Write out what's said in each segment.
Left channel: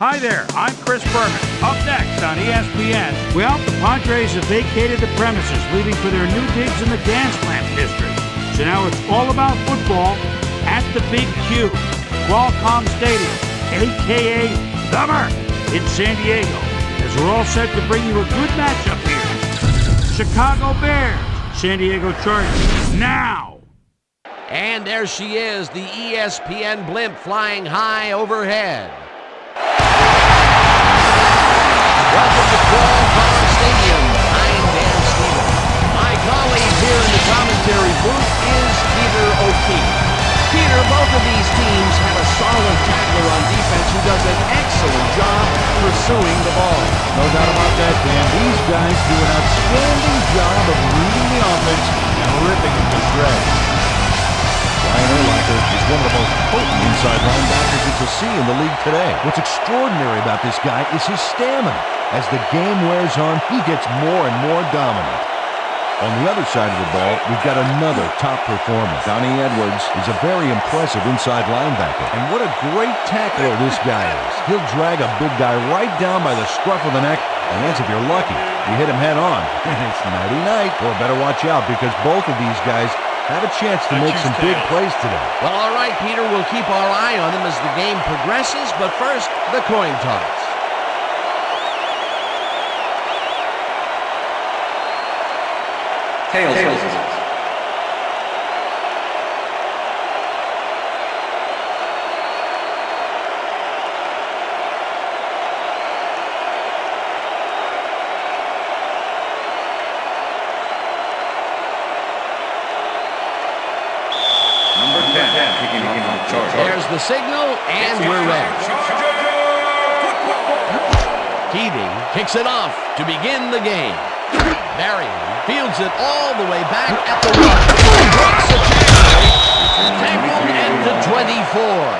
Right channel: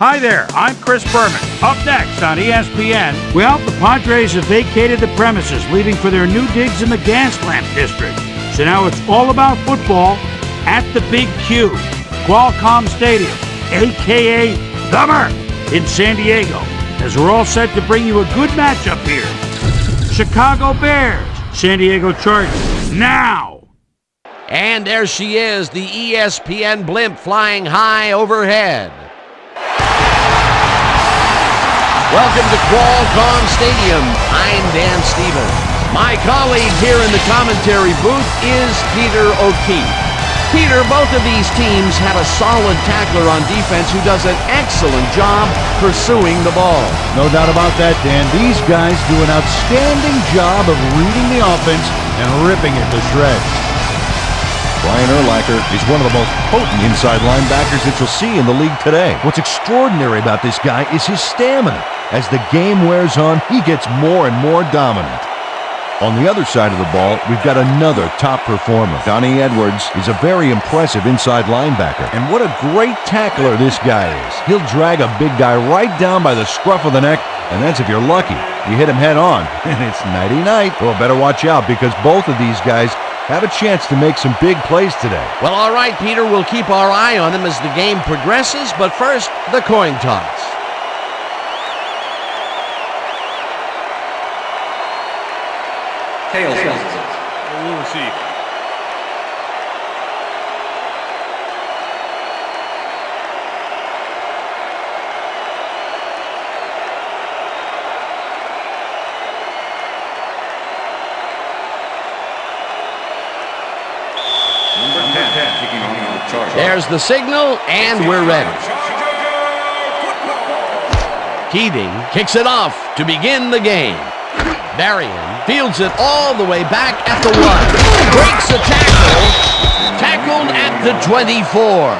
Hi there, I'm Chris Berman. Up next on ESPN, well, the Padres have vacated the premises, leaving for their new digs in the Gaslamp District. So now it's all about football at the Big Q, Qualcomm Stadium, a.k.a. The Merc, in San Diego, as we're all set to bring you a good matchup here. Chicago Bears, San Diego Chargers, now! And there she is, the ESPN blimp flying high overhead. Welcome to Qualcomm Stadium. I'm Dan Stevens. My colleague here in the commentary booth is Peter O'Keefe. Peter, both of these teams have a solid tackler on defense who does an excellent job pursuing the ball. No doubt about that, Dan. These guys do an outstanding job of reading the offense and ripping it to shreds. Brian Urlacher is one of the most potent inside linebackers that you'll see in the league today. What's extraordinary about this guy is his stamina. As the game wears on, he gets more and more dominant. On the other side of the ball, we've got another top performer. Donnie Edwards is a very impressive inside linebacker. And what a great tackler this guy is. He'll drag a big guy right down by the scruff of the neck, and that's if you're lucky. You hit him head on, and it's nighty-night. Well, better watch out, because both of these guys have a chance to make some big plays today. Well, all right, Peter, we'll keep our eye on them as the game progresses, but first, the coin toss. Tails. Number 10, kicking off for the Chargers. There's the signal, and we're ready. Keating kicks it off to begin the game. Berrien fields it all the way back at the 1. Breaks the tackle. Tackled at the 24.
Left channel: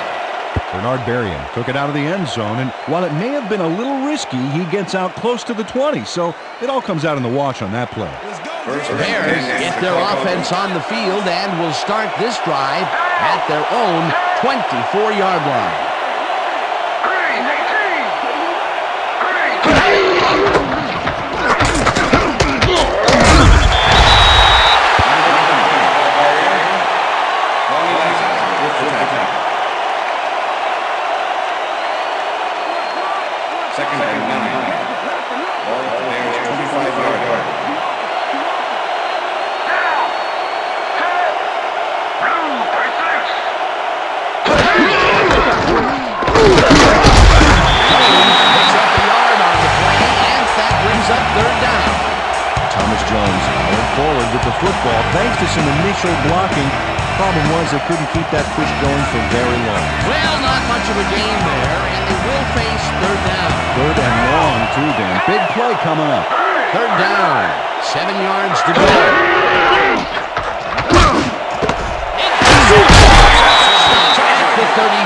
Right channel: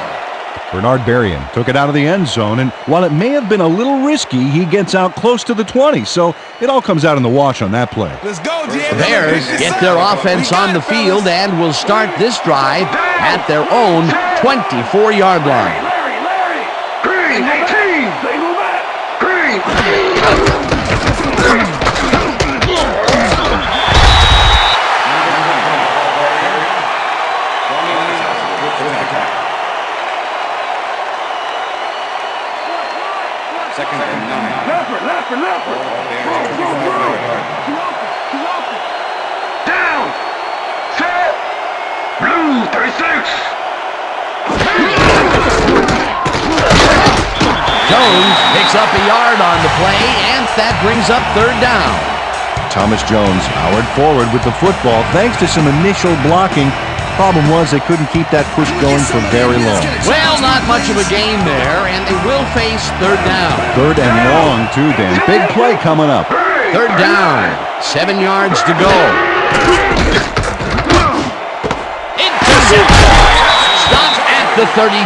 Bernard Berrien took it out of the end zone, and while it may have been a little risky, he gets out close to the 20, so it all comes out in the wash on that play. Let's go, The Bears get their offense on the field and will start this drive at their own 24-yard line. Second and 9. Ball at the Bears' 25-yard line. Down! Set! Blue 36! Jones picks up a yard on the play, and that brings up third down. Thomas Jones powered forward with the football thanks to some initial blocking. Problem was they couldn't keep that push going for very long. Well, not much of a gain there, and they will face third down. Third and long, too, Dan. Big play coming up. Third down, 7 yards to go. Stopped at the 32.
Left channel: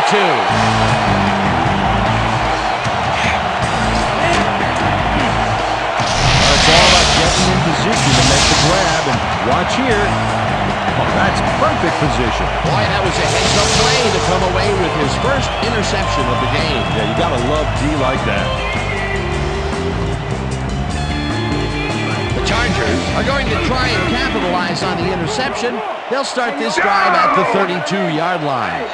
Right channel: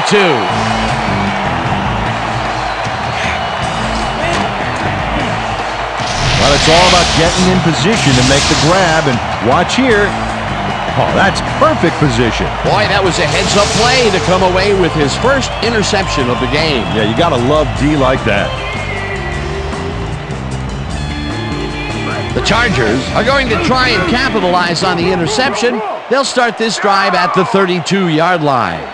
Well, it's all about getting in position to make the grab, and watch here. Oh, that's perfect position. Boy, that was a heads-up play to come away with his first interception of the game. Yeah, you gotta love D like that. The Chargers are going to try and capitalize on the interception. They'll start this drive at the 32-yard line.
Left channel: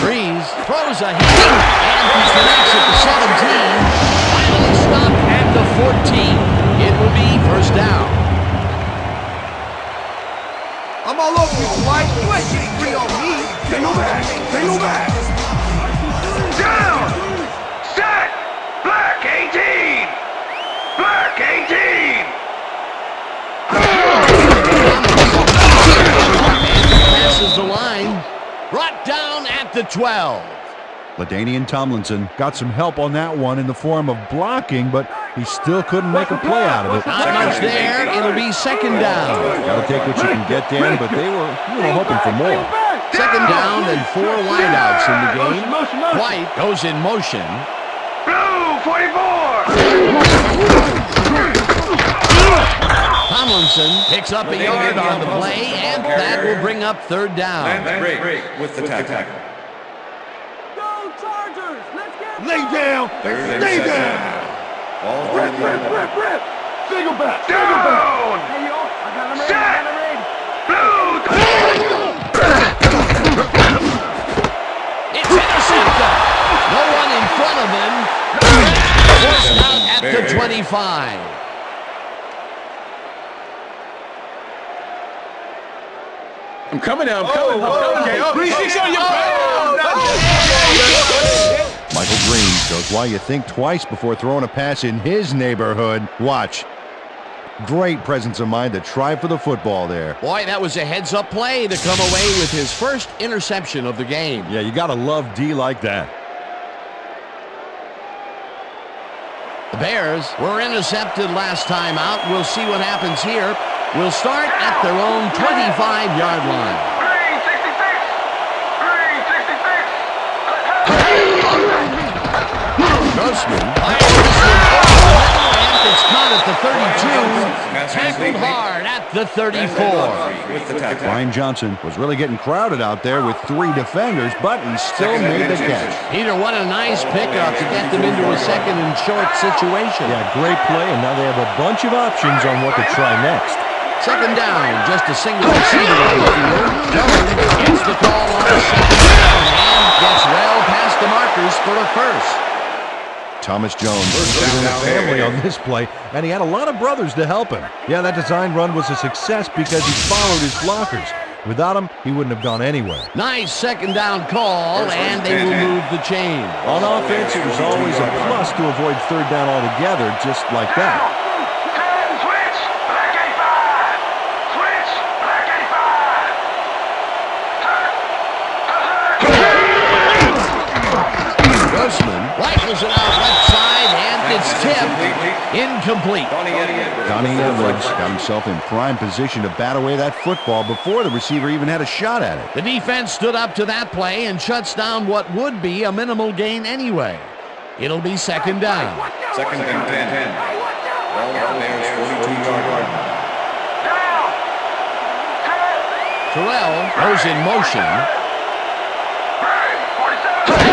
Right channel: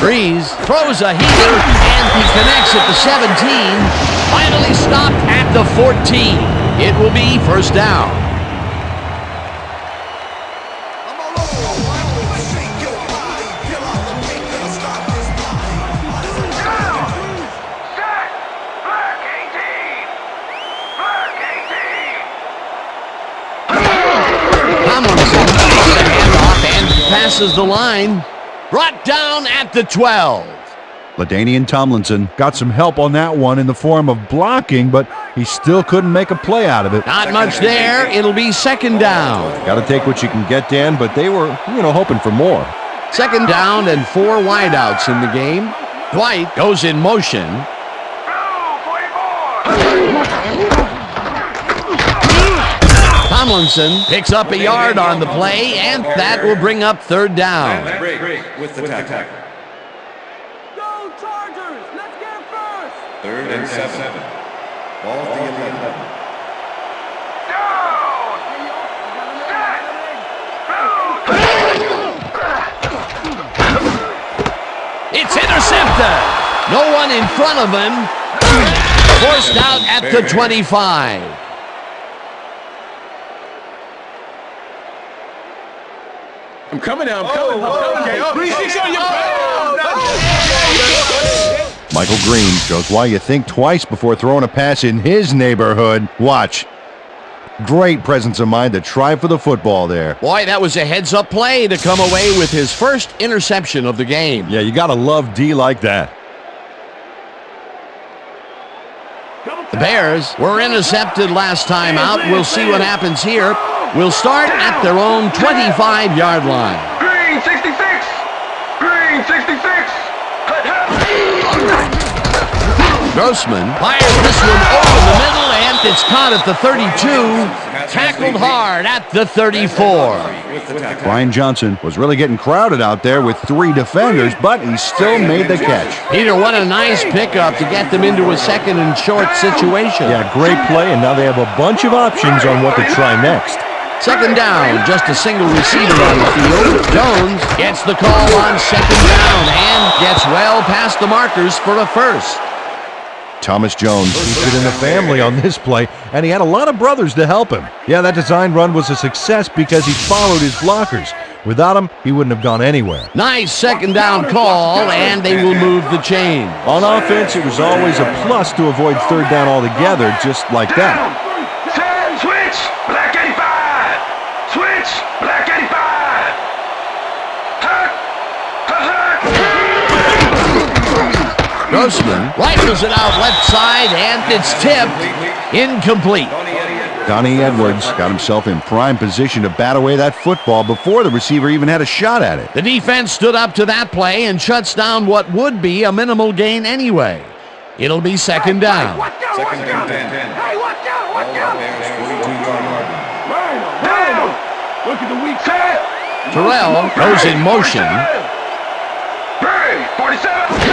Breeze throws a heater, and he connects at the 17. Finally stopped at the 14. It will be first down. I'm all over you, Mike. Set! Black 18! Black 18! And passes the line. Brought down at the 12. LaDainian Tomlinson got some help on that one in the form of blocking, but he still couldn't make a play out of it. Not much there. It'll be second down. Got to take what you can get, Dan, but they were, hoping for more. Second down and 4 wideouts in the game. White goes in motion. Blue 44! Tomlinson picks up a yard on the play, and that will bring up third down. Break with the tackle. Go Chargers! Let's get Lay down. Third and 7. Ball for the 11. Single back! Single back! Hey, yo, I got him ready. I got him ready. It's intercepted. No one in front of him. Forced out at the 25. I'm coming now. I'm coming. Okay. 3-6 on your back. Michael Green shows why you think twice before throwing a pass in his neighborhood. Watch. Great presence of mind to try for the football there. Boy, that was a heads-up play to come away with his first interception of the game. Yeah, you gotta love D like that. The Bears were intercepted last time out. We'll see what happens here. We'll start at their own 25-yard line. Green 66. Green 66. Grossman fires this one over the middle, and it's caught at the 32. Tackled hard at the 34. Brian Johnson was really getting crowded out there with 3 defenders, but he still made the catch. Peter, what a nice pickup to get them into a second and short situation. Yeah, great play, and now they have a bunch of options on what to try next. Second down, just a single receiver on the field. Jones gets the call on second down and gets well past the markers for a first. Thomas Jones. He fit in the family on this play, and he had a lot of brothers to help him. Yeah, that design run was a success because he followed his blockers. Without him, he wouldn't have gone anywhere. Nice second down call, and they will move the chain. On offense, it was always a plus to avoid third down altogether, just like that. Switch. Black 85. Switch. Black 85. Grossman rifles it out left side, and it's tipped. Incomplete. Donnie Edwards got himself in prime position to bat away that football before the receiver even had a shot at it. The defense stood up to that play and shuts down what would be a minimal gain anyway. It'll be second down. Second and 10. Hey, watch out! Ball Watch out! Bears 42-yard line. Look at the weak side. Terrell goes in motion. Green 47.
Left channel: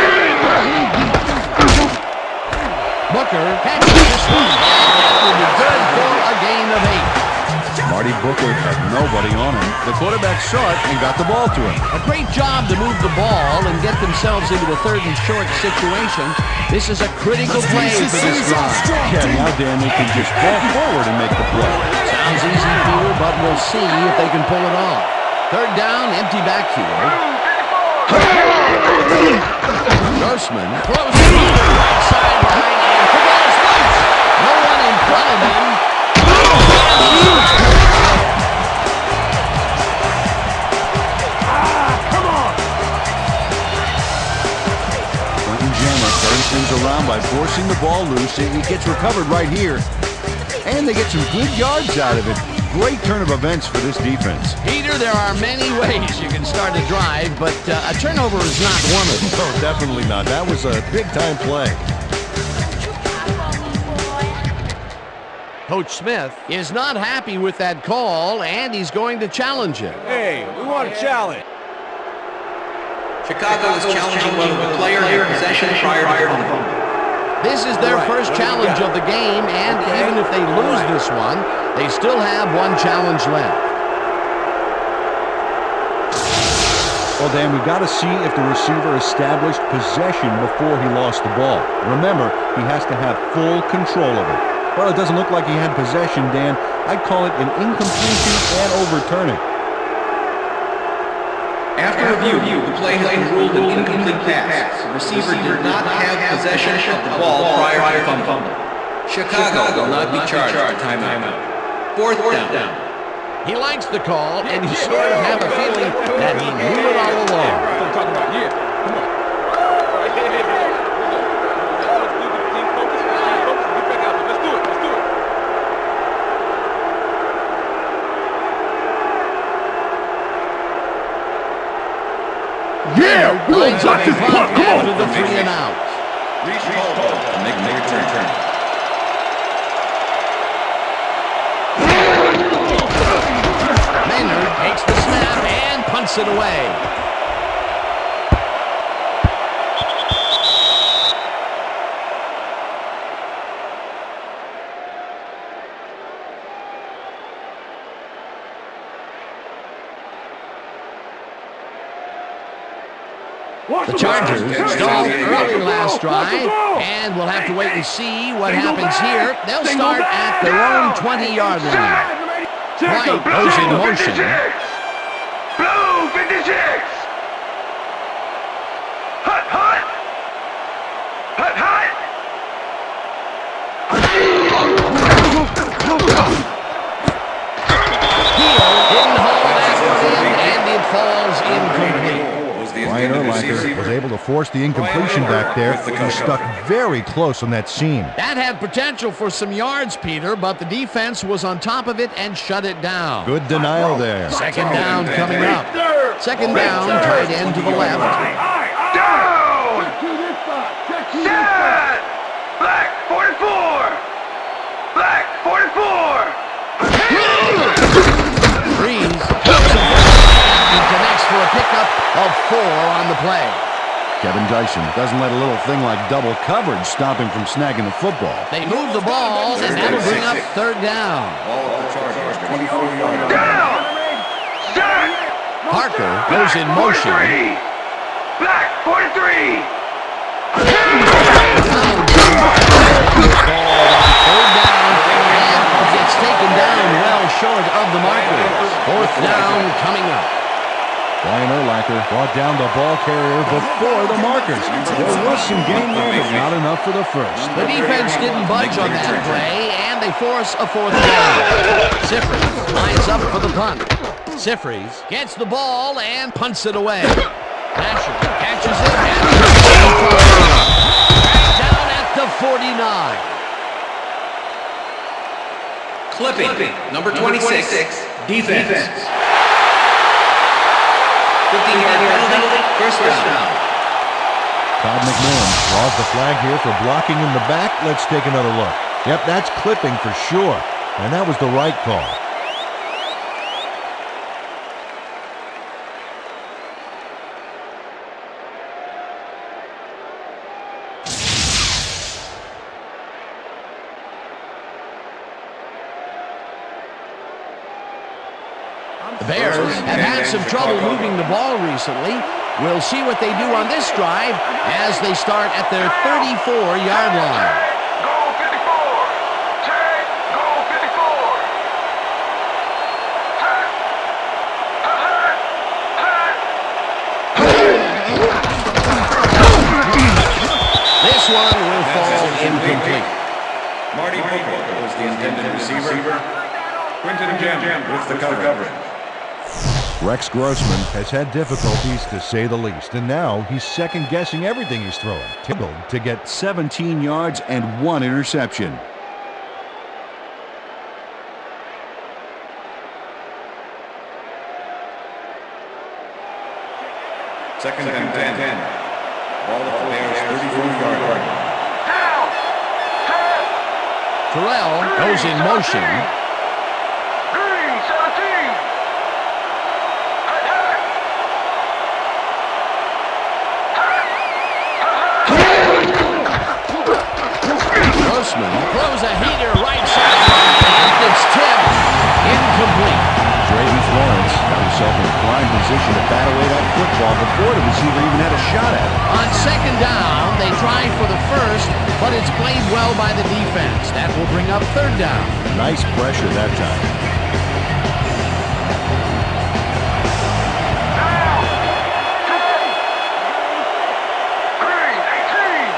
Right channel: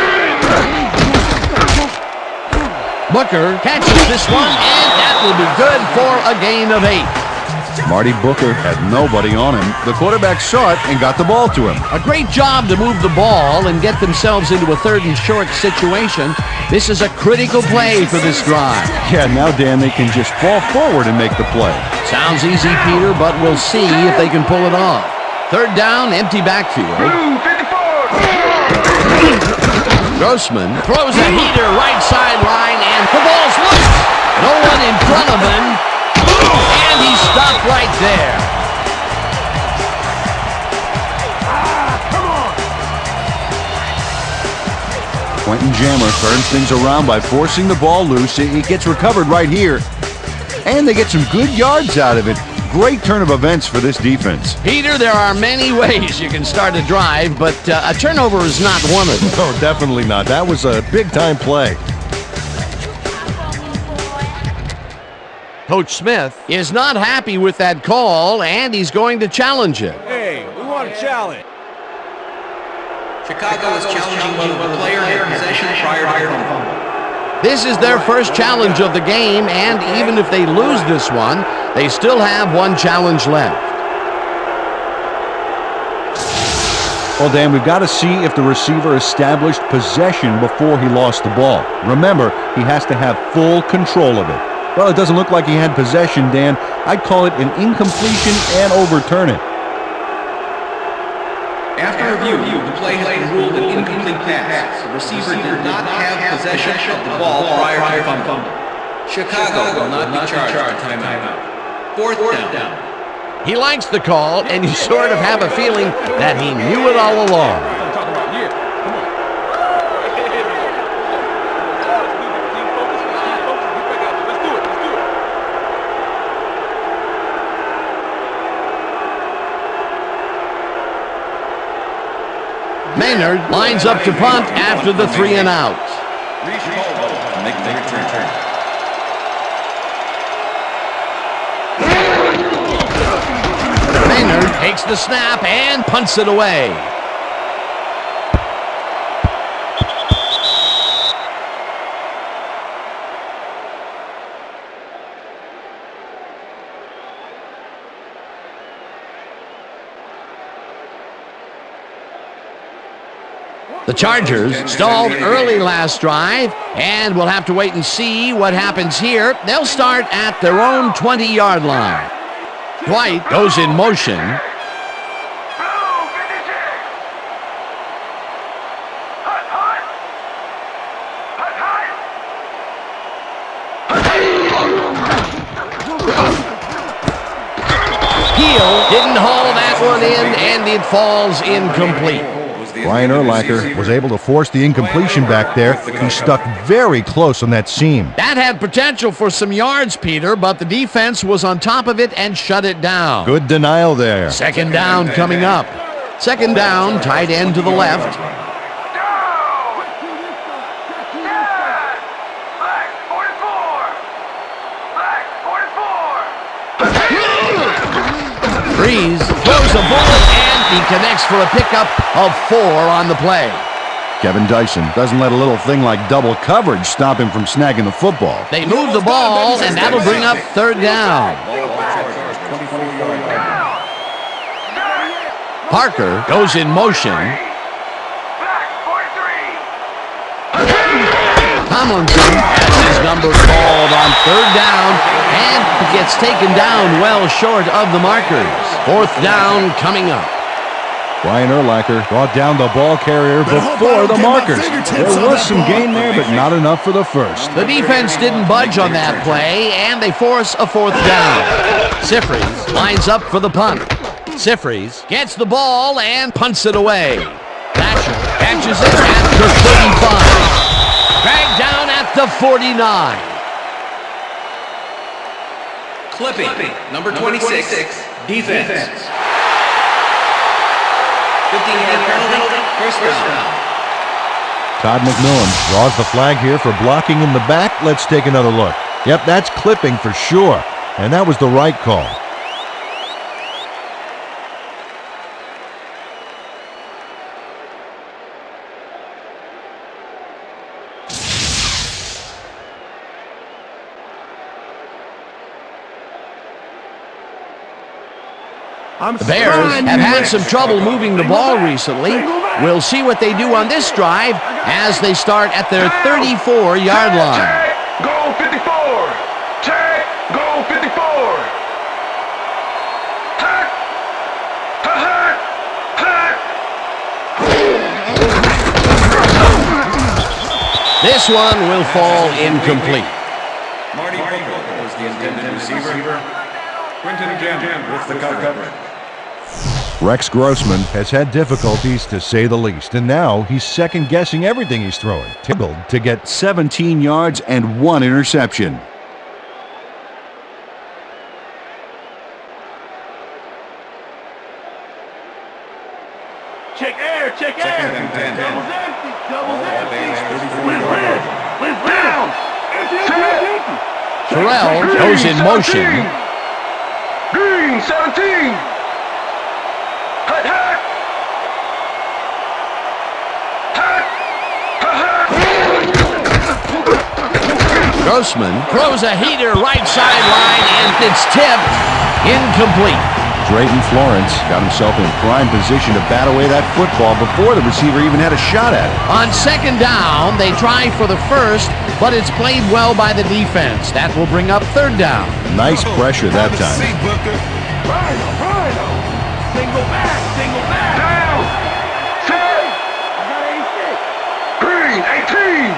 Booker catches this one, and that will be good for a gain of 8. Marty Booker had nobody on him. The quarterback saw it and got the ball to him. A great job to move the ball and get themselves into a third and short situation. This is a critical play for this drive. Yeah, now Dan, they can just fall forward and make the play. Sounds easy, Peter, but we'll see if they can pull it off. Third down, empty backfield. Grossman throws it Peter right sideline, and the ball's loose. No one in front of him, and he stopped right there. Quentin Jammer turns things around by forcing the ball loose. It gets recovered right here. And they get some good yards out of it. Great turn of events for this defense. Peter, there are many ways you can start a drive, but a turnover is not one of them. No, definitely not. That was a big-time play. Coach Smith is not happy with that call, and he's going to challenge it. Hey, we want a challenge. Chicago is challenging whether the player had possession prior to the fumble. This is their first challenge of the game, and even if they lose this one, they still have one challenge left. Well, Dan, we've got to see if the receiver established possession before he lost the ball. Remember, he has to have full control of it. Well, it doesn't look like he had possession, Dan. I'd call it an incompletion and overturn it. After review, the play has been ruled an incomplete pass. The receiver did not have possession of the ball prior to the fumble. Chicago will not be charged with timeout. Fourth down. He likes the call, and you sort of have a feeling that he knew it all along. That's what I'm talking about. Yeah. Come on. Here we go. That's what you do. Get the team focused. Get back out there. Let's do it. Maynard lines up to punt after the 3 and out. Reach Caldwell to make the return. Maynard takes the snap and punts it away. The Chargers stalled early last drive, and we'll have to wait and see what happens here. They'll start at their own 20-yard line. White goes in motion. Blue 56. Hut, hut. Hut, hut. Heel didn't haul that one in, and it falls incomplete. Brian Urlacher was able to force the incompletion back there. He stuck very close on that seam. That had potential for some yards, Peter, but the defense was on top of it and shut it down. Good denial there. Second down coming up. Second down, tight end to the left. Down. Check to this side. Check to this Set. side. Black 44. Black 44. Breeze throws a bullet, and he connects for a pickup of 4 on the play. Kevin Dyson doesn't let a little thing like double coverage stop him from snagging the football. They move the ball, and that'll bring up third down. Parker goes in motion. Black 43. Tomlinson has his number called on third down, and gets taken down well short of the markers. Fourth down coming up. Brian Urlacher brought down the ball carrier before the markers. There was some gain there, but not enough for the first. The defense didn't budge on that play, and they force a fourth down. Sifries lines up for the punt. Sifries gets the ball and punts it away. Nasher catches it at the 35. Dragged down at the 49. Clipping, number 26, defense. 15-yard penalty, first down. Todd McMillan draws the flag here for blocking in the back. Let's take another look. Yep, that's clipping for sure, and that was the right call. The Bears have had some trouble moving the ball recently. We'll see what they do on this drive as they start at their 34-yard line. Goal 54. Check. Goal 54. Hut. Hut. Hut. This one will fall incomplete. Marty Booker was the intended receiver. Quinton Jam with the coverage. Rex Grossman has had difficulties, to say the least, and now he's second-guessing everything he's throwing. Tickled to get 17 yards and 1 interception. Check air. Check air. Second and 10. All at the Bears' 34-yard line. Terrell goes in motion. Green 17. Hut, hut. Grossman throws a heater right sideline, and it's tipped incomplete. Drayton Florence got himself in prime position to bat away that football before the receiver even had a shot at it. On second down, they try for the first, but it's played well by the defense. That will bring up third down. Nice pressure that time. Green 18.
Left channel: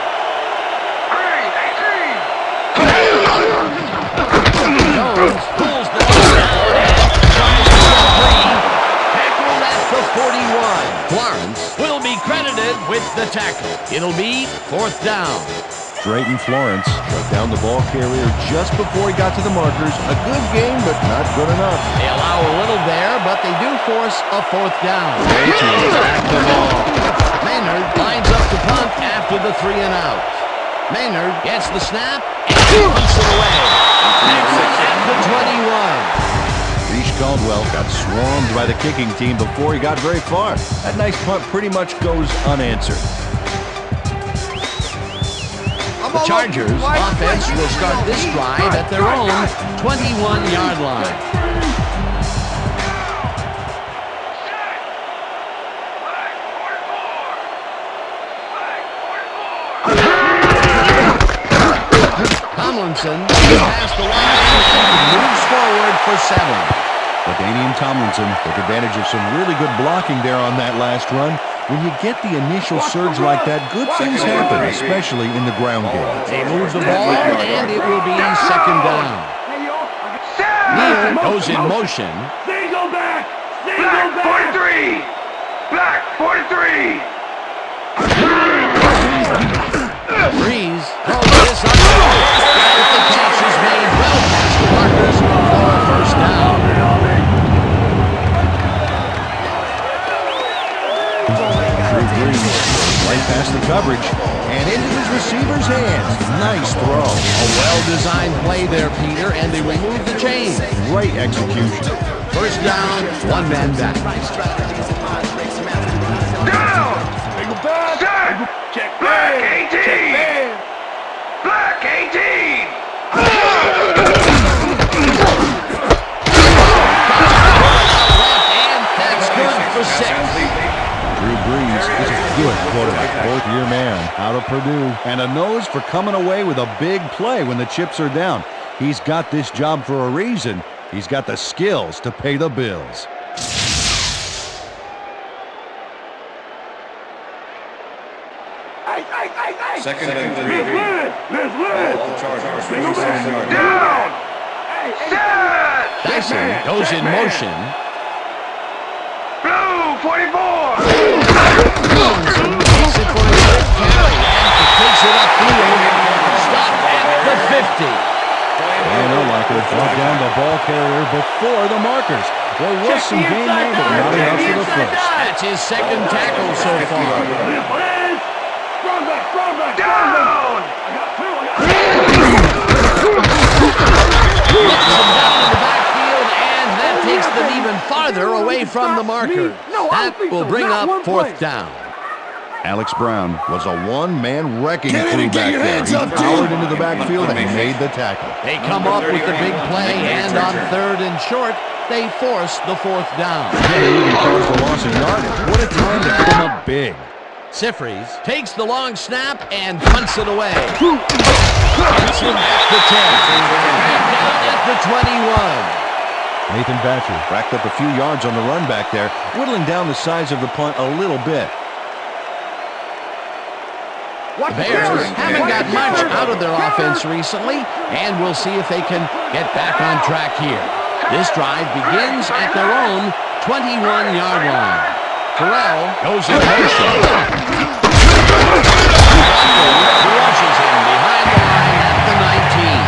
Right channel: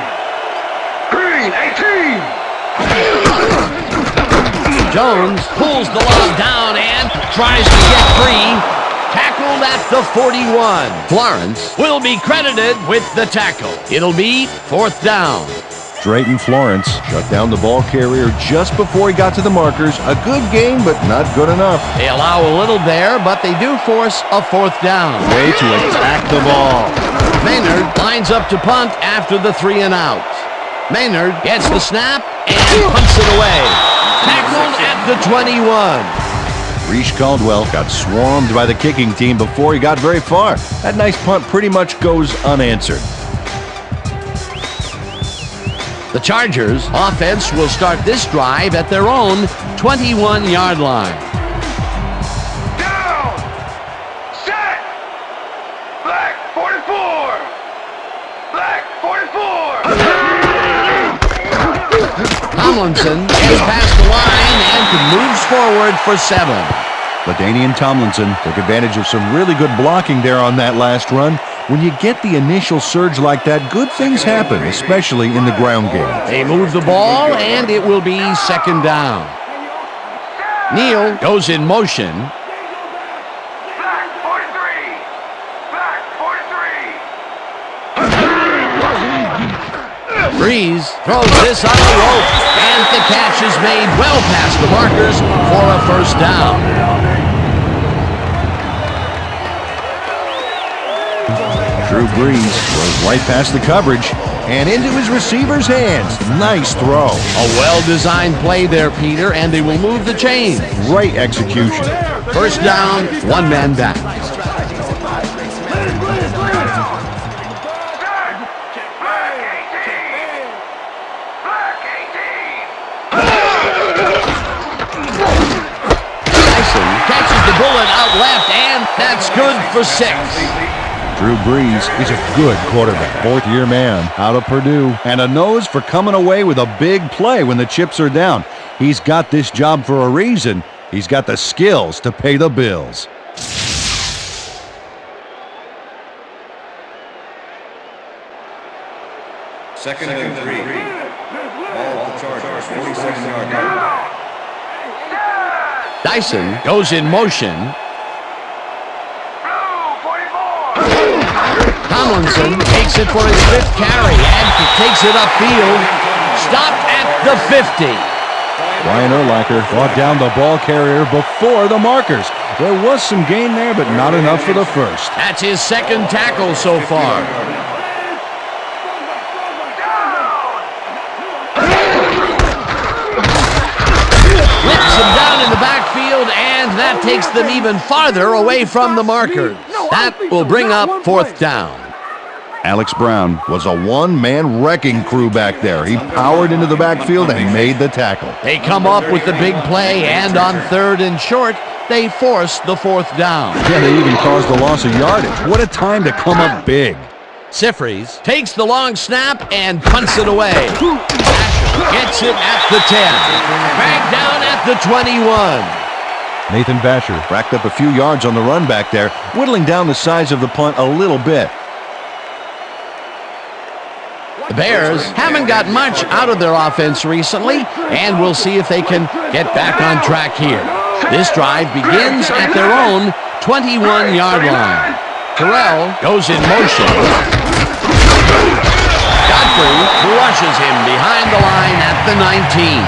Green 18. Jones pulls the ball down and tries to get free. Tackled at the 41. Florence will be credited with the tackle. It'll be fourth down. Drayton Florence shut down the ball carrier just before he got to the markers. A good game, but not good enough. They allow a little there, but they do force a fourth down. Way to attack the ball. Maynard lines up to punt after the 3 and out. Maynard gets the snap and punts it away. Tackled at the 21. Reese Caldwell got swarmed by the kicking team before he got very far. That nice punt pretty much goes unanswered. The Chargers offense will start this drive at their own 21-yard line. Set! Black 44! Black 44! Tomlinson is past the line and moves forward for 7. LaDainian Tomlinson took advantage of some really good blocking there on that last run. When you get the initial surge like that, good things happen, especially in the ground game. They move the ball, and it will be 2nd down. Neal goes in motion. Single back! Single Black back! 43! Black 43! Breeze throws this on the rope, and the catch is made well past the markers for a 1st down. Drew Brees goes right past the coverage and into his receiver's hands. Nice throw. A well-designed play there, Peter, and they will move the chains. Great execution. 1st down, 1 man back. Check man! Check man! Black 18! Catches the bullet out left, and that's good for 6. Drew Brees is a good quarterback. 4th-year man out of Purdue. And a nose for coming away with a big play when the chips are down. He's got this job for a reason. He's got the skills to pay the bills. 2nd and 3. Ball at the Chargers, 47-yard line. Dyson goes in motion. Blue 44! Tomlinson takes it for his 5th carry and takes it upfield. Stopped at the 50. Brian Urlacher brought down the ball carrier before the markers. There was some gain there, but not enough for the 1st. That's his 2nd tackle so far. Strong back! Strong back! Strong back! I got 2! Whips him down in the backfield, and that takes them even farther away from the markers. That will bring up 4th down. Alex Brown was a one-man wrecking crew back there. He powered into the backfield and made the tackle. They come up with the big play, and on 3rd and short, they force the 4th down. Yeah, they even caused the loss of yardage. What a time to come up big. Sifries takes the long snap and punts it away. Gets it at the 10. Dragged down at the 21. Nathan Batcher racked up a few yards on the run back there, whittling down the size of the punt a little bit. The Bears haven't got much out of their offense recently, and we'll see if they can get back on track here. This drive begins at their own 21-yard line. Terrell goes in motion. Godfrey crushes him behind the line at the 19.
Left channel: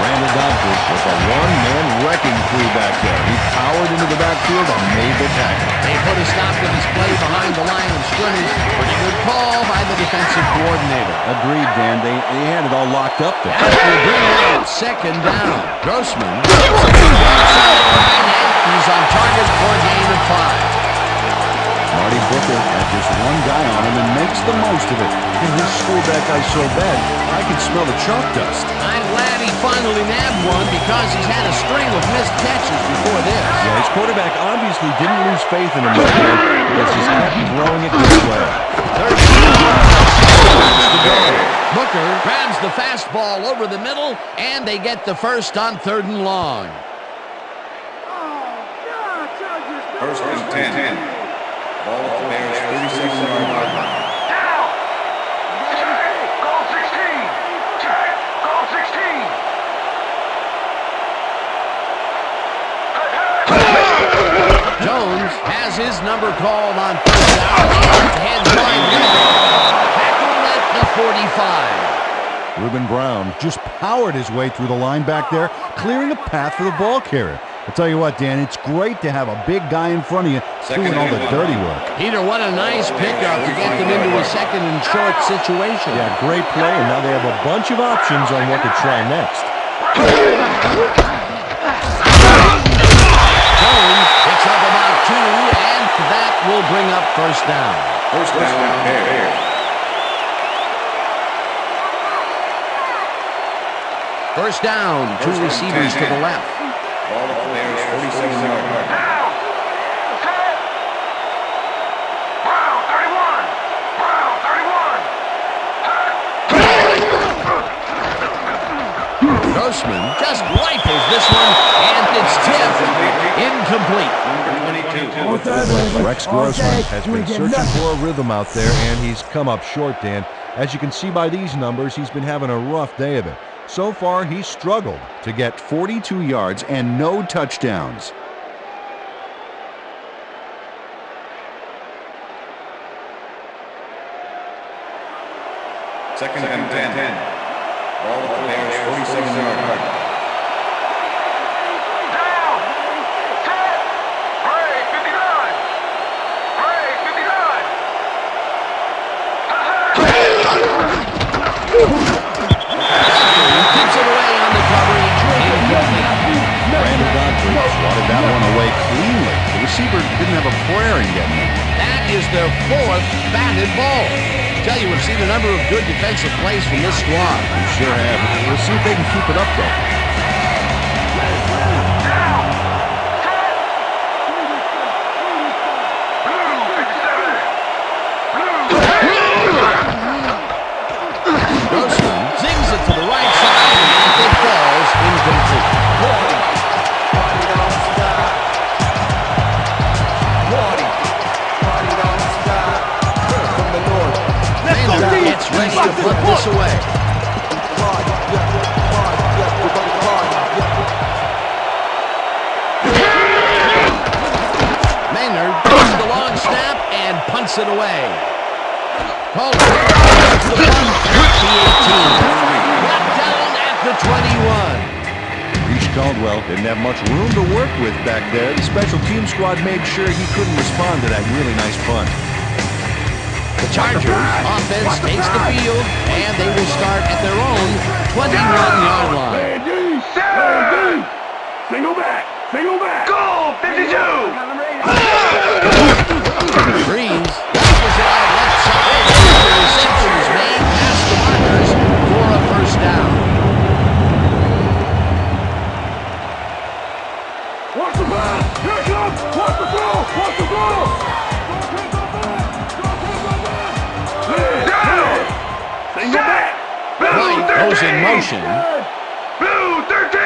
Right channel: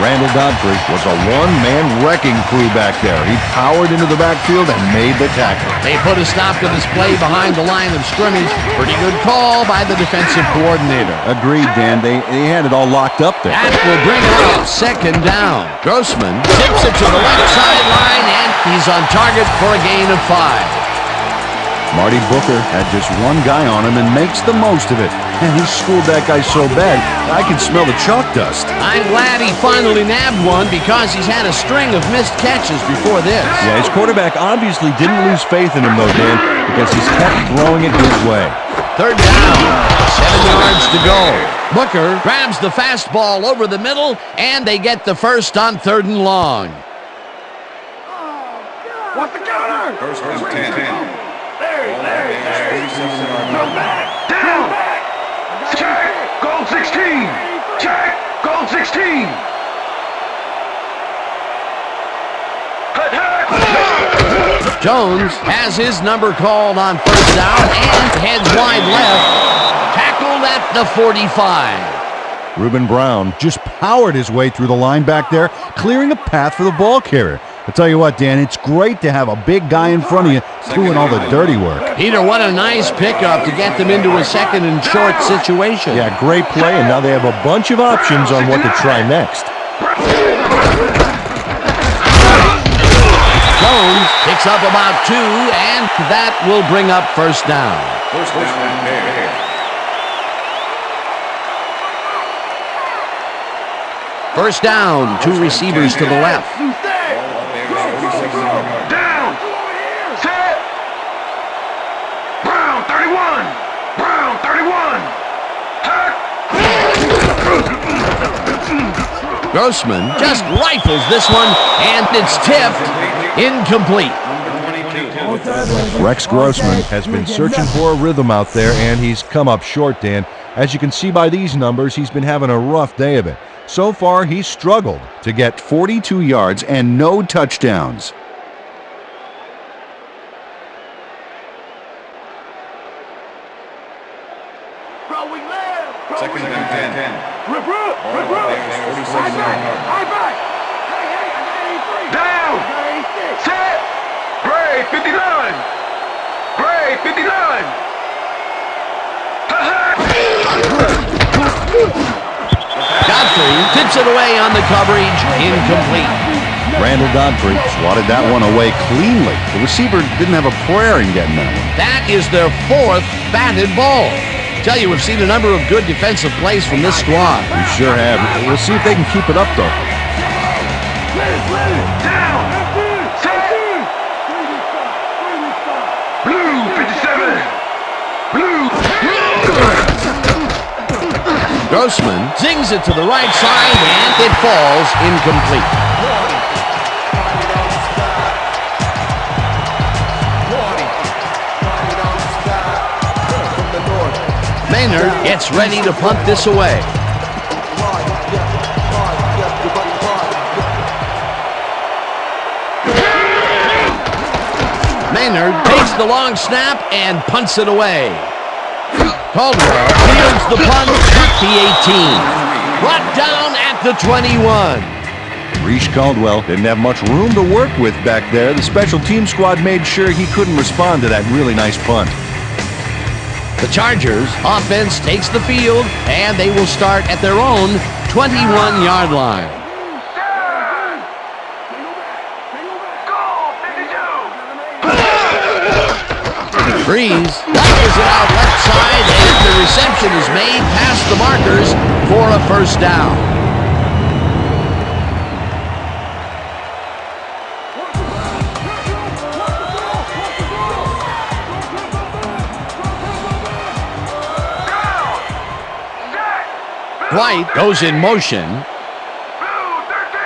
Randall Godfrey was a one-man wrecking crew back there. He powered into the backfield and made the tackle. They put a stop to this play behind the line of scrimmage. Pretty good call by the defensive coordinator. Agreed, Dan. They had it all locked up there. That will bring up 2nd down. Grossman tips it to the left sideline, and he's on target for a gain of 5. Marty Booker had just one guy on him and makes the most of it. And he schooled that guy so bad, I could smell the chalk dust. I'm glad he finally nabbed one because he's had a string of missed catches before this. Yeah, his quarterback obviously didn't lose faith in him though, Dan, because he's kept throwing it his way. 3rd down, 6 yards to go. Booker grabs the fastball over the middle, and they get the 1st on 3rd and long. What's the cover? 1st and 10. Ball at the Bears, 47-yard line. Down! Check! Goal 16! Check! Goal 16! Jones has his number called on 1st down and heads wide left. Tackled at the 45. Reuben Brown just powered his way through the line back there, clearing a path for the ball carrier. I tell you what, Dan, it's great to have a big guy in front of you doing all the dirty work. Peter, what a nice pickup to get them into a 2nd and short situation. Yeah, great play, and now they have a bunch of options on what to try next. Jones picks up about 2, and that will bring up first down. First down, Bears. First down, 2 receivers to the left. Ball at the Bears' 47-yard line. Down. Set. Brown 31. Brown 31. Grossman just rifles this one, and it's tipped. Incomplete. Number 22. Rex Grossman has been searching for a rhythm out there, and he's come up short, Dan. As you can see by these numbers, he's been having a rough day of it. So far, he's struggled to get 42 yards and no touchdowns. Second and 10. Ball at the Bears' 47-yard line. Down. Set. Gray 59. Gray 59. Godfrey tips it away on the coverage. Incomplete. Randall Godfrey swatted that one away cleanly. The receiver didn't have a prayer in getting that one. That is their 4th batted ball. Tell you, we've seen a number of good defensive plays from this squad. We sure have. We'll see if they can keep it up, though. Down. Set. Blue 57. Blue. Grossman zings it to the right side, and it falls incomplete. Maynard gets ready to punt this away. Maynard takes the long snap and punts it away. Caldwell fields the punt at the 18. Brought down at the 21. Reese Caldwell didn't have much room to work with back there. The special team squad made sure he couldn't respond to that really nice punt. The Chargers offense takes the field, and they will start at their own 21-yard line. Single back. Goal 52. Breeze knocks it out left side, and the reception is made past the markers for a first down. Watch the pass. Here it comes. Watch the throw. Watch the throw. Single back. White goes in motion. Blue 13.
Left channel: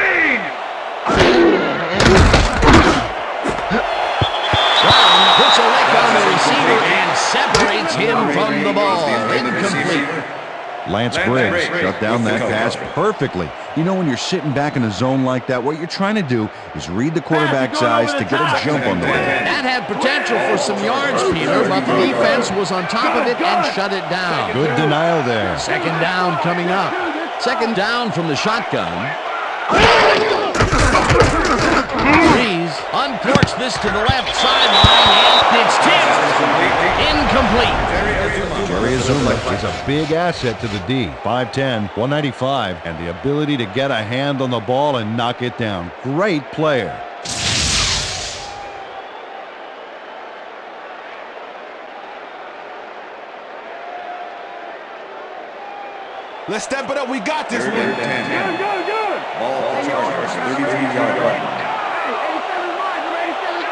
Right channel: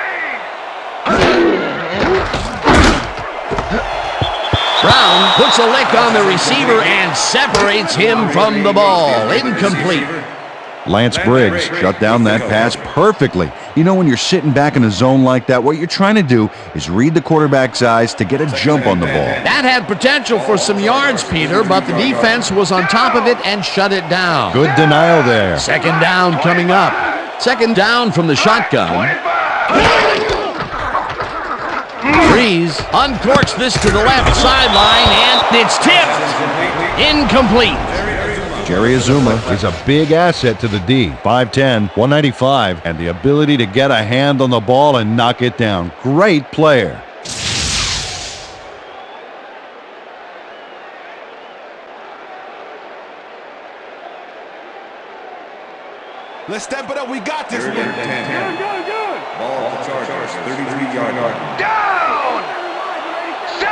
Brown puts a lick on the receiver and separates him from the ball. Incomplete. Lance Briggs shut down that pass perfectly. You know, when you're sitting back in a zone like that, what you're trying to do is read the quarterback's eyes to get a jump on the ball. That had potential for some yards, Peter, but the defense was on top of it and shut it down. good denial there. Second down coming up. Second down from the shotgun. Breeze uncorks this to the left sideline, and it's tipped. Incomplete. Jerry Azuma is a big asset to the D. 5'10", 195, and the ability to get a hand on the ball and knock it down. Great player. Let's step it up. We got this. Third and 10. Good. Ball at the Chargers' 33-yard line. 87 miles. 87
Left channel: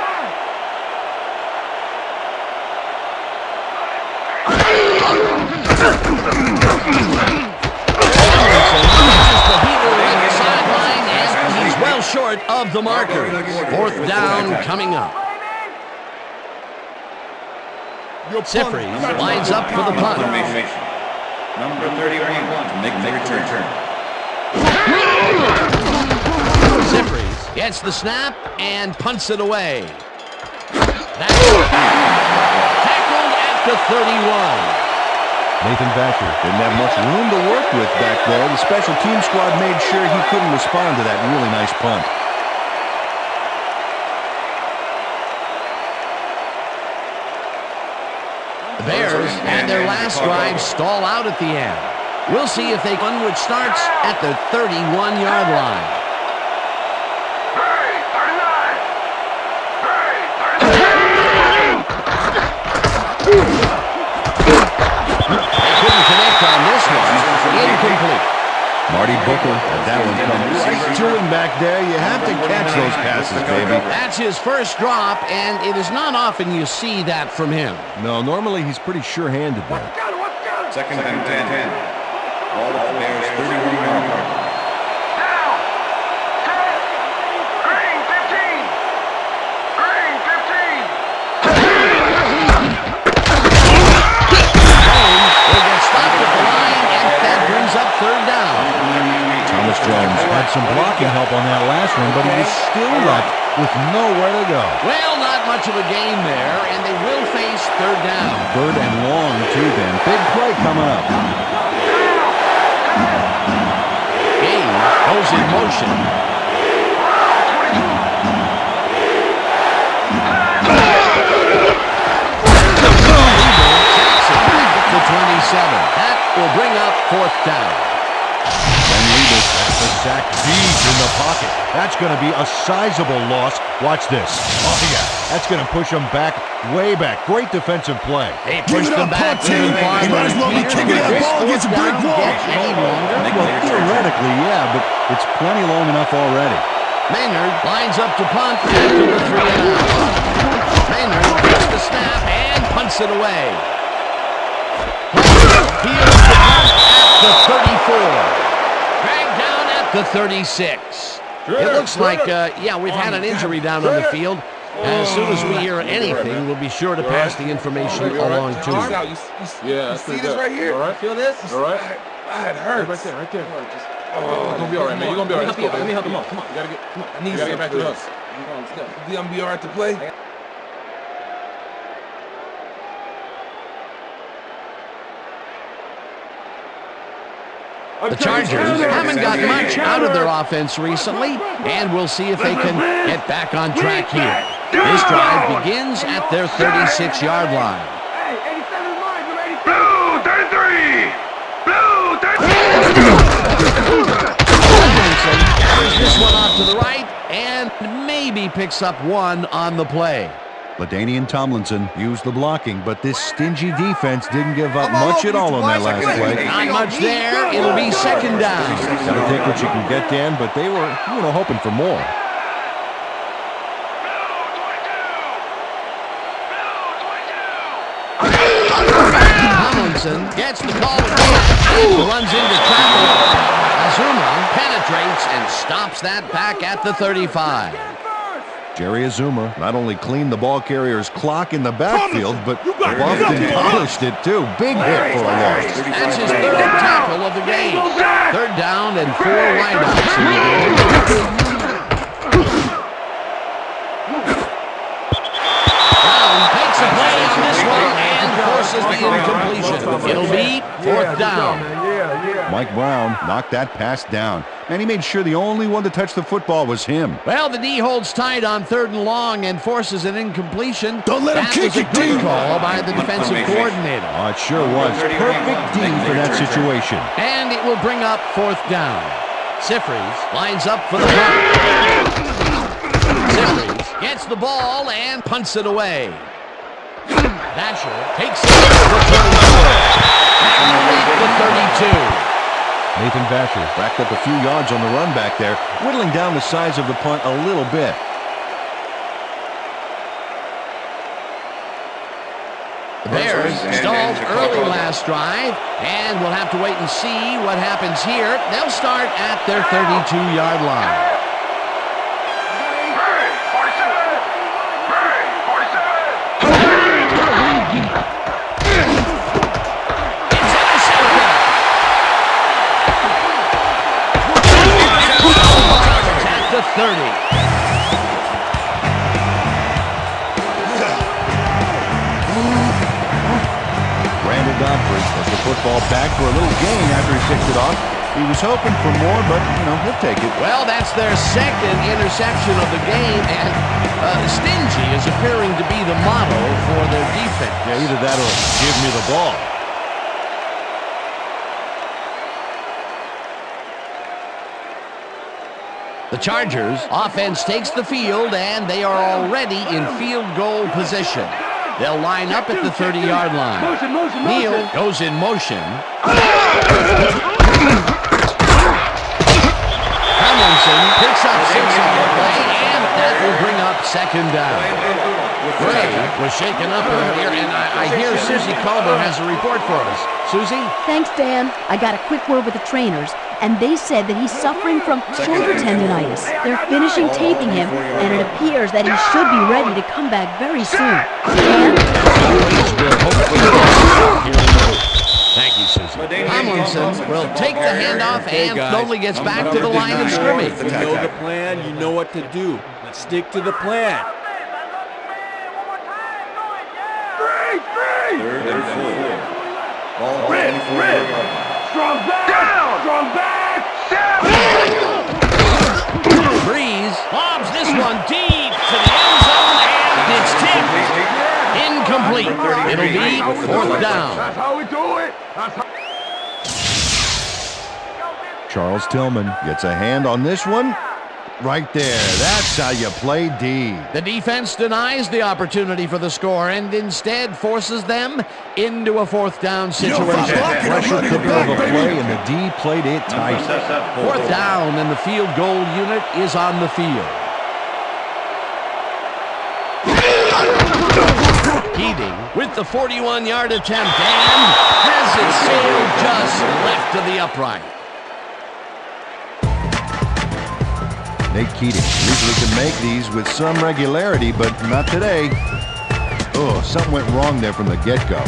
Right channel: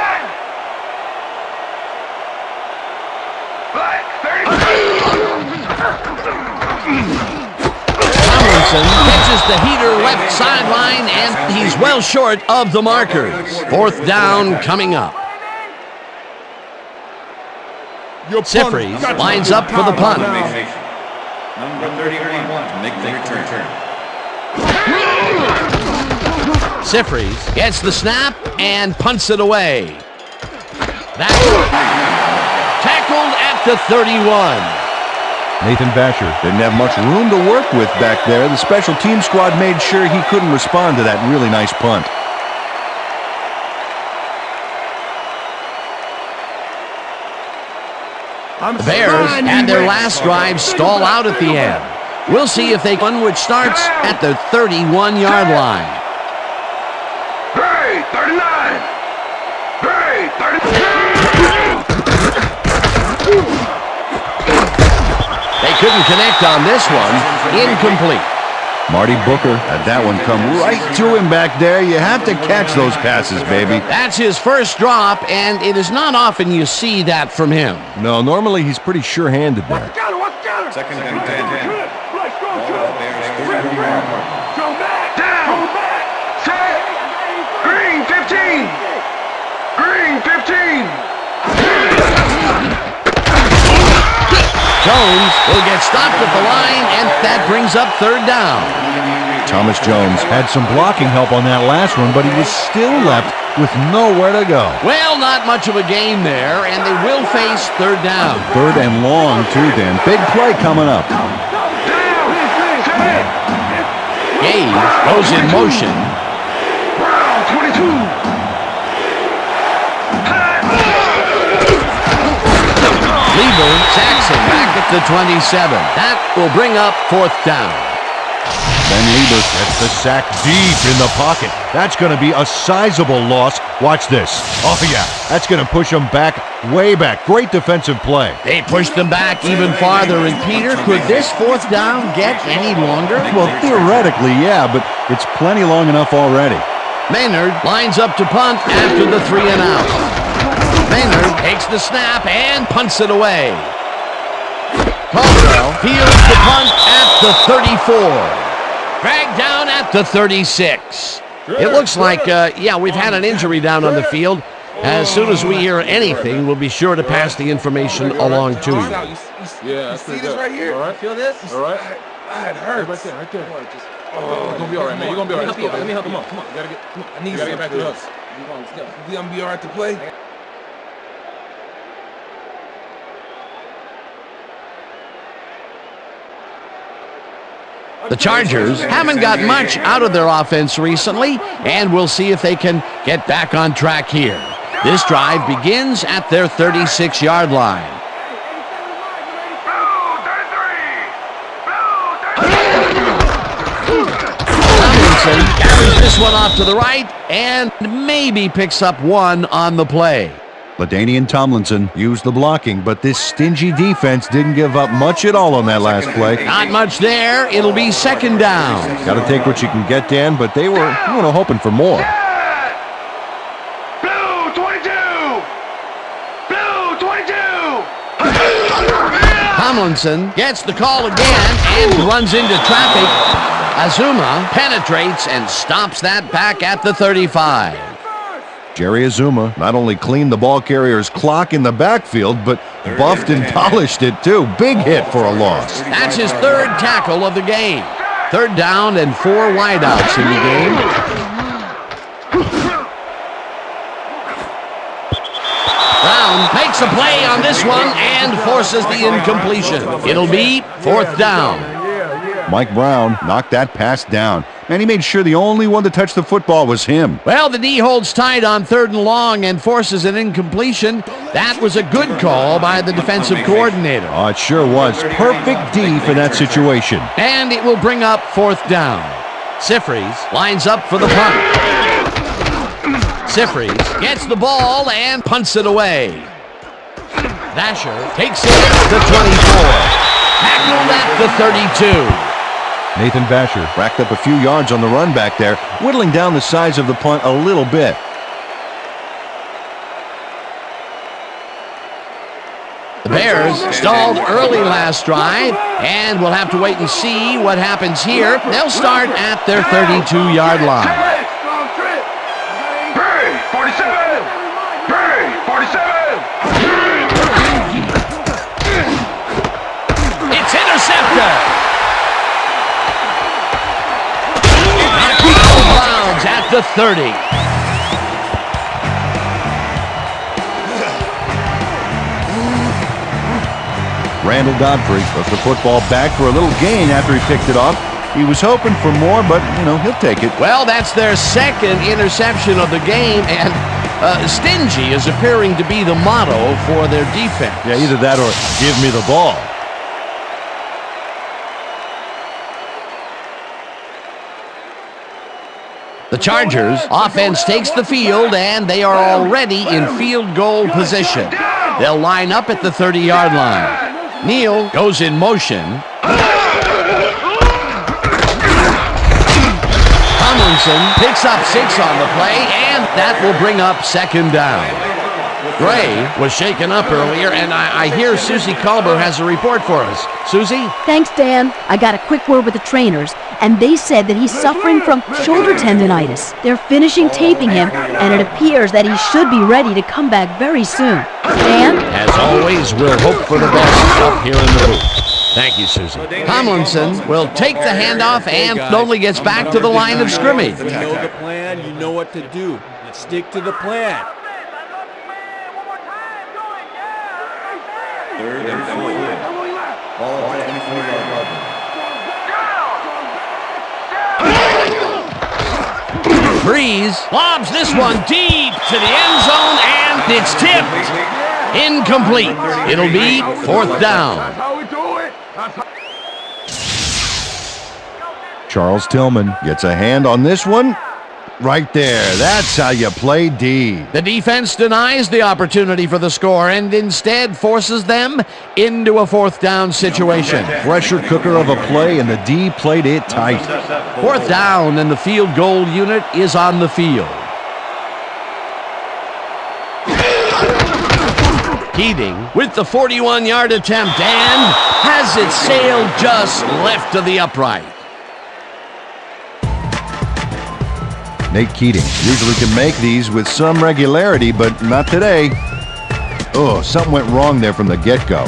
Tomlinson catches the heater left sideline, and he's well short of the markers. Fourth down coming up. Sifries lines up for the punt. Number 31 to make the return. Sifries gets the snap and punts it away. That's tackled at the 31. Nathan Vasher Didn't have much room to work with back there. The special team squad made sure he couldn't respond to that really nice punt. The Bears had their last drive stall out at the end. We'll see if they win, which starts at the 31-yard line. Gray 39. couldn't connect on this one. Incomplete. Marty Booker had that one come right to him back there. You have to catch those passes, baby. That's his first drop, and it is not often you see that from him. No, normally he's pretty sure-handed there. Second and 10. Ball with the Bears, 31-yard line. Down. Set. Green 15. Green 15. Jones will get stopped at the line, and that brings up third down. Thomas Jones had some blocking help on that last one, but he was still left with nowhere to go. Well, not much of a gain there, and they will face third down. Third and long, too, Dan. Big play coming up. Gage goes in motion. Lieber sacks him back at the 27. That will bring up fourth down. Ben Lieber gets the sack deep in the pocket. That's going to be a sizable loss. Watch this. Oh, yeah. That's going to push them back, way back. Great defensive play. They pushed them back even farther. And Peter, could this fourth down get any longer? Well, theoretically, yeah, but it's plenty long enough already. Maynard lines up to punt after the 3 and out. Maynard takes the snap and punts it away. Caldwell fields the punt at the 34. Dragged down at the 36. It looks like, we've had an injury down on the field. As soon as we hear anything, we'll be sure to pass the information along to you. Yeah, See this right here? All right. Feel this? All right. It hurts. Right there. Oh, you're gonna be all right, man. You're gonna be all right. Let's go, baby. Let me help you. Come on. You gotta get. Come on. I need you gotta get back to us. Let's go. You gonna be all right to play? The Chargers haven't got much out of their offense recently, and we'll see if they can get back on track here. This drive begins at their 36-yard line. Hey, 87 is mine. You're 87. Blue 33. Tomlinson carries this one off to the right and maybe picks up one on the play. LaDainian Tomlinson used the blocking, but this stingy defense didn't give up much at all on that last play. Not much there. It'll be second down. Got to take what you can get, Dan, but they were, hoping for more. Blue 22. Blue 22. Tomlinson gets the call again and runs into traffic. Azuma penetrates and stops that back at the 35. Jerry Azuma not only cleaned the ball carrier's clock in the backfield, but buffed and polished it too. Big hit for a loss. That's his third tackle of the game. Third down and 4 wideouts in the game. Brown makes a play on this one and forces the incompletion. It'll be fourth down. Mike Brown knocked that pass down. Man, he made sure the only one to touch the football was him. Well, the D holds tight on third and long and forces an incompletion. That was a good call by the defensive coordinator. Oh, it sure was. Perfect D for that situation. And it will bring up fourth down. Sifries lines up for the punt. Sifries gets the ball and punts it away. Vasher takes it to the 24. Tackled at the 32. Nathan Vasher racked up a few yards on the run back there, whittling down the size of the punt a little bit. The Bears stalled early last drive, and we'll have to wait and see what happens here. They'll start at their 32-yard line. Hurry, 47. Hurry, 47. It's intercepted. At the 30. Randall Godfrey took the football back for a little gain after he picked it off. He was hoping for more, but, he'll take it. Well, that's their second interception of the game, and stingy is appearing to be the motto for their defense. Yeah, either that or give me the ball. The Chargers offense takes the field, and they are already in field goal position. They'll line up at the 30-yard line. Neal goes in motion. Tomlinson picks up 6 on the play, and that will bring up second down. Gray was shaken up earlier, and I hear Susie Culber has a report for us. Susie? Thanks, Dan. I got a quick word with the trainers, and they said that he's suffering from shoulder tendonitis. They're finishing taping him, and it appears that he should be ready to come back very soon. Dan? As always, we'll hope for the best up here in the booth. Thank you, Susie. Tomlinson will take the handoff and slowly gets back to the line of scrimmage. You know the plan, you know what to do. Let's stick to the plan. Third and 4. Ball at the 24-yard line. Strong back! Strong back! Breeze lobs this one deep to the end zone, and it's tipped. Incomplete. It'll be 4th down. That's how we do it! Charles Tillman gets a hand on this one. Right there. That's how you play D. The defense denies the opportunity for the score and instead forces them into a 4th down situation. Pressure cooker of a play, and the D played it tight. 4th down, and the field goal unit is on the field. Keating with the 41-yard attempt and has it sailed just left of the upright. Nate Keating usually can make these with some regularity, but not today. Oh, something went wrong there from the get-go.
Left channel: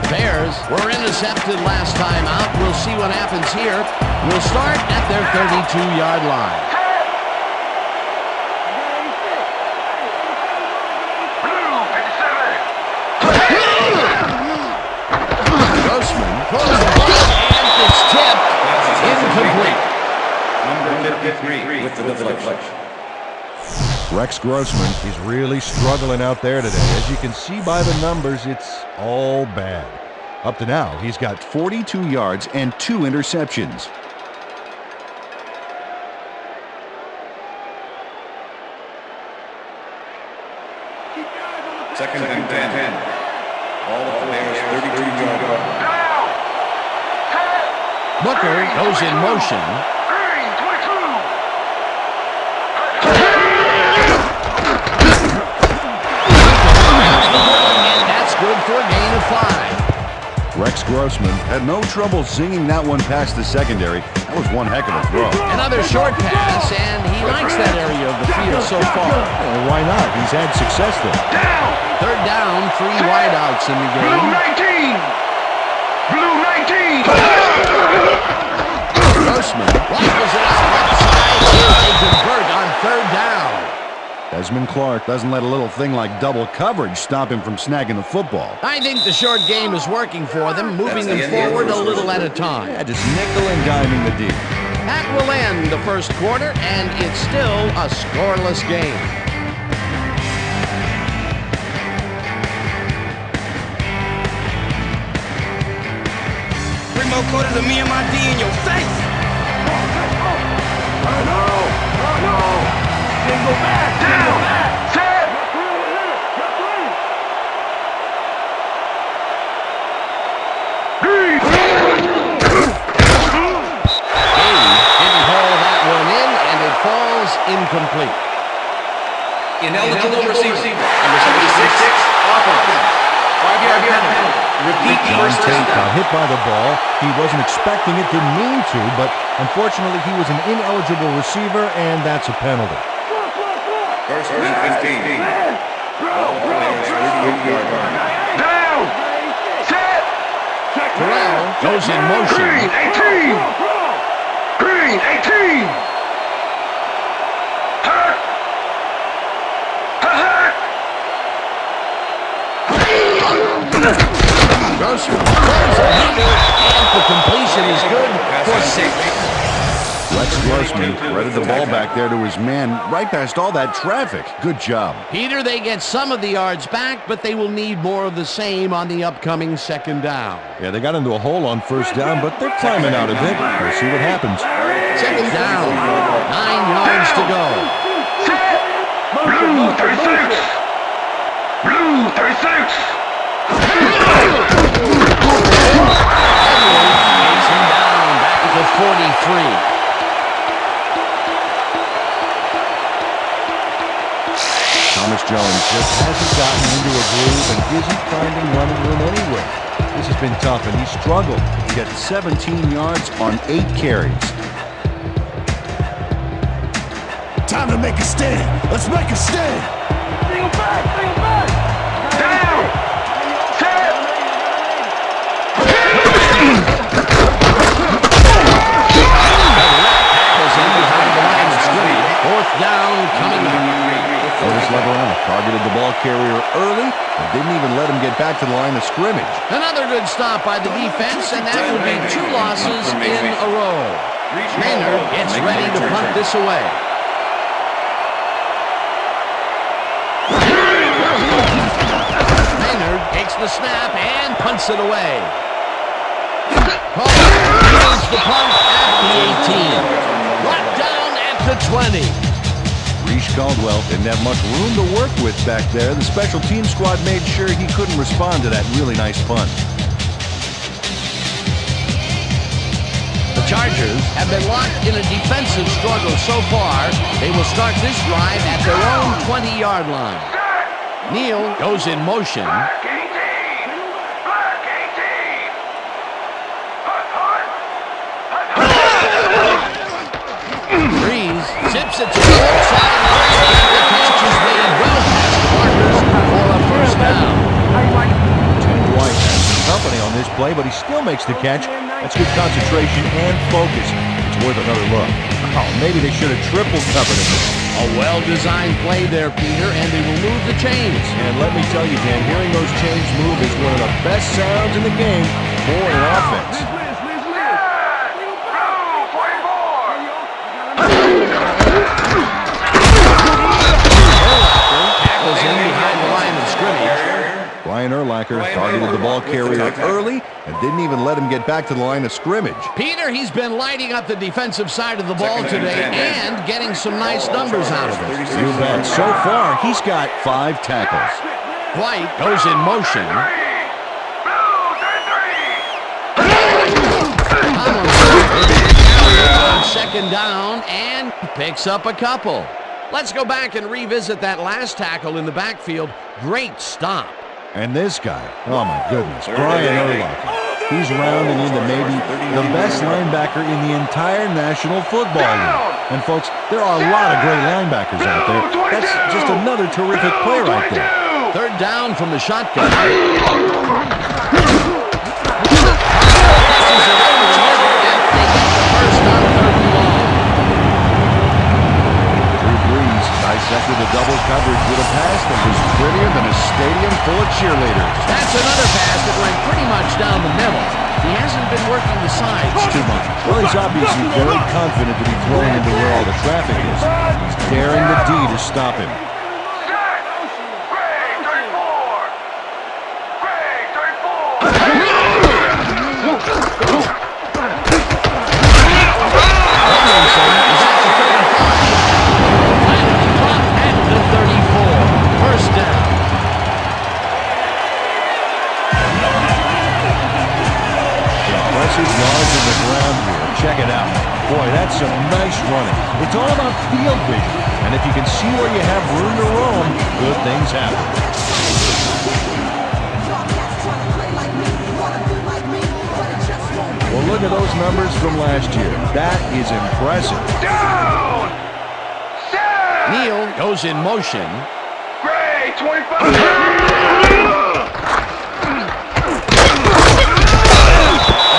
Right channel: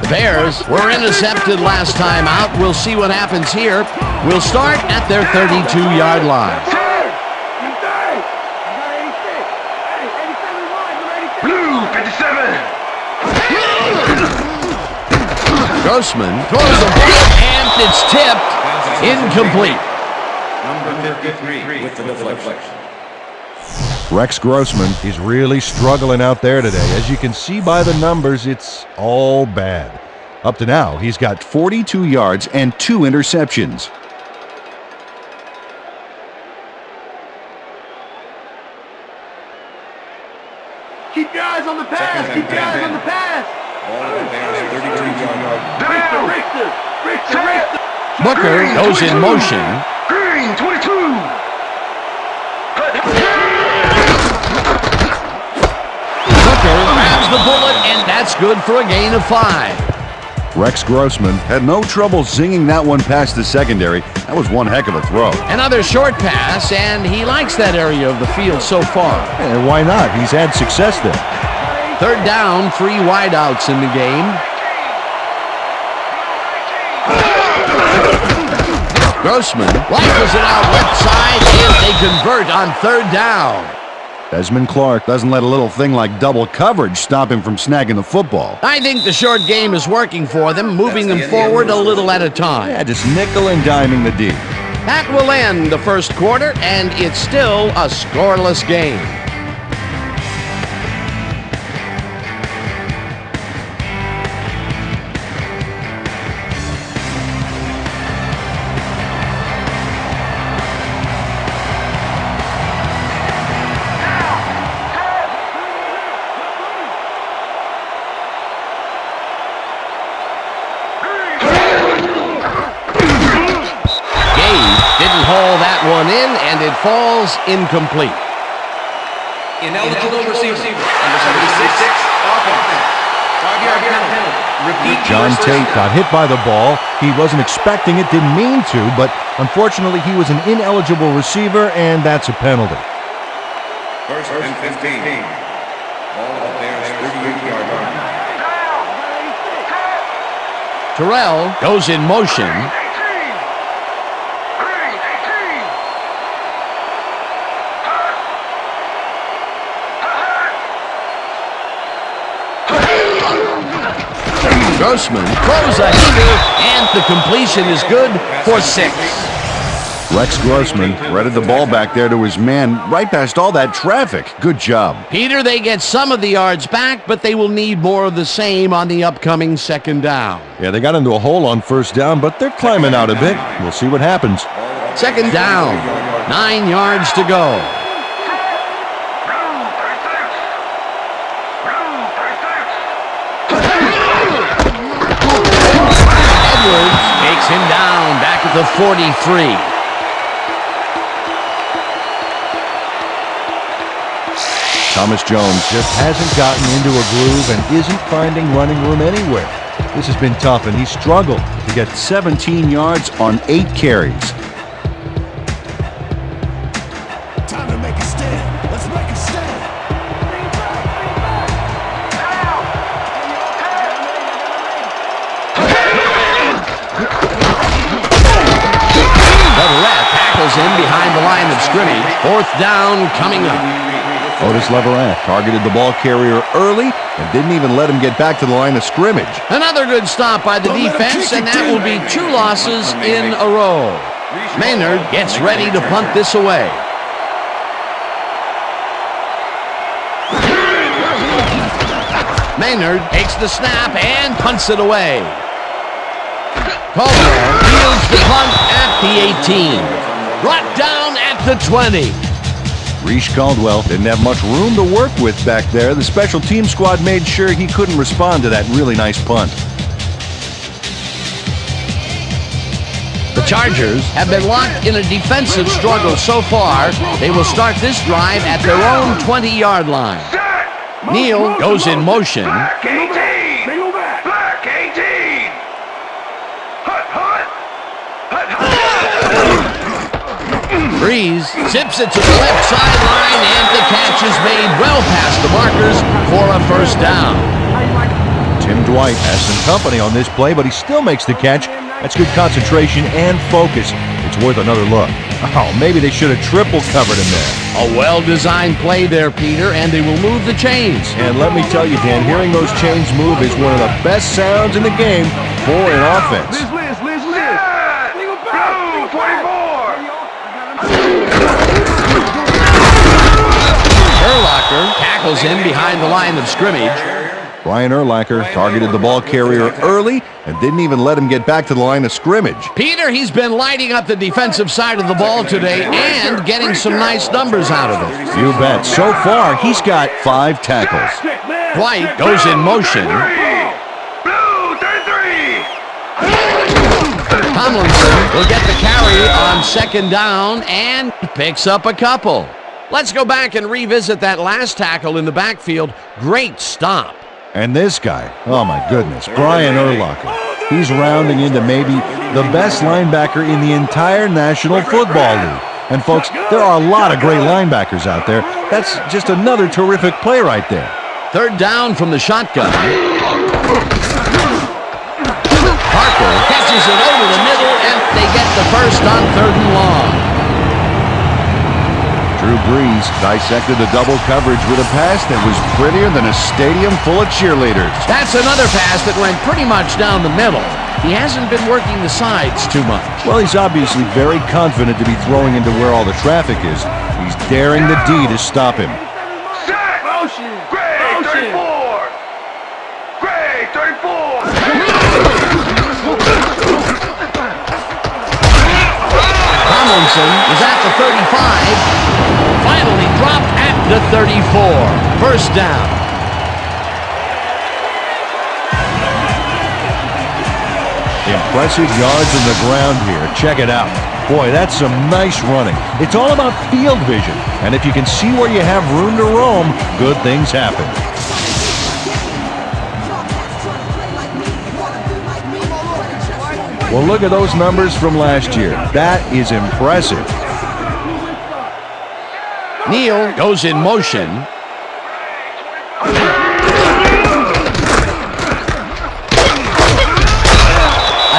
The Bears were intercepted last time out. We'll see what happens here. We'll start at their 32-yard line. Grossman throws the ball, and it's tipped. Incomplete. Number 53 with the deflection. Rex Grossman is really struggling out there today. As you can see by the numbers, it's all bad. Up to now, he's got 42 yards and 2 interceptions. Keep your eyes on the pass! Second and Keep your eyes 10. on the pass! Ball at the Bears' 32-yard line. Richter! Booker goes in motion. Green, 22. Booker grabs the bullet, and that's good for a gain of 5. Rex Grossman had no trouble zinging that one past the secondary. That was one heck of a throw. Another short pass, and he likes that area of the field so far. And why not? He's had success there. 3rd down, 3 wideouts in the game. 19. Blue 19. Grossman rifles it out left side, and they convert on 3rd down. Desmond Clark doesn't let a little thing like double coverage stop him from snagging the football. I think the short game is working for them, moving them forward a little at a time. Yeah, just nickel and diming the D. That will end the first quarter, and it's still a scoreless game. It falls incomplete. Ineligible receiver. Number 76, offense. 5-yard penalty. Repeat. John Tate got hit by the ball. He wasn't expecting it, didn't mean to, but unfortunately he was an ineligible receiver, and that's a penalty. First and 15. Ball at the Bears' 38-yard line. Terrell goes in motion. Grossman throws a heater, and the completion is good for 6. Rex Grossman threaded the ball back there to his man right past all that traffic. Good job. Peter, they get some of the yards back, but they will need more of the same on the upcoming 2nd down. Yeah, they got into a hole on 1st down, but they're climbing out a bit. We'll see what happens. Second down. 9 yards to go. Blue 36. Blue 36. Edwards takes him down back at the 43. Thomas Jones just hasn't gotten into a groove and isn't finding running room anywhere. This has been tough, and he struggled to get 17 yards on 8 carries. Time to make a stand. Let's make a stand. Bring him back. Bring him back. Down. Leverett tackles him behind the line of scrimmage. 4th down coming up. Otis Leverett targeted the ball carrier early and didn't even let him get back to the line of scrimmage. Another good stop by the defense, and that will be 2 losses in a row. Maynard gets ready to punt this away. Maynard takes the snap and punts it away. Caldwell fields the punt at the 18. Brought down at the 20. Reese Caldwell didn't have much room to work with back there. The special team squad made sure he couldn't respond to that really nice punt. The Chargers have been locked in a defensive struggle so far. They will start this drive at their own 20-yard line. Neal goes in motion. Black 18. Black 18. Hut, hut. Breeze zips it to the left sideline, and the catch is made well past the markers for a first down. Tim Dwight has some company on this play, but he still makes the catch. That's good concentration and focus. It's worth another look. Oh, maybe they should have triple covered him there. A well-designed play there, Peter, and they will move the chains. And let me tell you, Dan, hearing those chains move is one of the best sounds in the game for an offense. Liz. Bring him back. Bring him back. Hey, yo, I got him. Urlacher tackles him behind the line of scrimmage. Brian Urlacher targeted the ball carrier early and didn't even let him get back to the line of scrimmage. Peter, he's been lighting up the defensive side of the ball today and getting some nice numbers out of it. You bet. So far, he's got 5 tackles. Dwight goes in motion. Blue 33. Tomlinson will get the carry on 2nd down and picks up a couple. Let's go back and revisit that last tackle in the backfield. Great stop. And this guy, oh my goodness, Brian Urlacher. He's rounding into maybe the best linebacker in the entire National Football League. And folks, there are a lot of great linebackers out there. That's just another terrific play right there. 3rd down from the shotgun. Parker catches it over the middle, and they get the first on 3rd and long. Drew Brees dissected the double coverage with a pass that was prettier than a stadium full of cheerleaders. That's another pass that went pretty much down the middle. He hasn't been working the sides too much. Well, he's obviously very confident to be throwing into where all the traffic is. He's daring the D to stop him. Motion. Gray 34. Tomlinson is at the 35. Finally dropped at the 34. First down. Impressive yards on the ground here. Check it out. Boy, that's some nice running. It's all about field vision. And if you can see where you have room to roam, good things happen. Well, look at those numbers from last year. That is impressive. Neal goes in motion. Gray 25.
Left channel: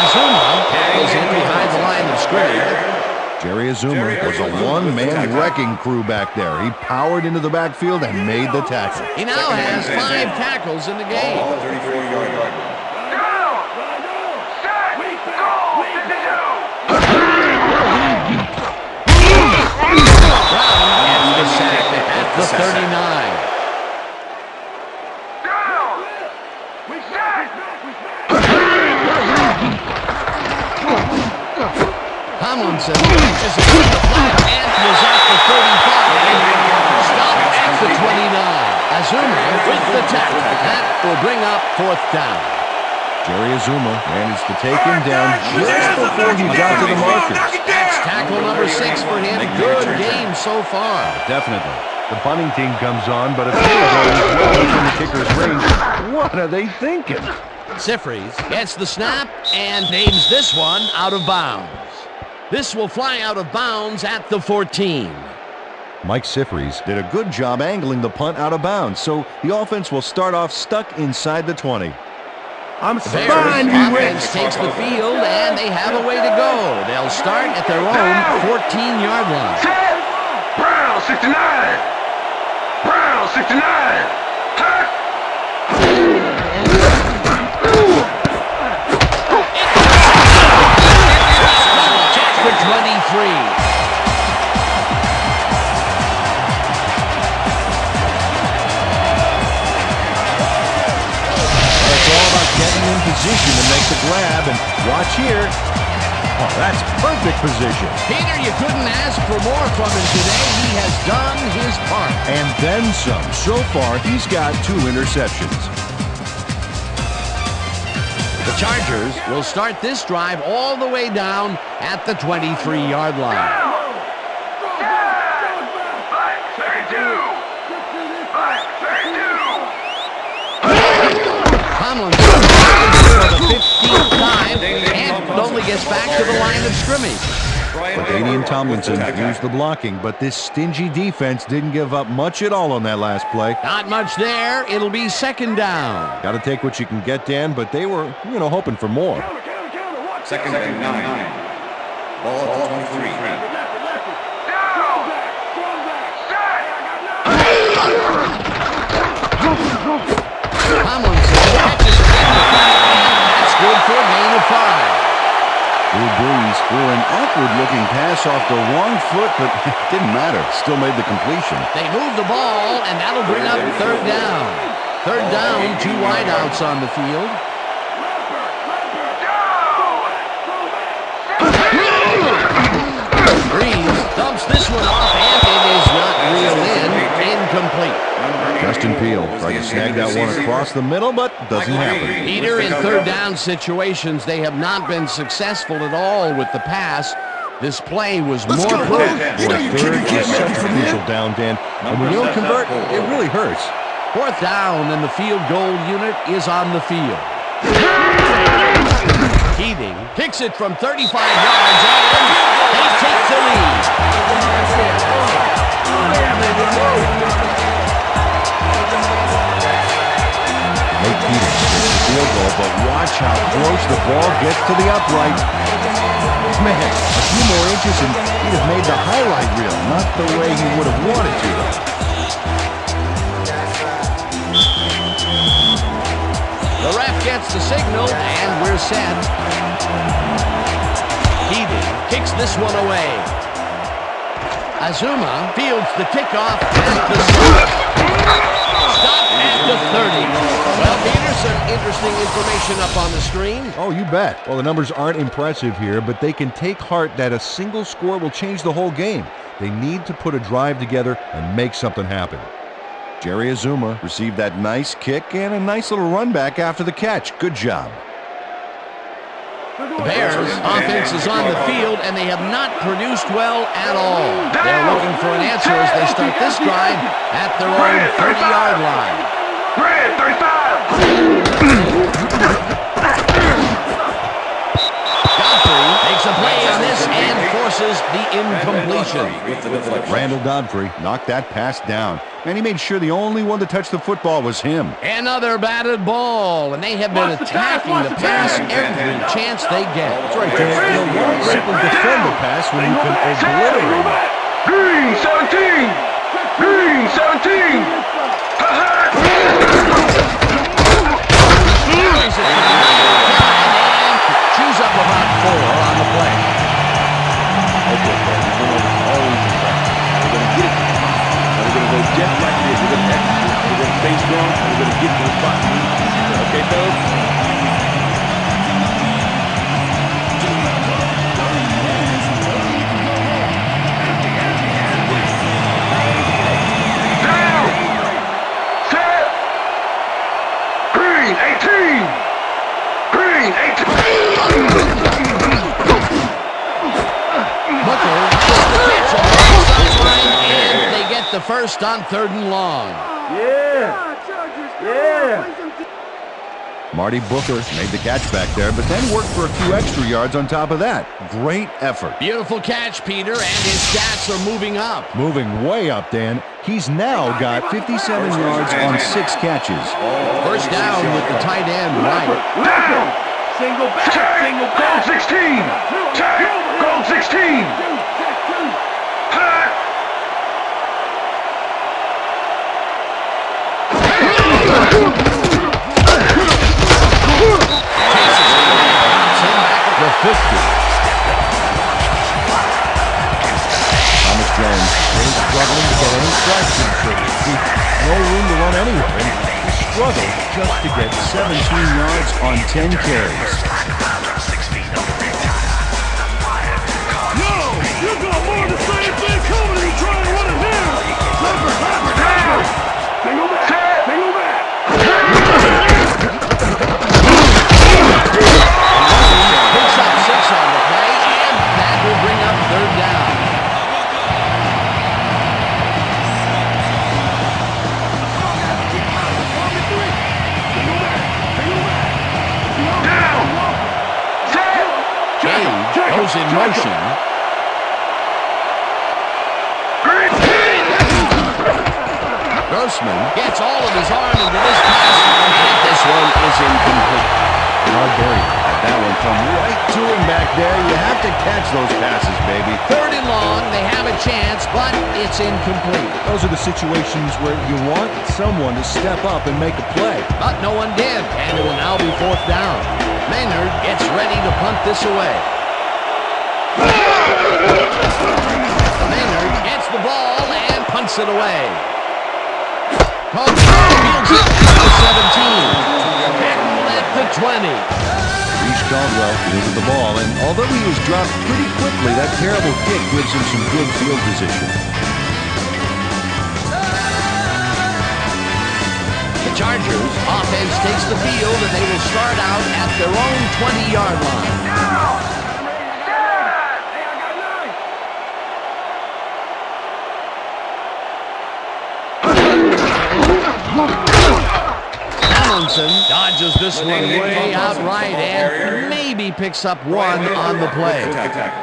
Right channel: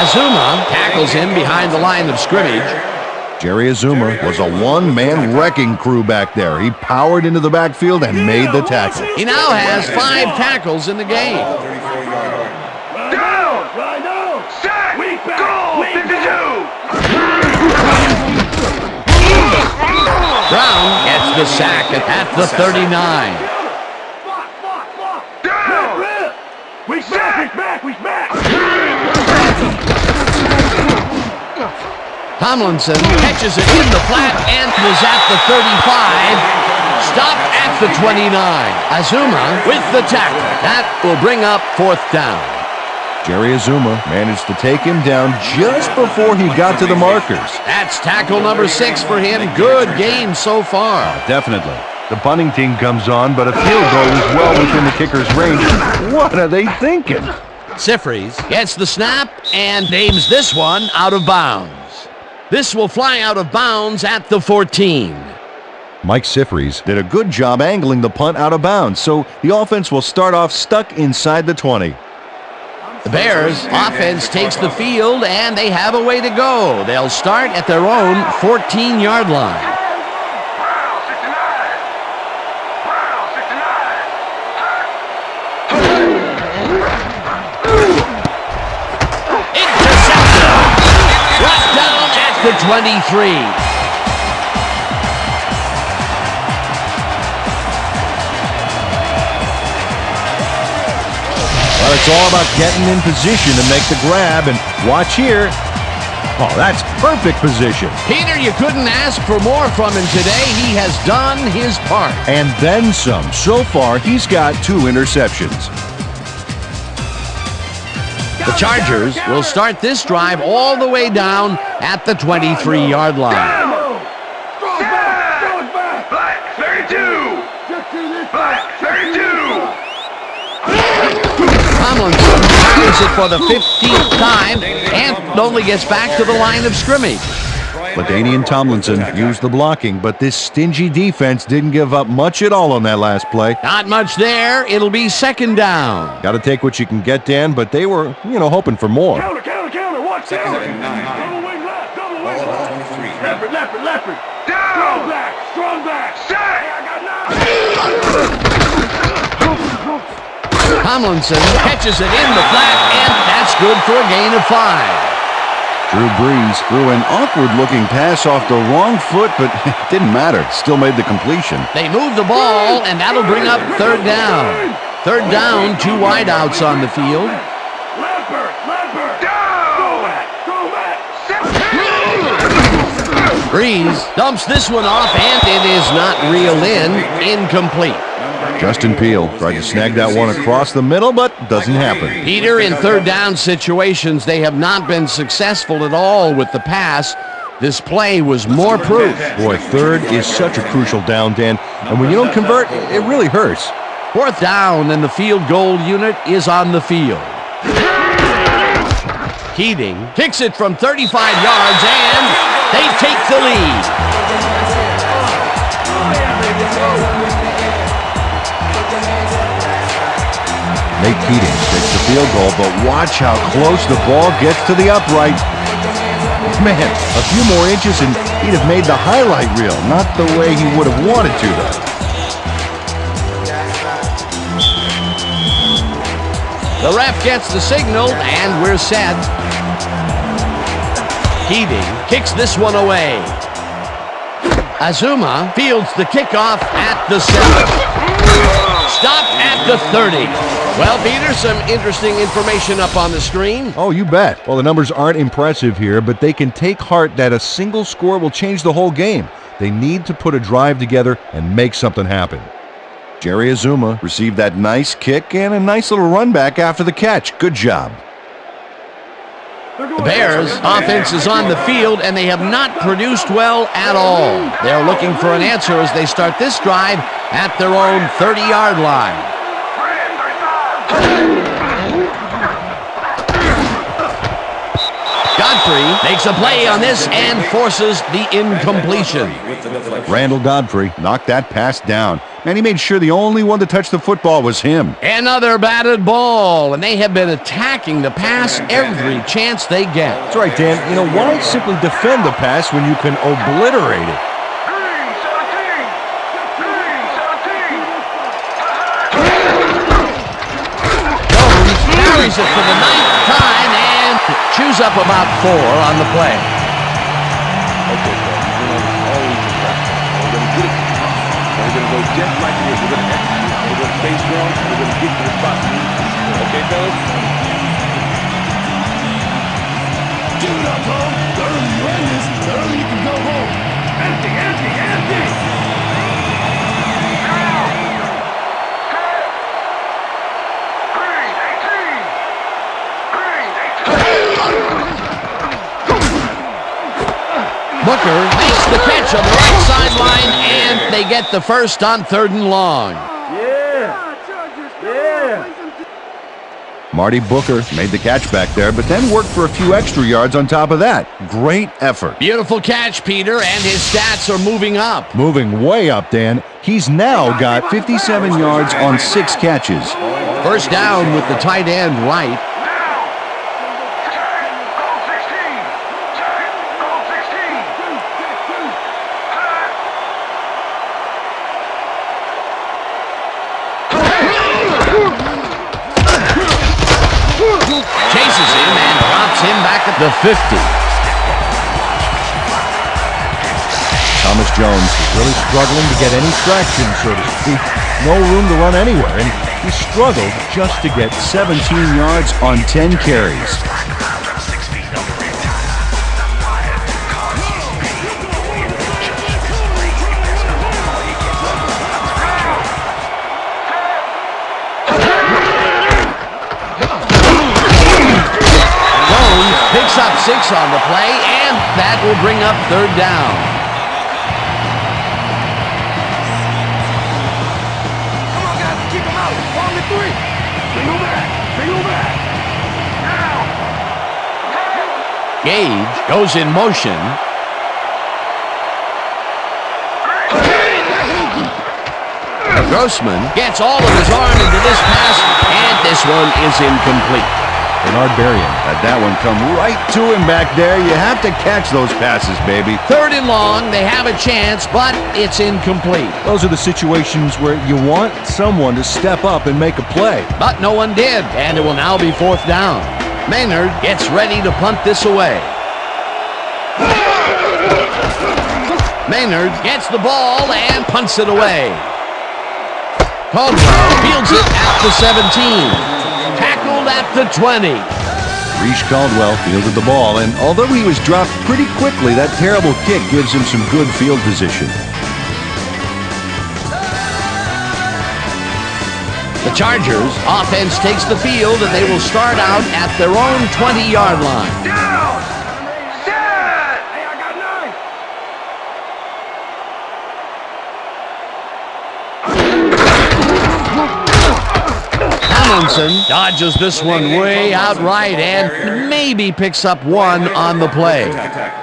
Azuma tackles him behind the line of scrimmage. Jerry Azuma was a one-man wrecking crew back there. He powered into the backfield and made the tackle. He now has 5 tackles in the game. 34-yard line. Right now. Weak back. Brown gets the sack at the 39. Weak back. Tomlinson catches it in the flat and is at the 35. Stop at the 29. Azuma with the tackle. That will bring up 4th down. Jerry Azuma managed to take him down just before he got to the markers. That's tackle number 6 for him. Good game so far. Definitely. The punting team comes on, but a field goal is well within the kicker's range. What are they thinking? Sifries gets the snap and aims this one out of bounds. This will fly out of bounds at the 14. Mike Sifries did a good job angling the punt out of bounds, so the offense will start off stuck inside the 20. The Bears offense takes the field, and they have a way to go. They'll start at their own 14-yard line. Brown 69. Brown 69. Intercepted. Brought down at the 23. It's all about getting in position to make the grab, and watch here. Oh, that's perfect position. Peter, you couldn't ask for more from him today. He has done his part. And then some. So far, he's got 2 interceptions. The Chargers will start this drive all the way down at the 23-yard line. Throw it back. 32. 32. Tomlinson carries it for the 15th time and only gets back to the line of scrimmage. LaDainian Tomlinson used the blocking, but this stingy defense didn't give up much at all on that last play. Not much there. It'll be 2nd down. Got to take what you can get, Dan, but they were, hoping for more. Counter. Watch 2nd and 9. Ball at the 23. Leopard. Strong back. Hey, I got 9. Tomlinson catches it in the flat, and that's good for a gain of 5. Drew Brees threw an awkward-looking pass off the wrong foot, but it didn't matter. Still made the completion. They move the ball, and that'll bring up 3rd down. 3rd down, 2 wideouts on the field. Leopard. Go back. Brees dumps this one off, and it is not reeled in. Incomplete. Justin Peele tried to snag that one across the middle, but doesn't happen. Peter, in 3rd down situations, they have not been successful at all with the pass. This play was more proof. Boy, 3rd is such a crucial down, Dan. And when you don't convert, it really hurts. 4th down, and the field goal unit is on the field. Keating kicks it from 35 yards, and they take the lead. Nate Keating takes the field goal, but watch how close the ball gets to the upright. Man, a few more inches and he'd have made the highlight reel. Not the way he would have wanted to, though. The ref gets the signal, and we're set. Keating kicks this one away. Azuma fields the kickoff at the 7. Stop at the 30. Well, Peter, some interesting information up on the screen. Oh, you bet. Well, the numbers aren't impressive here, but they can take heart that a single score will change the whole game. They need to put a drive together and make something happen. Jerry Azuma received that nice kick and a nice little run back after the catch. Good job. The Bears' offense is on the field, and they have not produced well at all. They're looking for an answer as they start this drive at their own 30-yard line. Godfrey makes a play on this and forces the incompletion. Randall Godfrey knocked that pass down. Man, he made sure the only one to touch the football was him. Another batted ball, and they have been attacking the pass every chance they get. That's right, Dan. Why simply defend the pass when you can obliterate it? Green 17. Carries it for the 9th time and chews up about 4 on the play. Okay, Fred, you've been over all week in practice. We're going to get it to the top. We're going to go just like it is. We're going to execute. We're going to stay strong, and we're going to get to the spot we need to. Okay, fellas? Keep it up, bro. The earlier you end this, the earlier you can go home. Empty, empty, empty. Down. Set. Green, 18. Green, 18. Booker makes the catch on the right sideline, and they get the first on 3rd and long. Marty Booker made the catch back there, but then worked for a few extra yards on top of that. Great effort. Beautiful catch, Peter, and his stats are moving up. Moving way up, Dan. He's now got 57 yards on 6 catches. First down with the tight end right. Single back, single back. 16. Goal 16. Chases him and drops him back at the 50. Thomas Jones really struggling to get any traction, so to speak. No room to run anywhere, and he struggled just to get 17 yards on 10 carries. Picks up 6 on the play, and that will bring up 3rd down. Come on, guys, keep them out. 1 to 3. Single back, single back. Down. Gage goes in motion. Grossman gets all of his arm into this pass, and this one is incomplete. Bernard Berrien had that one come right to him back there. You have to catch those passes, baby. 3rd and long, they have a chance, but it's incomplete. Those are the situations where you want someone to step up and make a play. But no one did, and it will now be 4th down. Maynard gets ready to punt this away. Maynard gets the ball and punts it away. Caldwell fields it at the 17. Tackled at the 20. Reese Caldwell fielded the ball, and although he was dropped pretty quickly, that terrible kick gives him some good field position. The Chargers offense takes the field, and they will start out at their own 20-yard line. Hey, I got 9. Tomlinson dodges this one way outright and maybe picks up 1 on the play.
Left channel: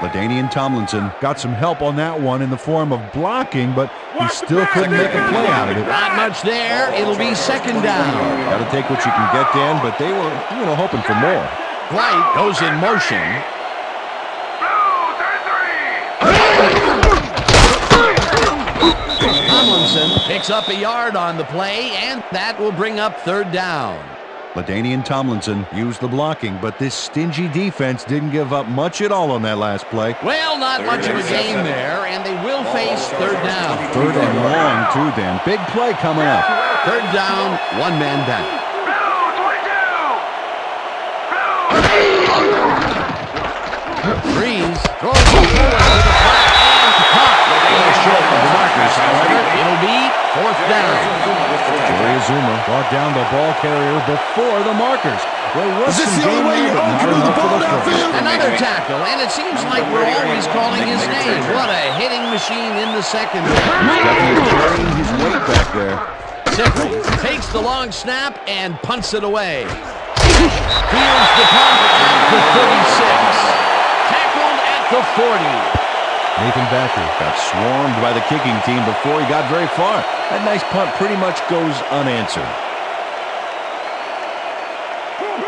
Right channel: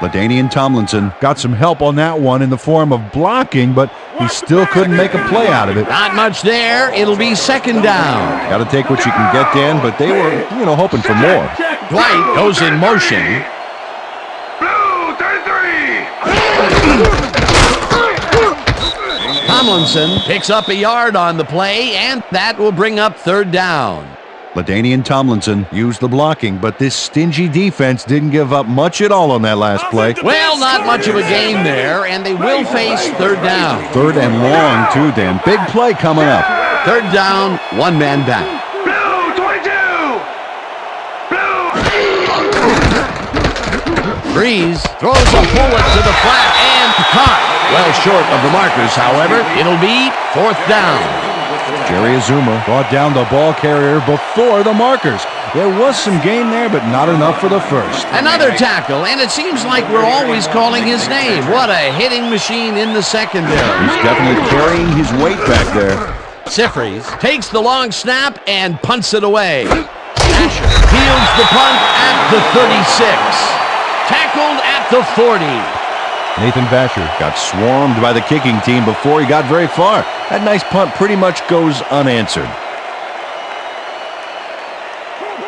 LaDainian Tomlinson got some help on that one in the form of blocking, but he still couldn't make a play out of it. Not much there. It'll be 2nd down. Got to take what you can get, Dan, but they were, hoping for more. Dwight goes in motion. Blue, 33. Tomlinson picks up a yard on the play, and that will bring up 3rd down. LaDainian Tomlinson used the blocking, but this stingy defense didn't give up much at all on that last play. Well, not much of a gain there, and they will face 3rd down. 3rd and long, too, Dan. Big play coming up. 3rd down, 1 man back. Blue, 22. Breeze throws a bullet to the flat and caught. Well short of the markers, however. It'll be 4th down. Jerry Azuma brought down the ball carrier before the markers. There was some gain there, but not enough for the first. Another tackle, and it seems like we're always calling his name. What a hitting machine in the secondary. He's definitely carrying his weight back there. Sifries takes the long snap and punts it away. Asher fields the punt at the 36. Tackled at the 40. Nathan Vasher got swarmed by the kicking team before he got very far. That nice punt pretty much goes unanswered.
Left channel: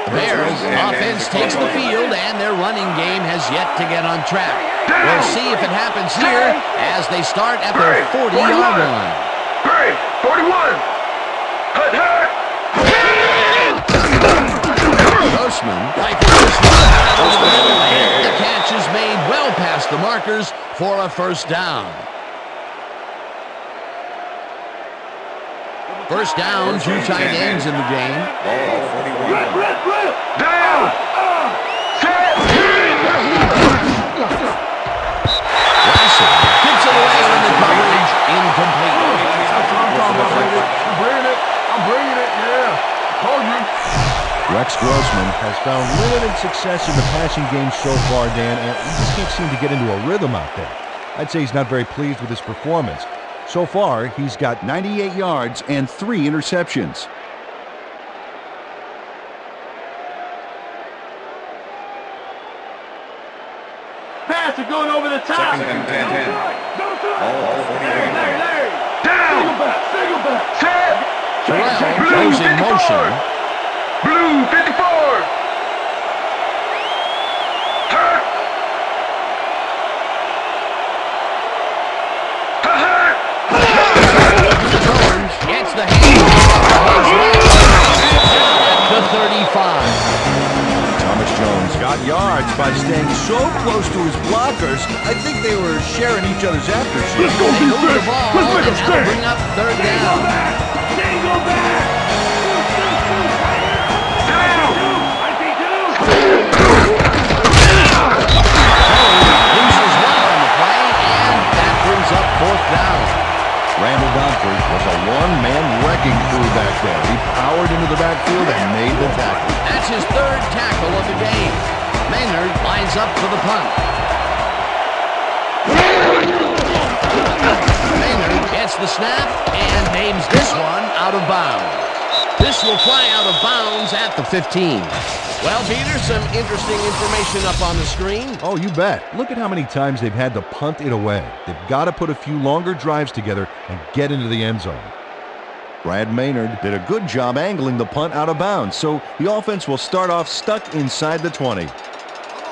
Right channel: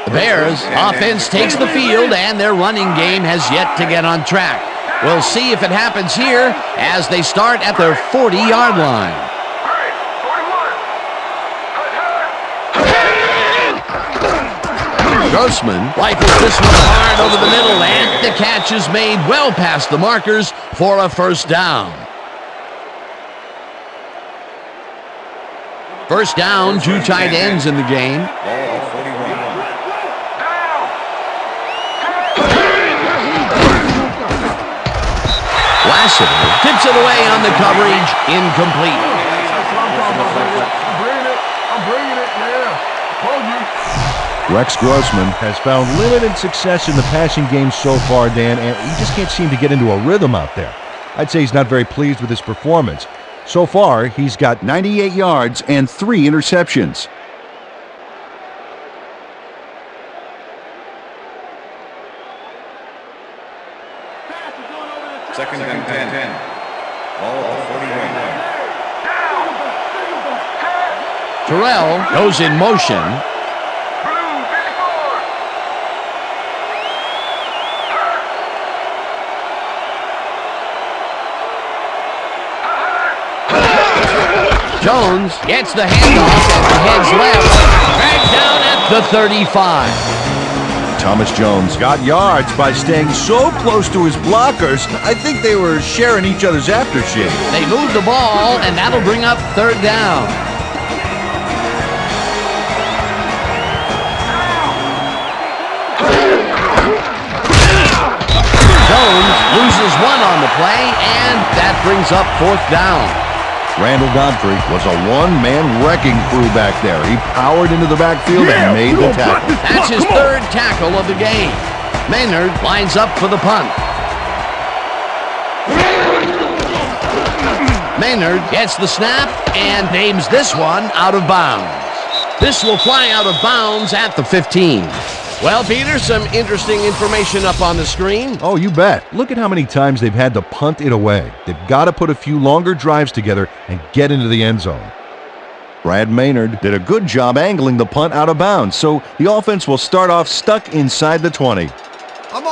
The Bears offense takes the field, and their running game has yet to get on track. We'll see if it happens here as they start at their 40-yard line. Great, 41. Grossman rifles this one hard over the middle, and the catch is made well past the markers for a 1st down. 1st down, 2 tight ends in the game. Ball 41. Lassiter tips it away on the coverage, incomplete. That's what I'm talking about, baby. I'm bringing it, yeah. Told you. Rex Grossman has found limited success in the passing game so far, Dan, and he just can't seem to get into a rhythm out there. I'd say he's not very pleased with his performance. So far, he's got 98 yards and 3 interceptions. Pass it going over the top. Second and 10. Ball at the 41. Single back. Terrell goes in motion. Blue 54. Jones gets the handoff and heads left. Back down at the 35. Thomas Jones got yards by staying so close to his blockers, I think they were sharing each other's aftershave. They move the ball, and that'll bring up third down. Jones loses one on the play, and that brings up fourth down. Randall Godfrey was a one-man wrecking crew back there. He powered into the backfield and made the tackle. That's his third tackle of the game. Maynard lines up for the punt. Maynard gets the snap and aims this one out of bounds. This will fly out of bounds at the 15. Well, Peter, some interesting information up on the screen. Oh, you bet. Look at how many times they've had to punt it away. They've got to put a few longer drives together and get into the end zone. Brad Maynard did a good job angling the punt out of bounds, so the offense will start off stuck inside the 20.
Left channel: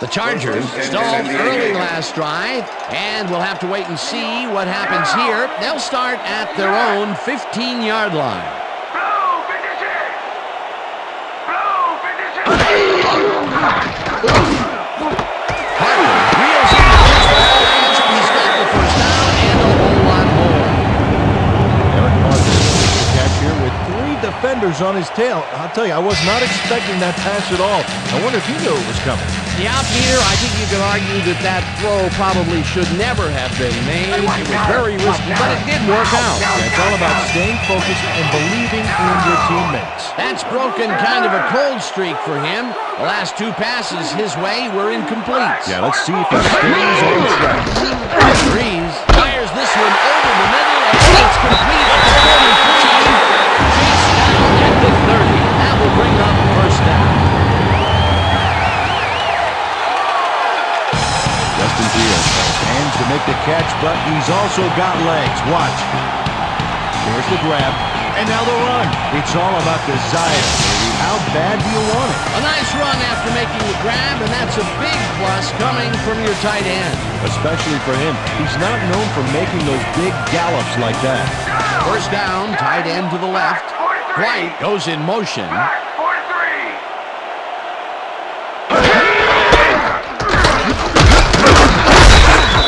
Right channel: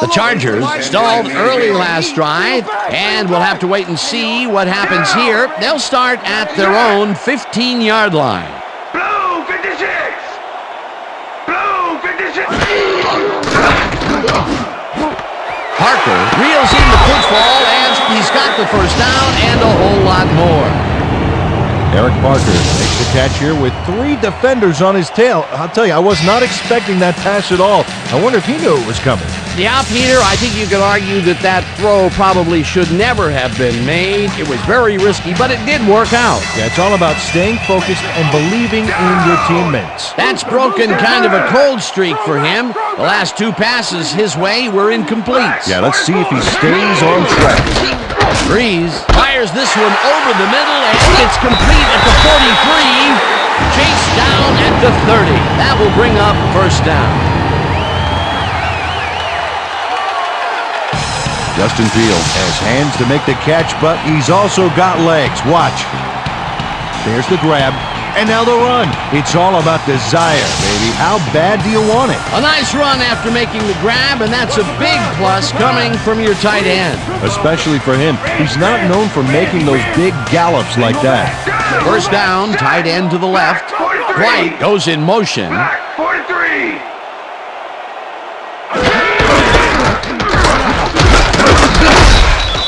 The Chargers stalled early last drive, and we'll have to wait and see what happens here. They'll start at their own 15-yard line. Parker reels in the football, and he's got the first down and a whole lot more. Eric Parker makes the catch here with 3 defenders on his tail. I'll tell you, I was not expecting that pass at all. I wonder if he knew it was coming. Yeah, Peter, I think you could argue that that throw probably should never have been made. It was very risky, but it did work out. Yeah, it's all about staying focused and believing in your teammates. That's broken kind of a cold streak for him. The last 2 passes his way were incomplete. Yeah, let's see if he stays on track. Breeze fires this one over the middle, and it's complete at the 43. Chased down at the 30. That will bring up first down. Justin Fields has hands to make the catch, but he's also got legs. Watch. There's the grab, and now the run. It's all about desire, baby. How bad do you want it? A nice run after making the grab, and that's a big plus coming from your tight end. Especially for him. He's not known for making those big gallops like that. First down, tight end to the left. White goes in motion.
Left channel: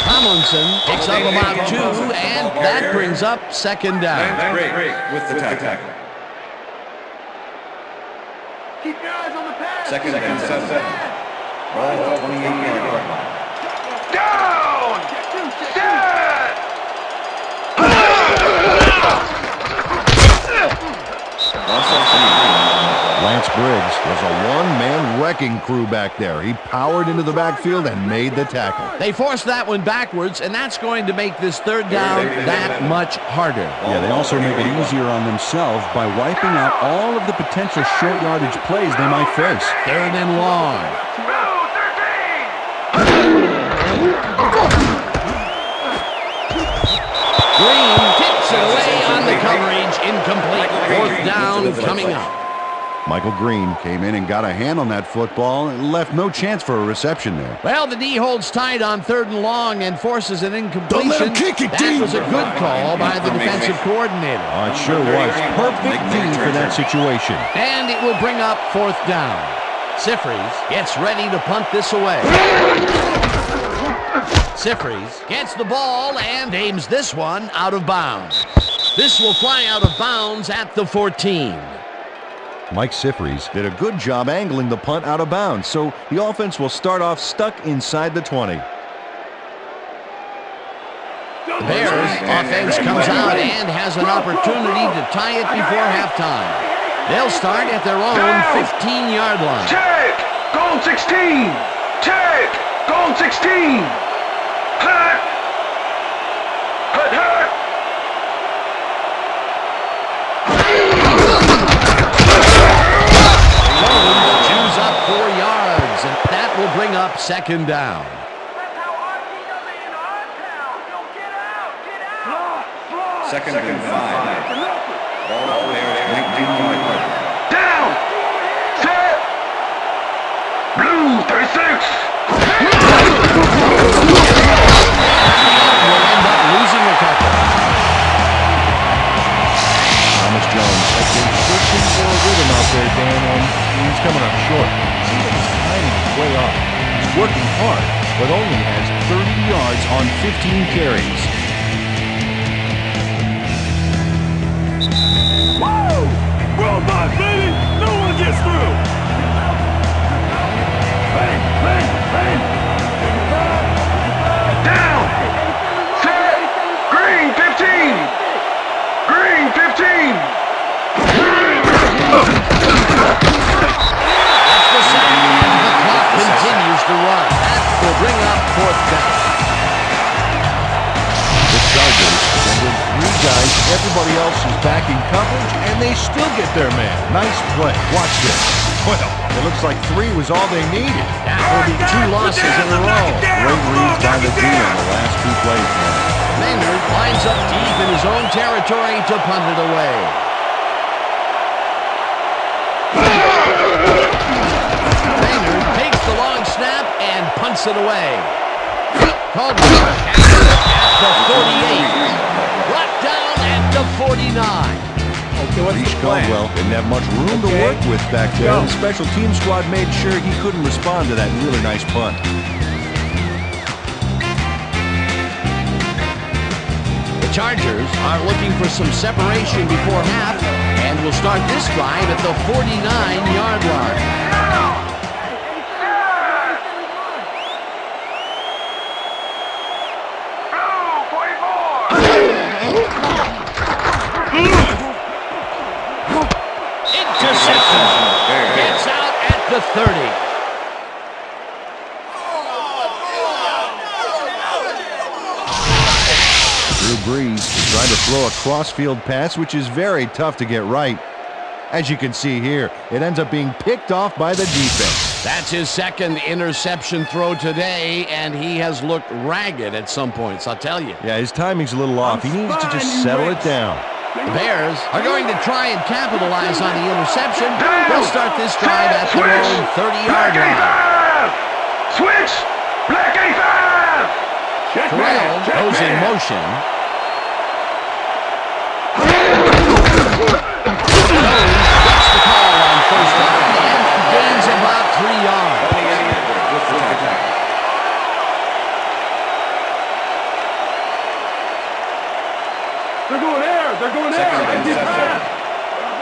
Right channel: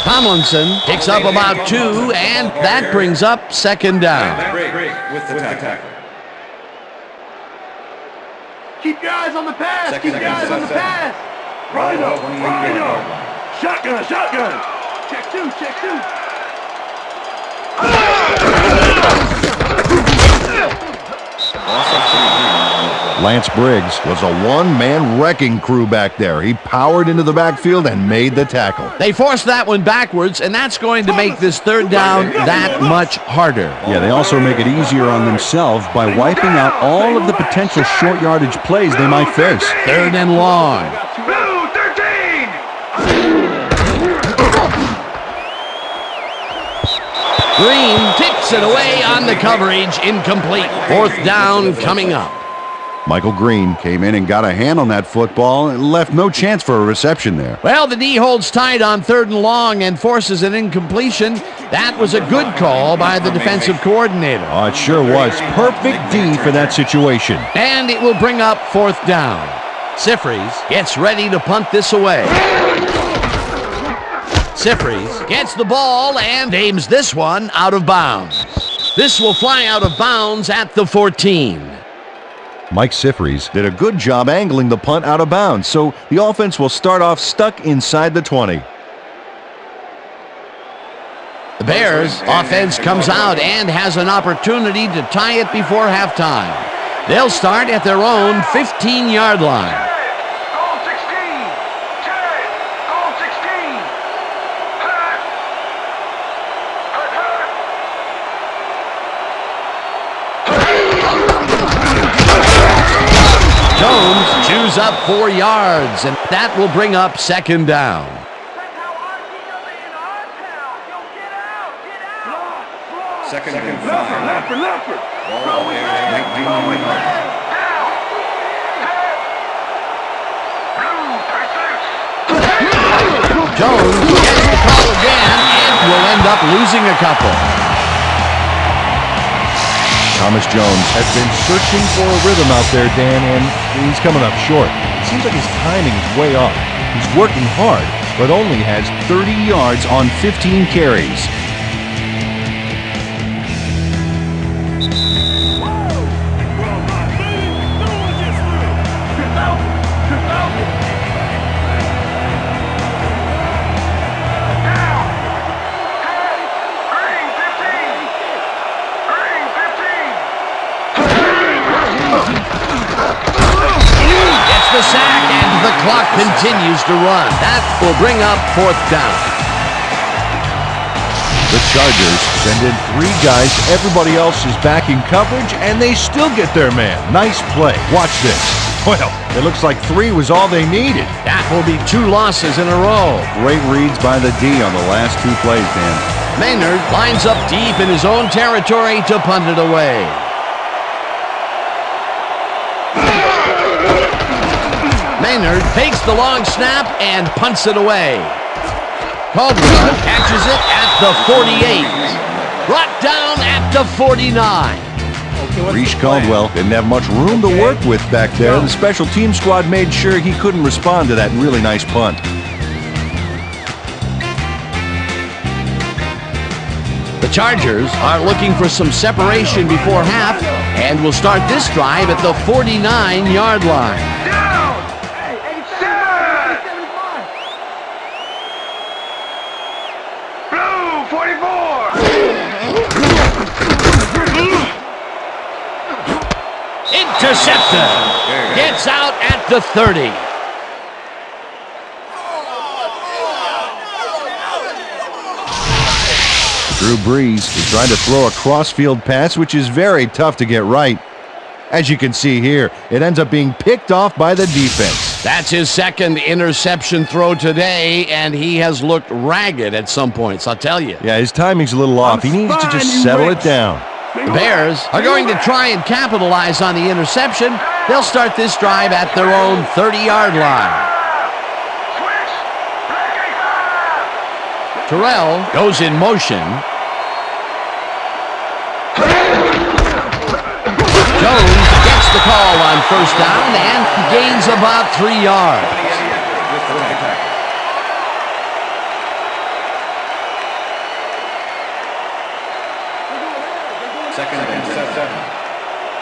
Tomlinson picks up about 2, and that brings up second down. Break with the tackle. Keep your eyes on the pass. Second and 7. Right up 28-yard line. Shotgun. Check 2. Lance Briggs was a one-man wrecking crew back there. He powered into the backfield and made the tackle. They forced that one backwards, and that's going to make this third down that much harder. Yeah, they also make it easier on themselves by wiping out all of the potential short yardage plays they might face. Third and long. Green tips it away on the coverage, incomplete. Fourth down coming up. Michael Green came in and got a hand on that football and left no chance for a reception there. Well, the D holds tight on third and long and forces an incompletion. That was a good call by the defensive coordinator. Oh, it sure was. Perfect D for that situation. And it will bring up fourth down. Sifries gets ready to punt this away. Sifries gets the ball and aims this one out of bounds. This will fly out of bounds at the 14. Mike Sifries did a good job angling the punt out of bounds, so the offense will start off stuck inside the 20. The Bears offense comes out and has an opportunity to tie it before halftime. They'll start at their own 15-yard line. Check! Goal 16! Check! Goal 16! Hut! Hut, hut! Jones chews up 4 yards, and that will bring up second down. That's how our team does it in our town. Yo, get out! Get out! Slide! Second and 5. Leopard! Ball on Bears 19-yard line. Down! Over here! Set! Blue 36! Jones gets the call again and will end up losing a couple. Thomas Jones has been searching for a rhythm out there, Dan, and he's coming up short. It seems like his timing is way off. He's working hard, but only has 30 yards on 15 carries. Whoa! Worldwide, baby! No one gets through! Out! Out! Bang! Bang! Bang! Down! Green 15! Green 15! Gets the sack, and the clock continues to run. That will bring up fourth down. The Chargers send in 3 guys. Everybody else is back in coverage, and they still get their man. Nice play. Watch this. Well, it looks like 3 was all they needed. That will be 2 losses in a row. Great reads by the D on the last 2 plays, Dan. Maynard lines up deep in his own territory to punt it away. Maynard takes the long snap and punts it away. Caldwell catches it at the 48. Brought down at the 49. Reese Caldwell didn't have much room to work with back there. The special team squad made sure he couldn't respond to that really nice punt. The Chargers are looking for some separation before half and will start this drive at the 49-yard line. Hey, 87 is mine! 87 is mine! Blue 44! Intercepted. Gets out at the 30. Drew Brees is trying to throw a cross-field pass, which is very tough to get right. As you can see here, it ends up being picked off by the defense. That's his second interception throw today, and he has looked ragged at some points, I'll tell you. Yeah, his timing's a little off. He needs to just settle it down. The Bears are going to try and capitalize on the interception. They'll start this drive at their own 30-yard line. Switch! Black A5! Terrell goes in motion. Jones gets the call on first down and gains about 3 yards. With the tackle. They're going there! They're going there! Second and 7.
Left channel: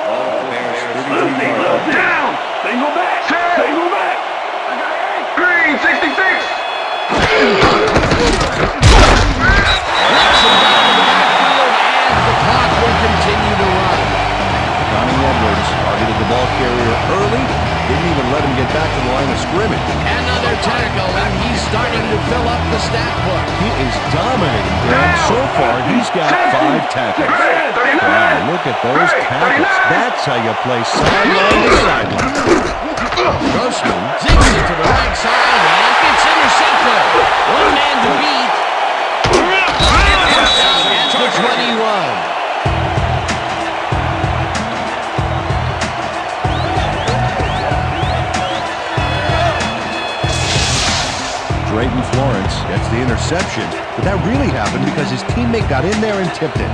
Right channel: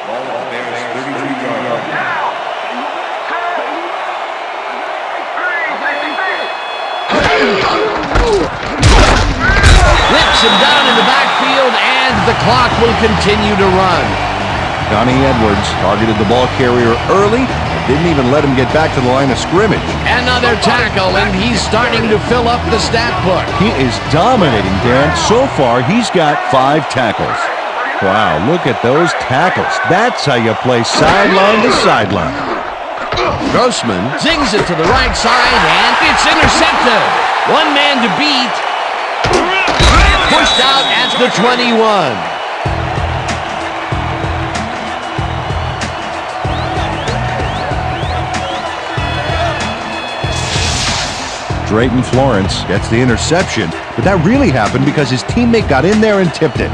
Ball at the Bears 33-yard line. Down! Single back! Single back! I got 8! Green 66! Whips him down in the backfield, and the clock will continue to run. Donnie Edwards targeted the ball carrier early, didn't even let him get back to the line of scrimmage. Another tackle, and he's starting to fill up the stat book. He is dominating, Dan. So far, he's got 5 tackles. Wow, look at those tackles. That's how you play sideline to sideline. Grossman zings it to the right side, and it's intercepted. One man to beat. Pushed out at the 21. Drayton Florence gets the interception, but that really happened because his teammate got in there and tipped it.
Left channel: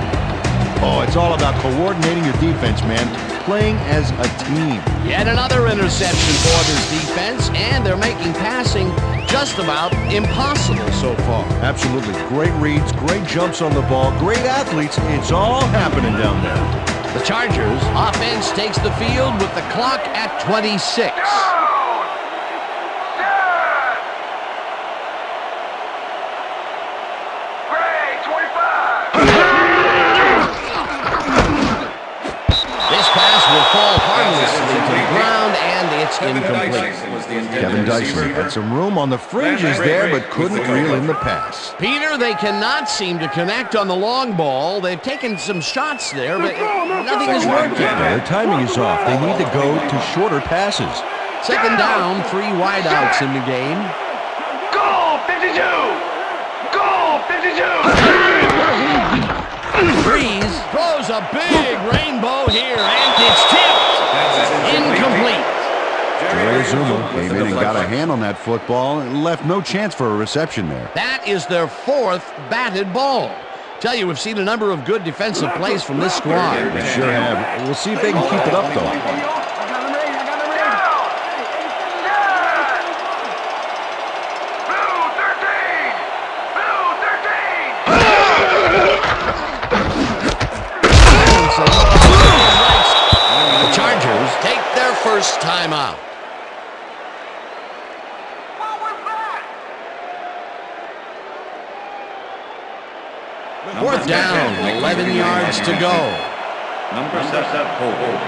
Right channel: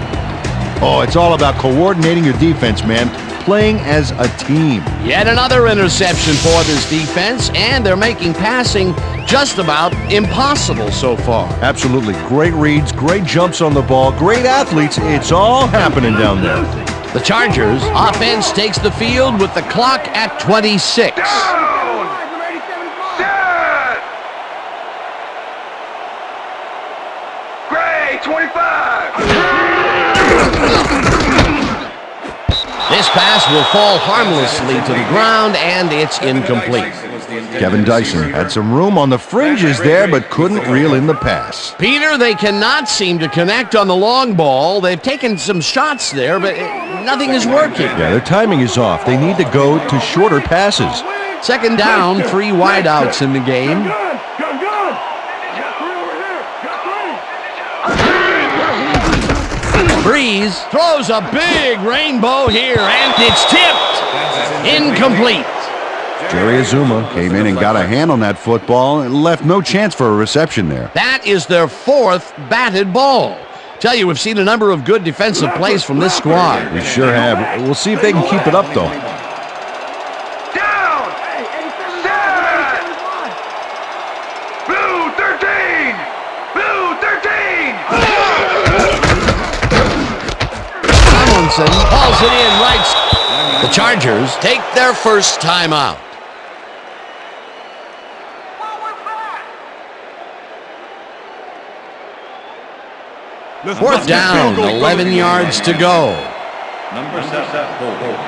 Oh, it's all about coordinating your defense, man. Playing as a team. Yet another interception for this defense, and they're making passing just about impossible so far. Absolutely. Great reads, great jumps on the ball, great athletes. It's all happening down there. The Chargers offense takes the field with the clock at 26. Gray This pass will fall harmlessly to the ground, and it's incomplete. Kevin Dyson had some room on the fringes there, but couldn't reel in the pass. Peter, they cannot seem to connect on the long ball. They've taken some shots there, but nothing is working. Yeah, their timing is off. They need to go to shorter passes. Second down, 3 wideouts in the game. Breeze throws a big rainbow here, and it's tipped. Incomplete. Jerry Azuma came in and got a hand on that football and left no chance for a reception there. That is their 4th batted ball. Tell you, we've seen a number of good defensive plays from this squad. We sure have. We'll see if they can keep it up, though. Pulls it in right. The Chargers take their first timeout. Fourth down, 11 yards to go. Number 7, holding.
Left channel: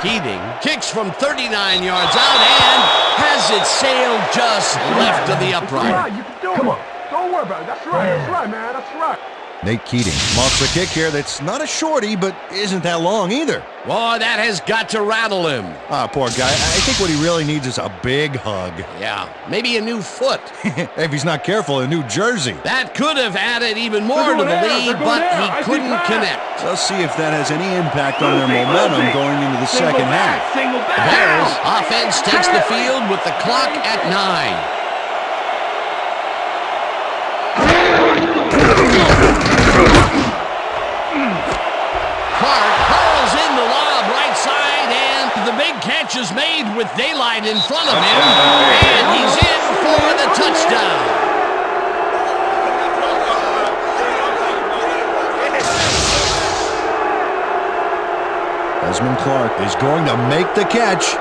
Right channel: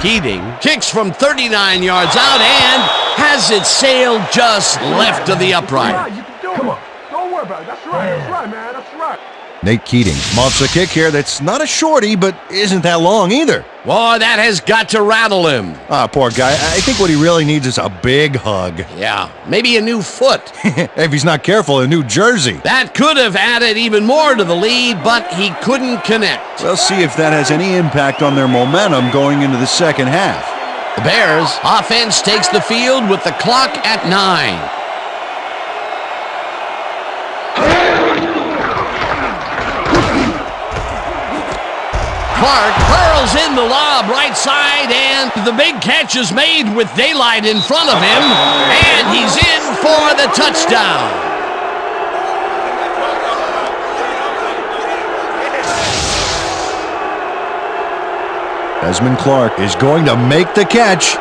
Keating kicks from 39 yards out and has it sailed just left of the upright. You can do it. Don't worry about it. That's right, man. That's right. Nate Keating mounts a kick here that's not a shorty, but isn't that long either. Boy, that has got to rattle him. Ah, poor guy. I think what he really needs is a big hug. Yeah, maybe a new foot. If he's not careful, a new jersey. That could have added even more to the lead, but he couldn't connect. We'll see if that has any impact on their momentum going into the second half. The Bears offense takes the field with the clock at 9. Clark hurls in the lob right side, and the big catch is made with daylight in front of him, and he's in for the touchdown. Desmond Clark is going to make the catch.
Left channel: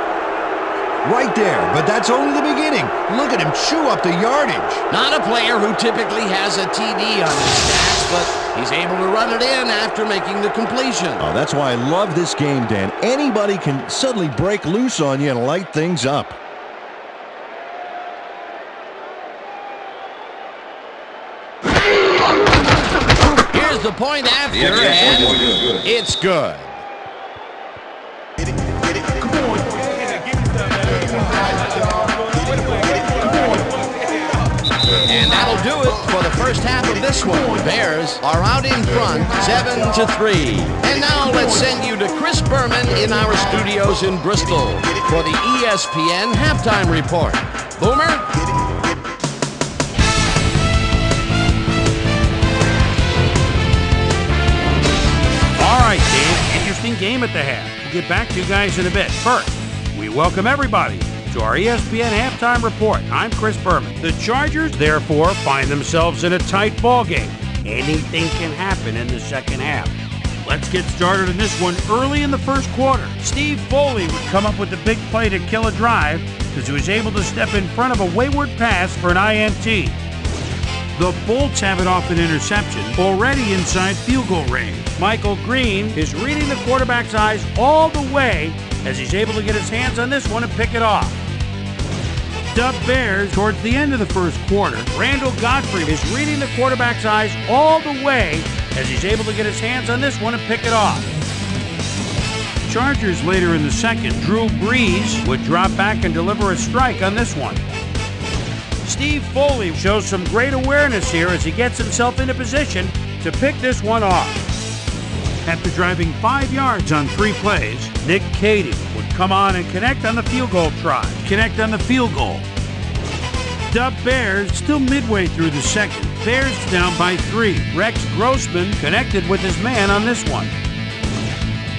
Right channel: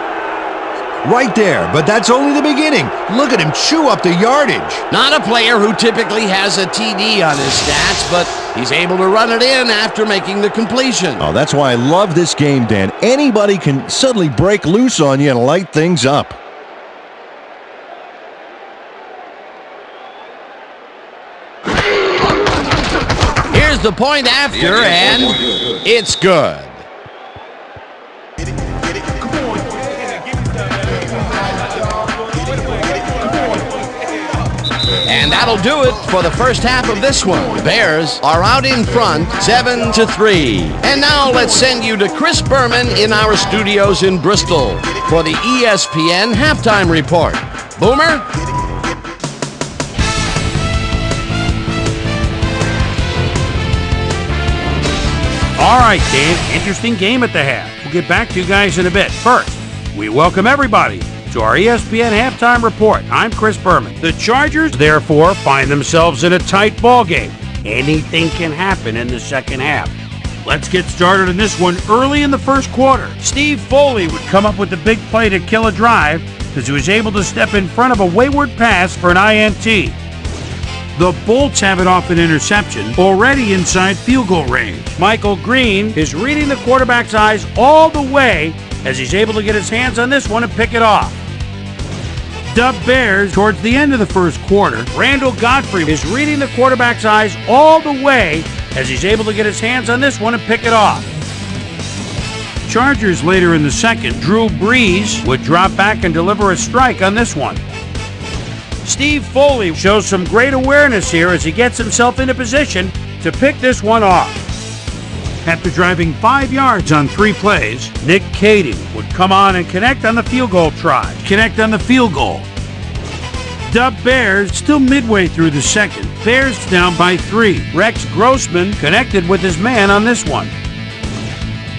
Right there, but that's only the beginning. Look at him chew up the yardage. Not a player who typically has a TD on his stats, but he's able to run it in after making the completion. Oh, that's why I love this game, Dan. Anybody can suddenly break loose on you and light things up. Here's the point after, and it's good. And that'll do it for the first half of this one. The Bears are out in front, 7-3. And now let's send you to Chris Berman in our studios in Bristol for the ESPN Halftime Report. Boomer? All right, Dan, interesting game at the half. We'll get back to you guys in a bit. First, we welcome everybody to our ESPN Halftime Report. I'm Chris Berman. The Chargers, therefore, find themselves in a tight ball game. Anything can happen in the second half. Let's get started in this one early in the first quarter. Steve Foley would come up with the big play to kill a drive because he was able to step in front of a wayward pass for an INT. The Bolts have it off an interception, already inside field goal range. Michael Green is reading the quarterback's eyes all the way as he's able to get his hands on this one and pick it off. Dub Bears towards the end of the first quarter. Randall Godfrey is reading the quarterback's eyes all the way as he's able to get his hands on this one and pick it off. Chargers later in the second. Drew Brees would drop back and deliver a strike on this one. Steve Foley shows some great awareness here as he gets himself into position to pick this one off. After driving 5 yards on 3 plays, Nick Cady would come on and connect on the field goal try. Dub Bears still midway through the second. Bears down by 3. Rex Grossman connected with his man on this one.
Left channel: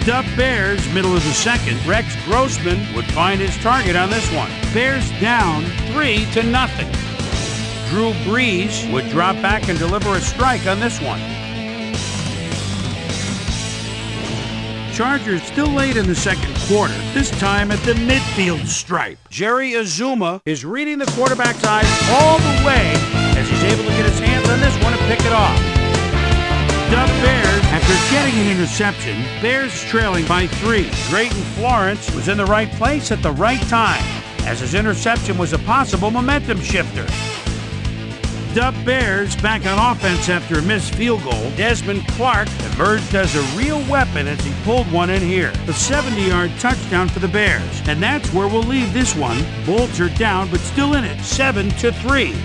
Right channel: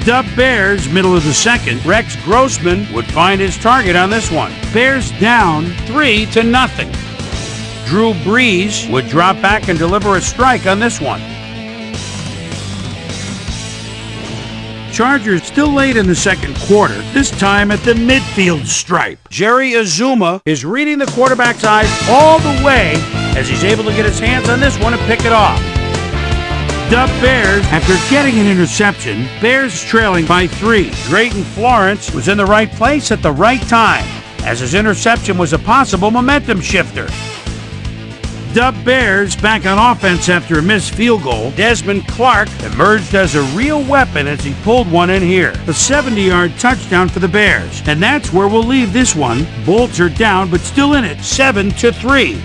Dub Bears middle of the second. Rex Grossman would find his target on this one. Bears down 3-0. Drew Brees would drop back and deliver a strike on this one. Chargers still late in the second quarter, this time at the midfield stripe. Jerry Azuma is reading the quarterback's eyes all the way as he's able to get his hands on this one and pick it off. Dub Bears after getting an interception. Bears trailing by 3. Drayton Florence was in the right place at the right time, as his interception was a possible momentum shifter. Dub Bears back on offense after a missed field goal. Desmond Clark emerged as a real weapon as he pulled one in here. A 70-yard touchdown for the Bears. And that's where we'll leave this one. Bolts are down, but still in it, 7-3.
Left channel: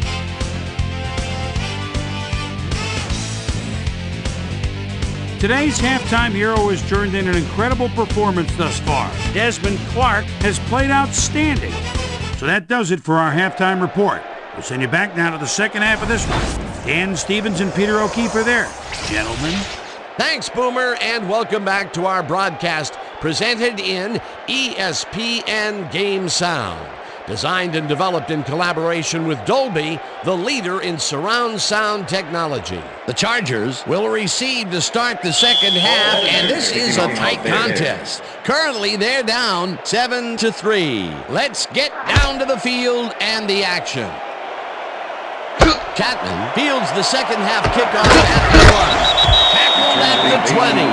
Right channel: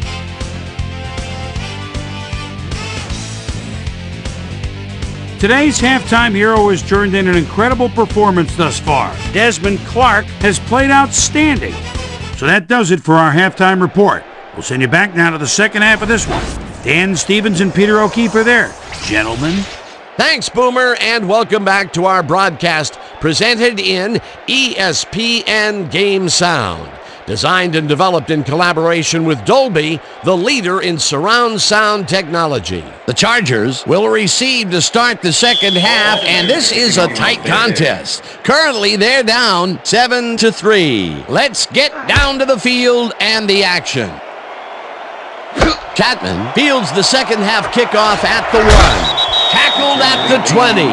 Today's halftime hero has turned in an incredible performance thus far. Desmond Clark has played outstanding. So that does it for our halftime report. We'll send you back now to the second half of this one. Dan Stevens and Peter O'Keefe are there. Gentlemen. Thanks, Boomer, and welcome back to our broadcast presented in ESPN Game Sound. Designed and developed in collaboration with Dolby, the leader in surround sound technology. The Chargers will receive to start the second half, and this is a tight contest. Currently, they're down 7-3. Let's get down to the field and the action. Chapman fields the second half kickoff at the 1. Tackled at the 20.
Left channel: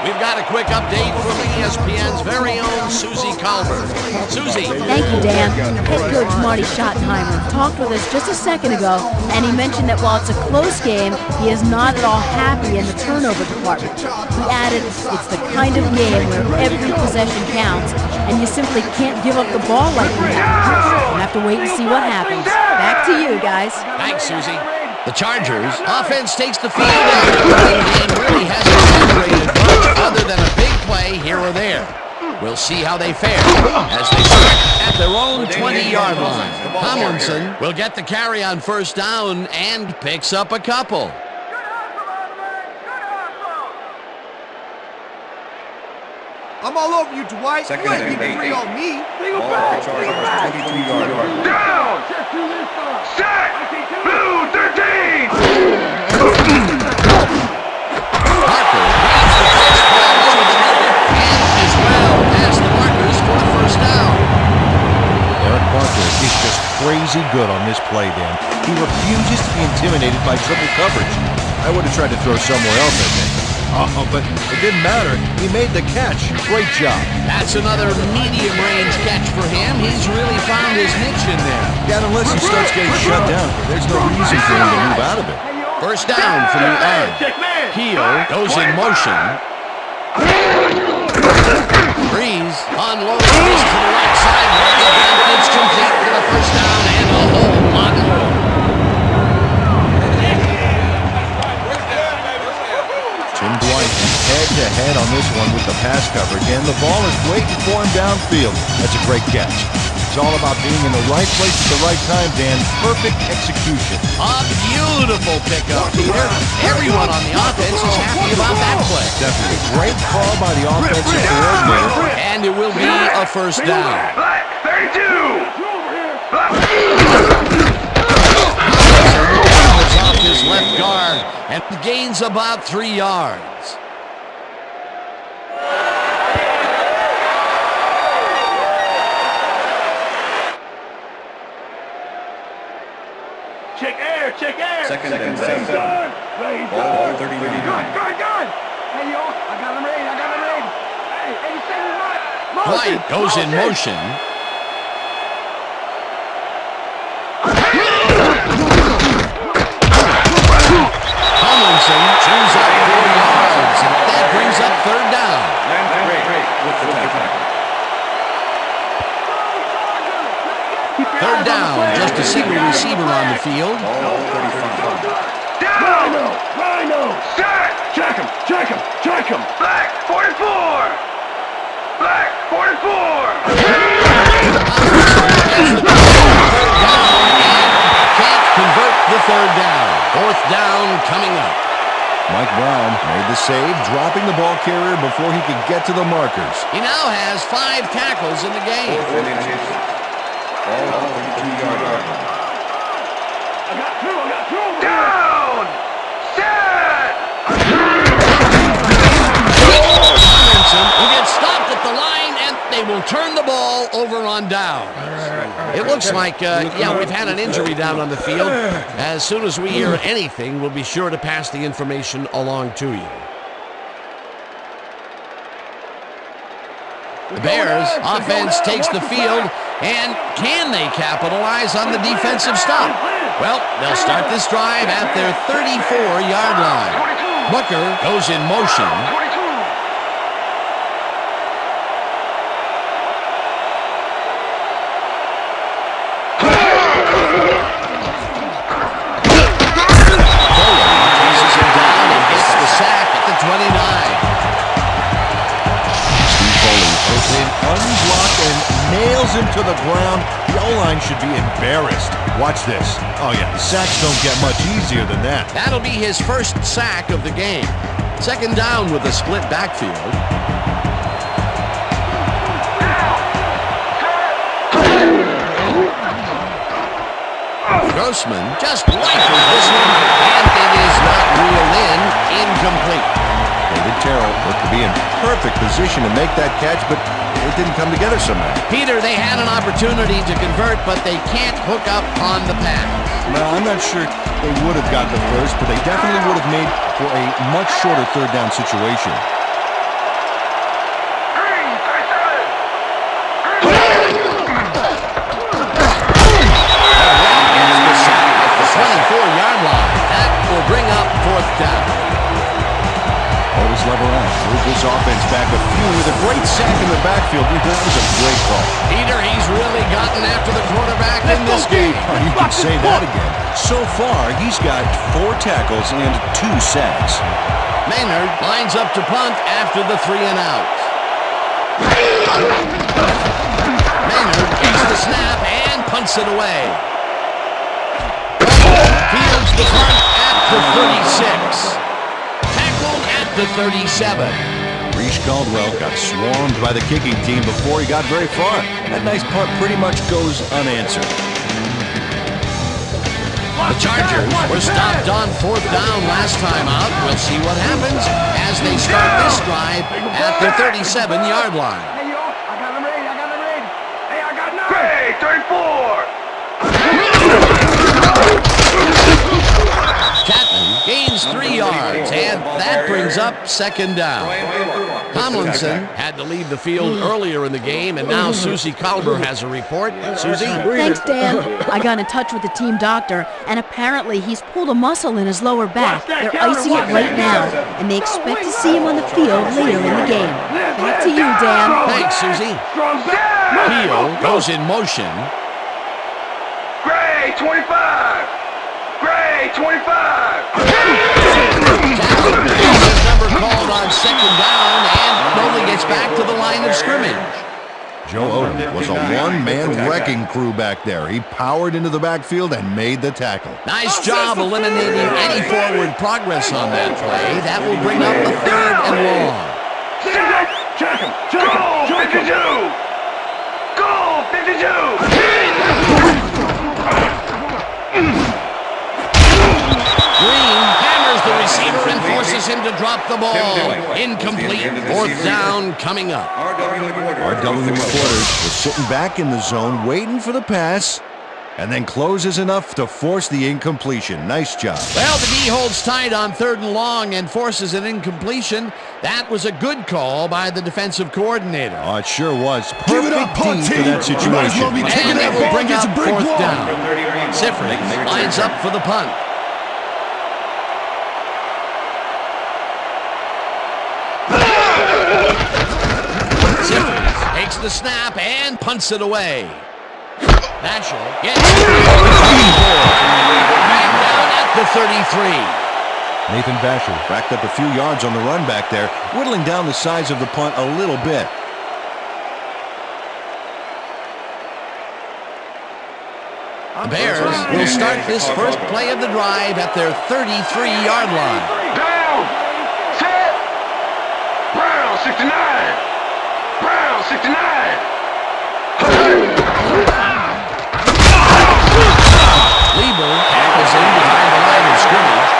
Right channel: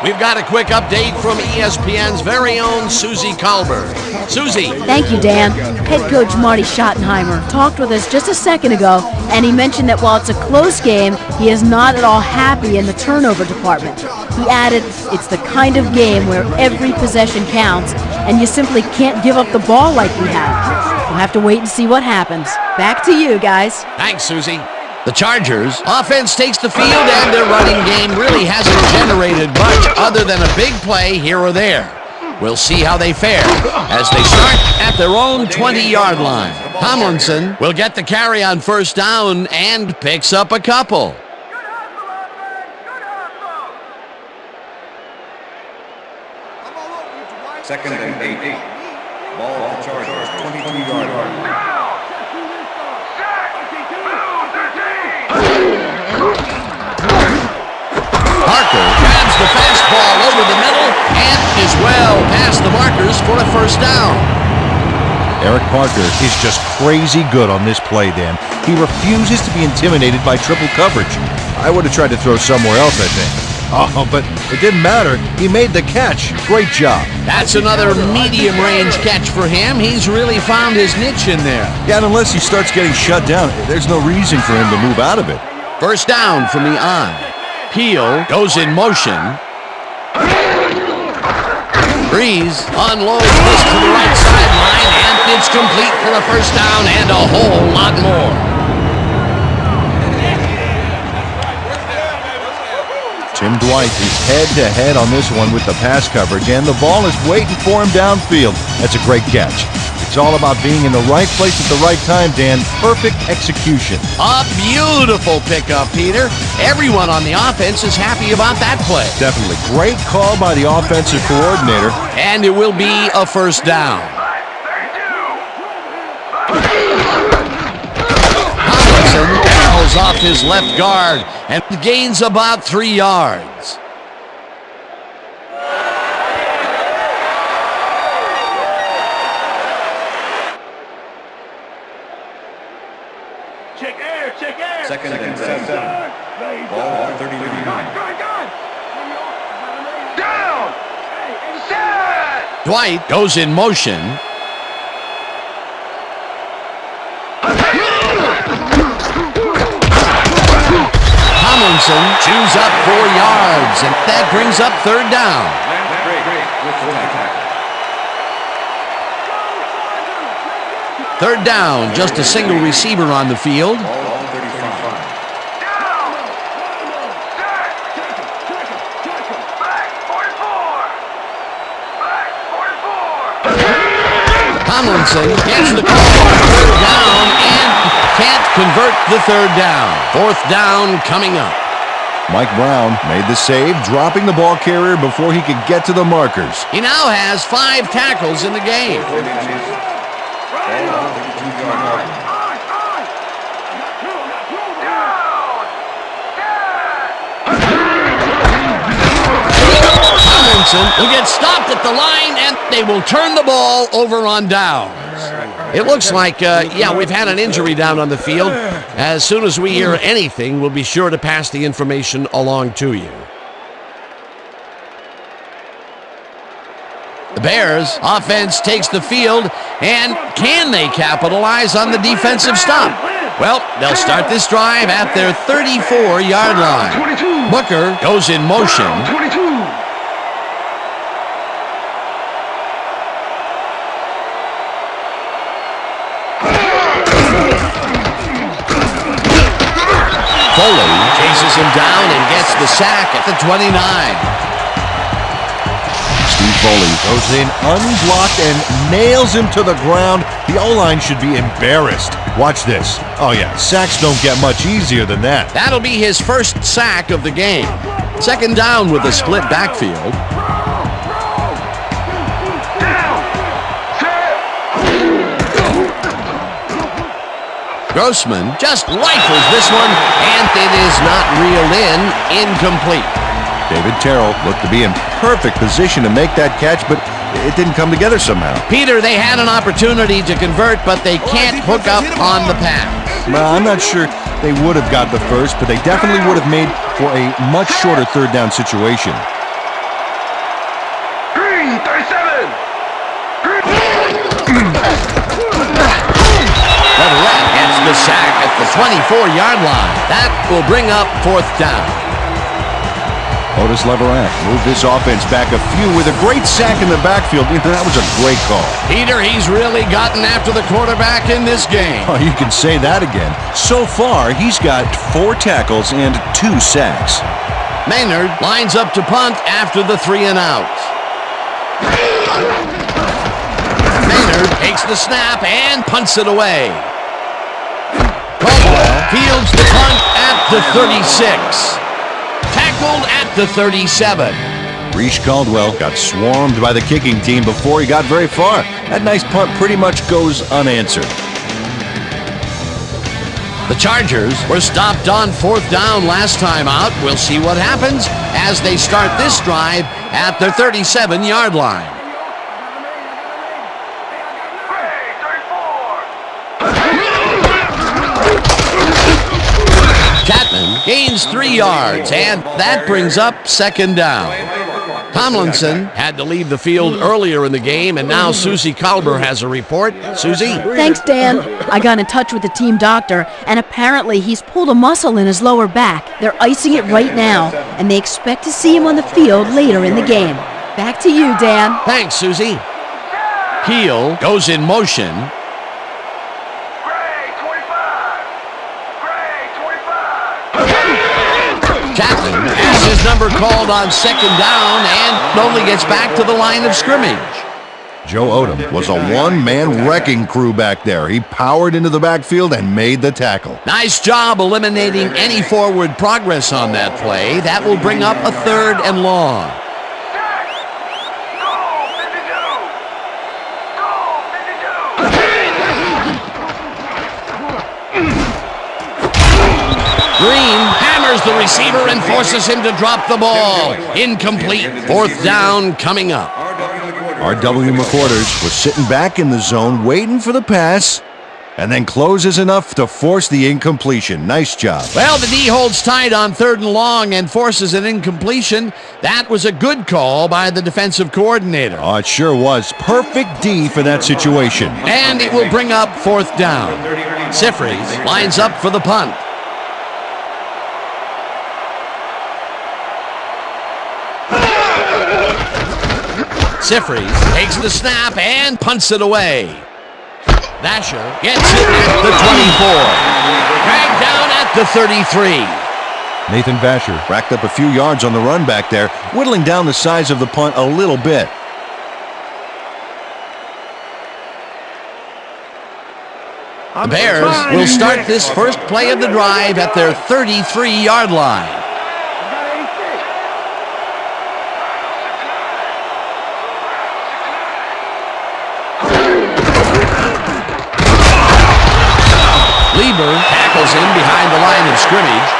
We've got a quick update from ESPN's very own Susie Colbert. Susie. Thank you, Dan. Head coach Marty Schottenheimer talked with us just a second ago, and he mentioned that while it's a close game, he is not at all happy in the turnover department. He added, it's the kind of game where every possession counts, and you simply can't give up the ball like we have. We'll have to wait and see what happens. Back to you, guys. Thanks, Susie. The Chargers offense takes the field, and their running game really hasn't generated much other than a big play here or there. We'll see how they fare as they start at their own 20-yard line. Tomlinson will get the carry on first down and picks up a couple. I'm all over you, Dwight. Second and 8. Ball at the Chargers, 22-yard line. Parker grabs the fastball over the middle and is well past the markers for a first down. Eric Parker is just crazy good on this play, Dan. He refuses to be intimidated by triple coverage. I would have tried to throw somewhere else, I think. Oh, but it didn't matter. He made the catch. Great job. That's another medium-range catch for him. He's really found his niche in there. Yeah, and unless he starts getting shut down, there's no reason for him to move out of it. First down from the on. Peel goes in motion. Breeze unloads this to the right sideline, and it's complete for a first down and a whole lot more. Tim Dwight is head-to-head on this one with the pass coverage, and the ball is waiting for him downfield. That's a great catch. It's all about being in the right place at the right time, Dan. Perfect execution. A beautiful pickup, Peter. Everyone on the offense is happy about that play. Definitely. Great call by the offensive coordinator. And it will be a first down. Off his left guard and gains about 3 yards. Check air, check air. Second and 7. Ball 39. Good. Hey, yo, I got him ready. Hey, 87 Dwight goes in motion. Tomlinson chews up 4 yards, and that brings up third down. Third down, just a single receiver on the field. Rhino. Check him. Black 44. Tomlinson gets the call on third down and can't convert the third down. Fourth down coming up. Mike Brown made the save, dropping the ball carrier before he could get to the markers. He now has 5 tackles in the game. Ball 32-yard line. I got two over here. Tomlinson will get stopped at the line, and they will turn the ball over on downs. It looks like, we've had an injury down on the field. As soon as we hear anything, we'll be sure to pass the information along to you. The Bears offense takes the field, and can they capitalize on the defensive stop? Well, they'll start this drive at their 34-yard line. Booker goes in motion. Foley chases him down and gets the sack at the 29. Foley goes in unblocked and nails him to the ground. The O-line should be embarrassed. Watch this. Oh yeah, sacks don't get much easier than that. That'll be his first sack of the game. Second down with a split backfield. Grossman just rifles this one, and it is not reeled in. Incomplete. David Terrell looked to be in perfect position to make that catch, but it didn't come together somehow. Peter, they had an opportunity to convert, but they can't hook up on the pass. Well, I'm not sure they would have got the first, but they definitely would have made for a much shorter third down situation. Green, 37! Leverett gets the sack at the 24-yard line. That will bring up fourth down. Otis Leverett moved this offense back a few with a great sack in the backfield. That was a great call. Peter, he's really gotten after the quarterback in this game. Oh, you can say that again. So far, he's got 4 tackles and 2 sacks. Maynard lines up to punt after the 3 and out. Maynard takes the snap and punts it away. Fields the punt at the 36. Tackled at the 37. Reese Caldwell got swarmed by the kicking team before he got very far. That nice punt pretty much goes unanswered. The Chargers were stopped on fourth down last time out. We'll see what happens as they start this drive at their 37-yard line. Hey, yo, I got them ready. Hey, I got 9. Hey, 34. Chapman gains 3 yards, and that brings up second down. Tomlinson had to leave the field earlier in the game, and now Susie Kalber has a report. Susie? Thanks, Dan. I got in touch with the team doctor, and apparently he's pulled a muscle in his lower back. They're icing it right now, and they expect to see him on the field later in the game. Back to you, Dan. Thanks, Susie. Keel goes in motion. Jackson has his number called on second down and only gets back to the line of scrimmage. Joe Odom was a one-man wrecking crew back there. He powered into the backfield and made the tackle. Nice job eliminating any forward progress on that play. That will bring up a third and long. Check him. Go, 52. Green hammers the receiver and forces him to drop the ball. Incomplete. Fourth down coming up. R.W. McQuarters was sitting back in the zone waiting for the pass and then closes enough to force the incompletion. Nice job. Well, the D holds tight on third and long and forces an incompletion. That was a good call by the defensive coordinator. Oh, it sure was. Perfect D for that situation. And it will bring up fourth down. Sifri lines up for the punt. Sifri takes the snap and punts it away. Vasher gets it at the 24. Dragged down at the 33. Nathan Vasher racked up a few yards on the run back there, whittling down the size of the punt a little bit. The Bears will start this first play of the drive at their 33-yard line. Lieber tackles him behind the line of scrimmage.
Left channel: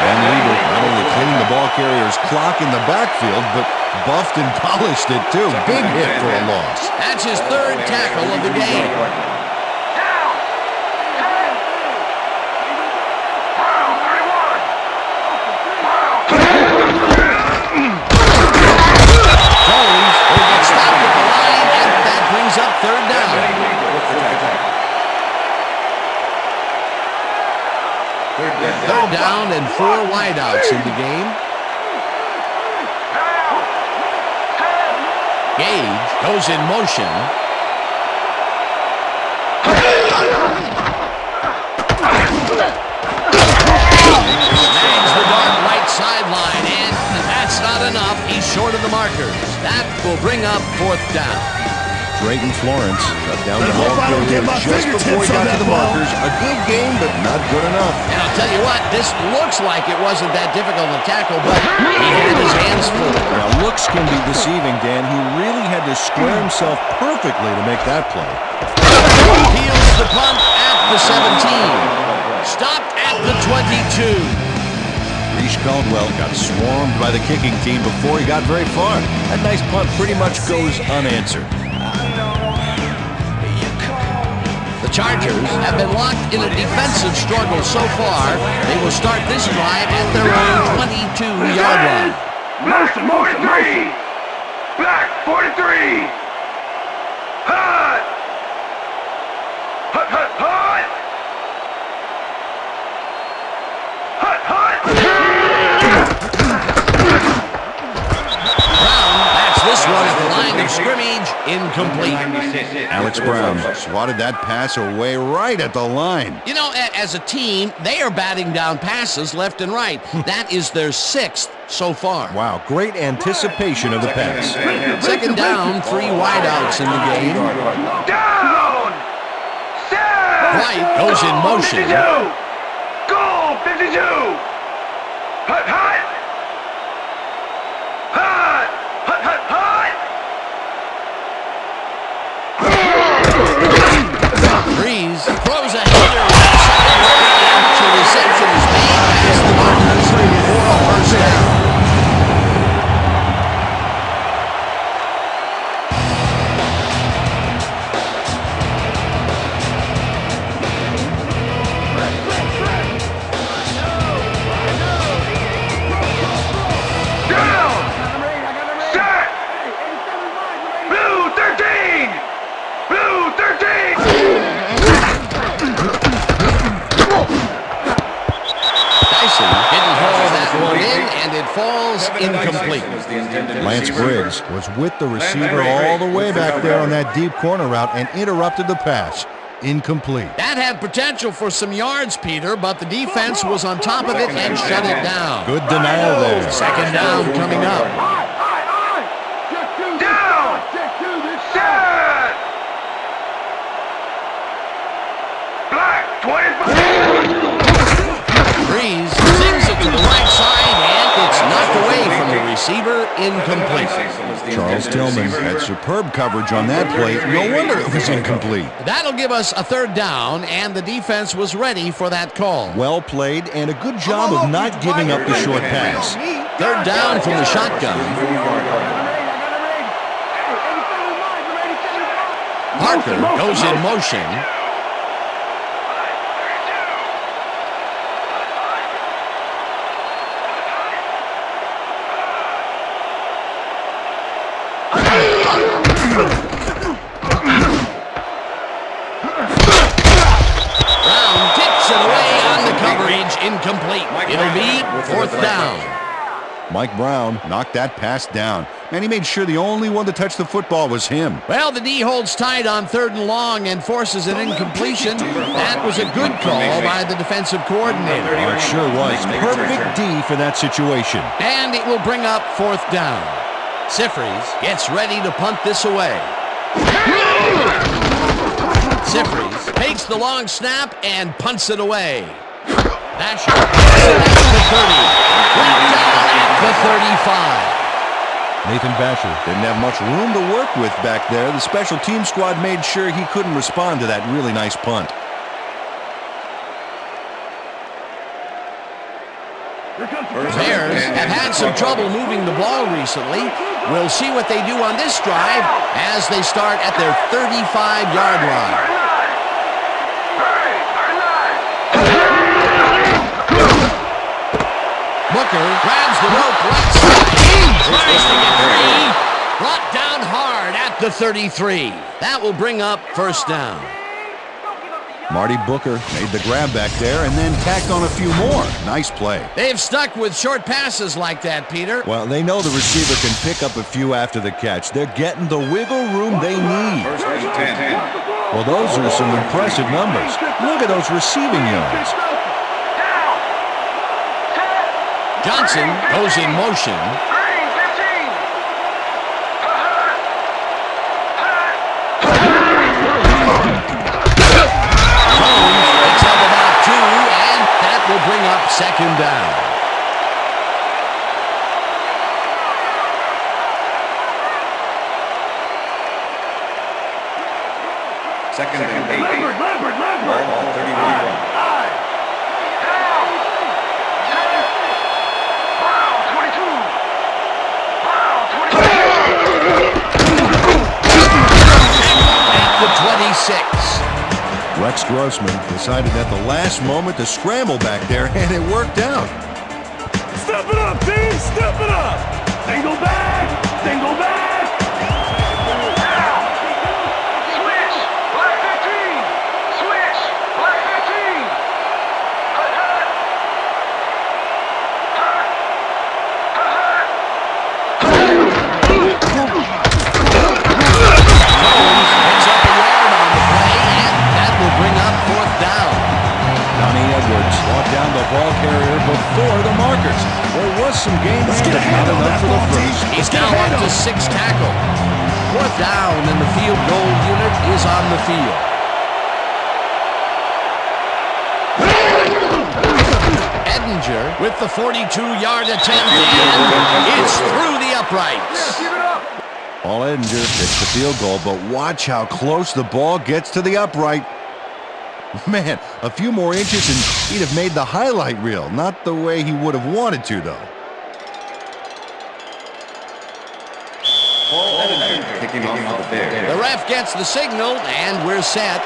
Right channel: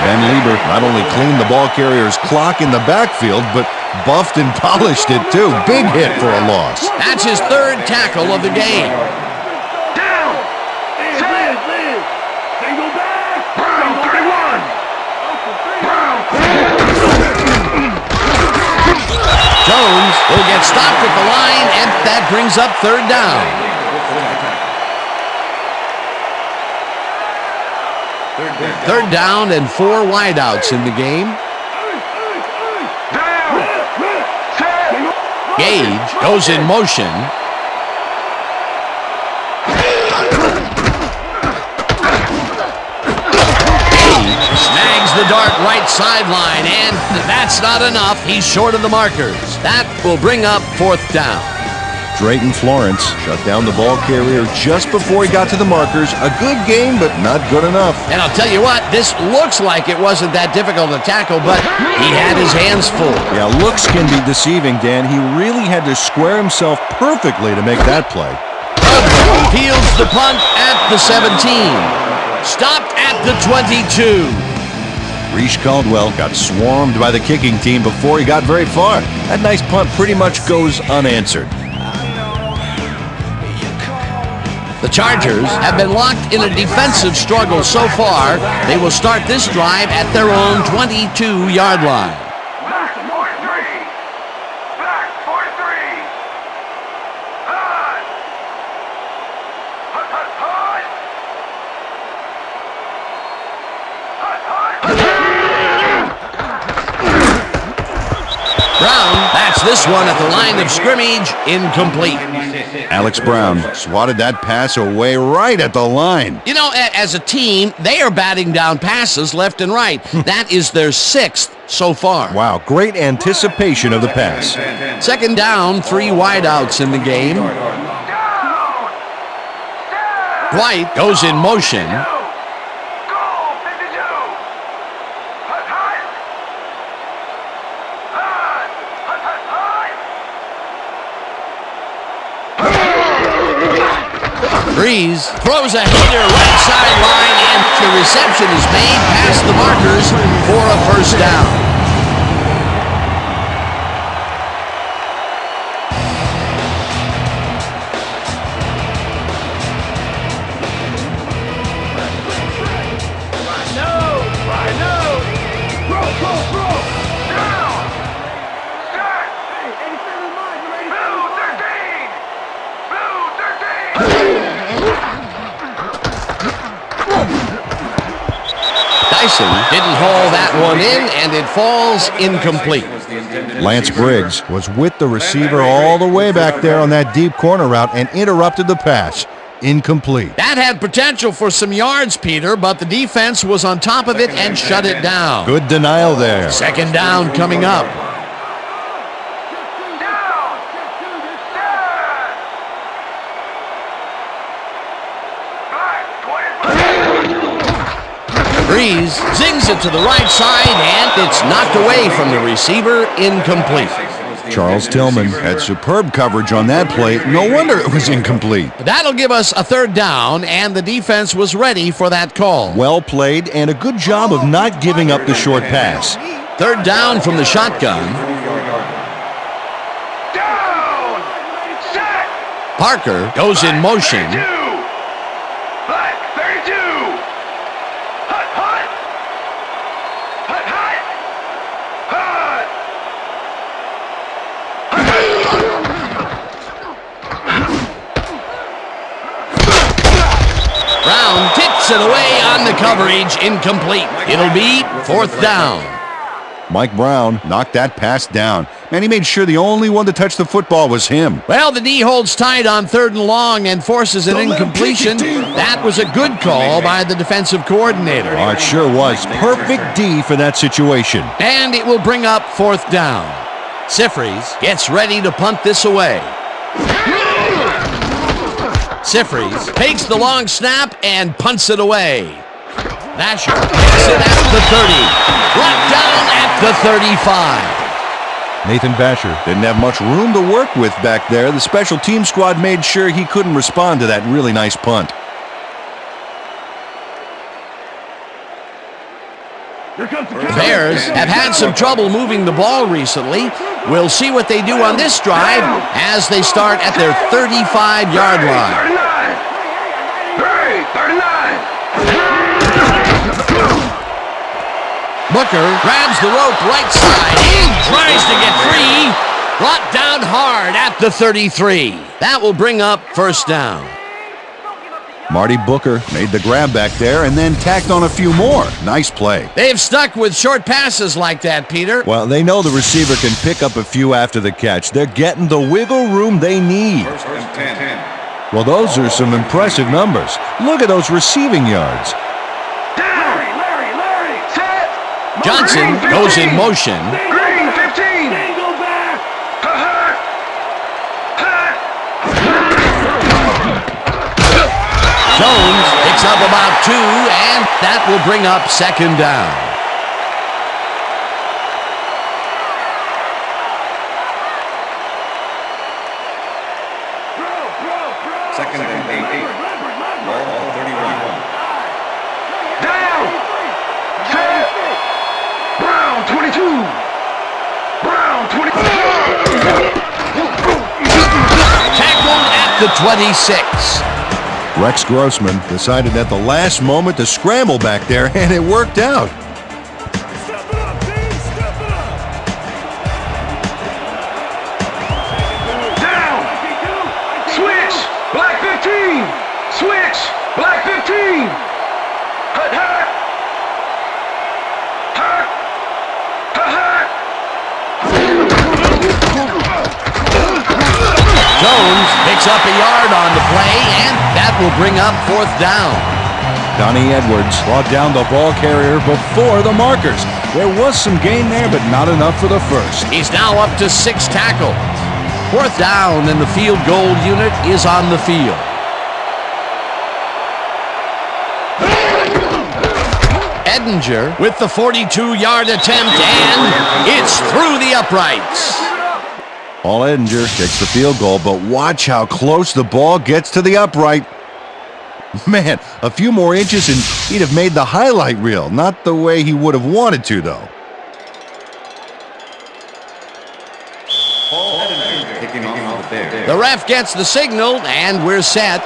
Ben Lieber not only cleaned the ball carrier's clock in the backfield, but buffed and polished it too. Big hit for a loss. That's his third tackle of the game. Jones will get stopped at the line, and that brings up third down. Third down and 4 wideouts in the game. Gage goes in motion. Snags the dart right sideline, and that's not enough. He's short of the markers. That will bring up fourth down. Drayton Florence shut down the ball carrier just before he got to the markers. A good game, but not good enough. And I'll tell you what, this looks like it wasn't that difficult to tackle, but he had his hands full. Yeah, looks can be deceiving, Dan. He really had to square himself perfectly to make that play. Peels the punt at the 17. Stopped at the 22. Reese Caldwell got swarmed by the kicking team before he got very far. That nice punt pretty much goes unanswered. The Chargers have been locked in a defensive struggle so far. They will start this drive at their own 22-yard line. Motion, motion, motion. Black, 43. Hot. Hot, hot, hot. Hot, hot. Brown bats this one at the line of scrimmage, incomplete. Alex Brown swatted that pass away right at the line. You know, as a team, they are batting down passes left and right. That is their 6th so far. Wow, great anticipation of the pass. Second down, 3 wideouts in the game. White goes in motion. Breeze throws a header right sideline, and the reception is made past the markers for a first down. Didn't haul that one in, and it falls incomplete. Lance Briggs was with the receiver all the way back there on that deep corner route and interrupted the pass. Incomplete. That had potential for some yards, Peter, but the defense was on top of it and shut it down. Good denial there. Second down coming up. Breeze zings it to the right side, and it's knocked away from the receiver, incomplete. Charles Tillman had superb coverage on that play. No wonder it was incomplete. That'll give us a third down, and the defense was ready for that call. Well played, and a good job of not giving up the short pass. Third down from the shotgun. Parker goes in motion. Brown tips it away on the coverage, incomplete. It'll be fourth down. Mike Brown knocked that pass down. Man, he made sure the only one to touch the football was him. Well, the D holds tight on 3rd and long and forces an incompletion. That was a good call by the defensive coordinator. Oh, it sure was. Perfect D for that situation. And it will bring up fourth down. Sifries gets ready to punt this away. Sifries takes the long snap and punts it away. Vasher gets it at the 30. Brought down at the 35. Nathan Vasher didn't have much room to work with back there. The special team squad made sure he couldn't respond to that really nice punt. The Bears have had some trouble moving the ball recently. We'll see what they do on this drive as they start at their 35-yard line. Booker grabs the rope right side. He tries to get free. Brought down hard at the 33. That will bring up first down. Marty Booker made the grab back there and then tacked on a few more. Nice play. They've stuck with short passes like that, Peter. Well, they know the receiver can pick up a few after the catch. They're getting the wiggle room they need. First and 10. Well, those are some impressive numbers. Look at those receiving yards. Johnson goes in motion. Jones picks up about 2, and that will bring up second down. Second and 8. Ball at 31. Brown, 22. Brown, 22. Tackled at the 26. Rex Grossman decided at the last moment to scramble back there, and it worked out. Step it up, team! Step it up! Single back! Single back! Down! Switch! Black 15! Switch! Black 15! Hut, hut! Hut! Hut, hut! Jones picks up a yard on the play, and that will bring up fourth down. Donnie Edwards brought down the ball carrier before the markers. There was some gain there, but not enough for the first. He's now up to 6 tackles. Fourth down, and the field goal unit is on the field. Edinger with the 42-yard attempt, and it's through the uprights. Paul Edinger takes the field goal, but watch how close the ball gets to the upright. Man, a few more inches and he'd have made the highlight reel. Not the way he would have wanted to, though. Paul Edinger kicking off for the Bears. The ref gets the signal, and we're set.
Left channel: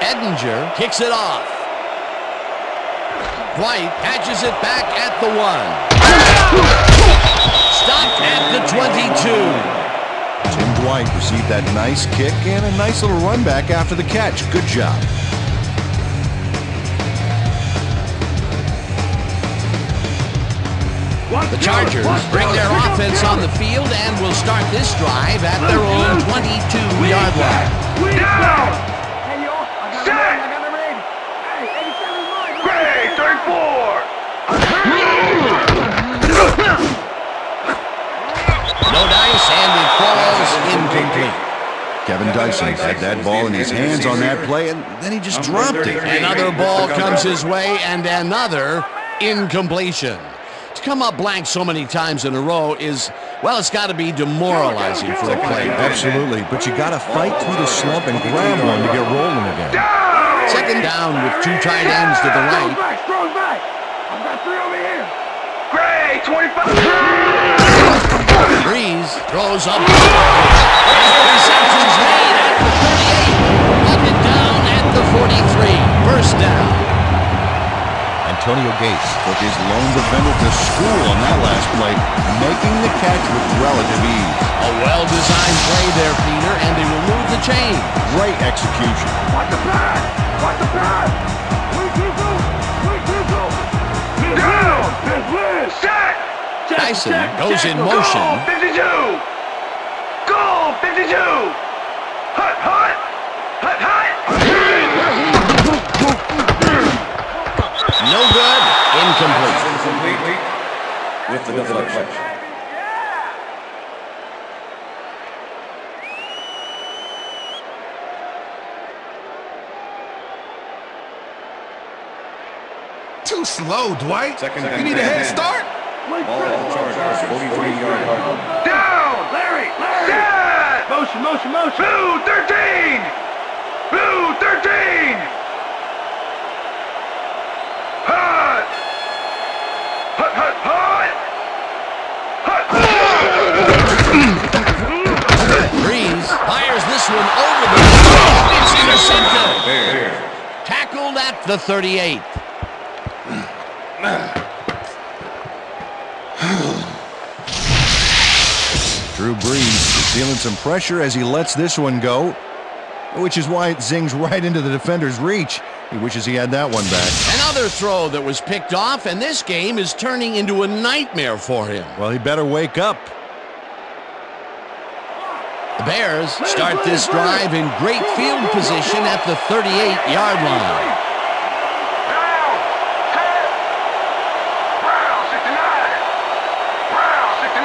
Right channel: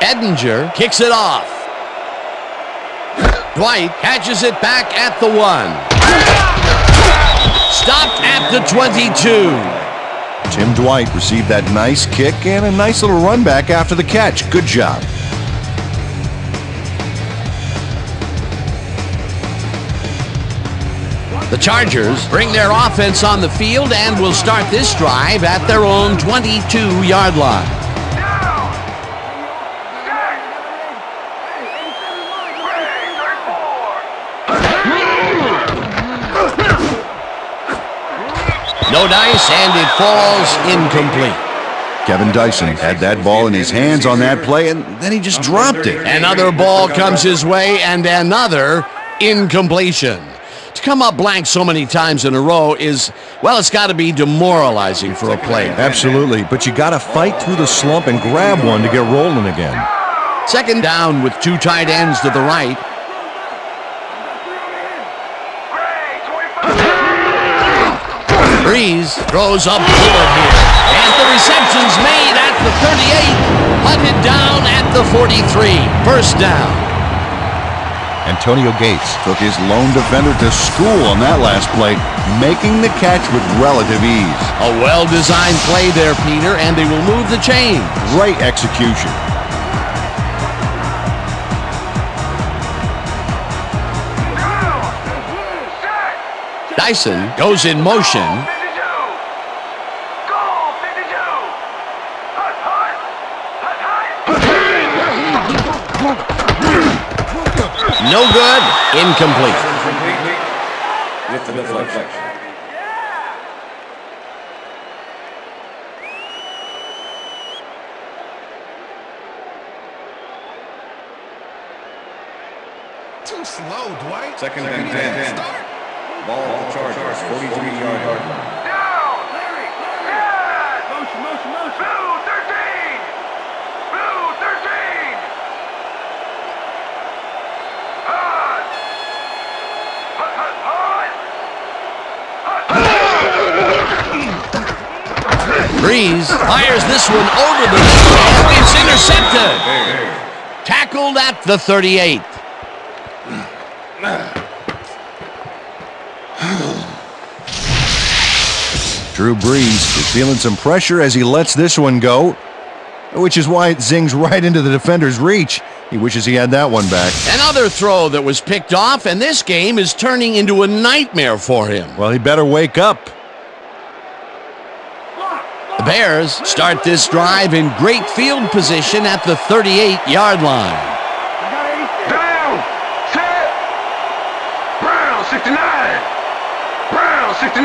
Edinger kicks it off. Dwight catches it back at the 1. Stopped at the 22. Tim Dwight received that nice kick and a nice little run back after the catch. Good job. The Chargers bring their offense on the field and will start this drive at their own 22-yard line. No dice, and it falls incomplete. Kevin Dyson had that ball in his hands on that play, and then he just dropped it. Another ball comes his way, and another incompletion. To come up blank so many times in a row is, well, it's got to be demoralizing for a player. Absolutely, but you got to fight through the slump and grab one to get rolling again. Second down with 2 tight ends to the right. Breeze throws up over here, and the reception's made at the 38, hunted down at the 43. First down. Antonio Gates took his lone defender to school on that last play, making the catch with relative ease. A well-designed play there, Peter, and they will move the chain. Great execution. Dyson goes in motion. No good. Incomplete. With the deflection. Too slow, Dwight. Second You and need a 10. head start. Ball at the Chargers, 43-yard line. Down! Larry! Motion! Blue 13! Blue 13! Hot! Fires this one over the middle. It's intercepted. Tackled at the 38. Drew Brees is feeling some pressure as he lets this one go, which is why it zings right into the defender's reach. He wishes he had that one back. Another throw that was picked off, and this game is turning into a nightmare for him. Well, he better wake up. The Bears start this drive in great field position at the 38-yard line. Brown, set. Brown, 69. Brown, 69.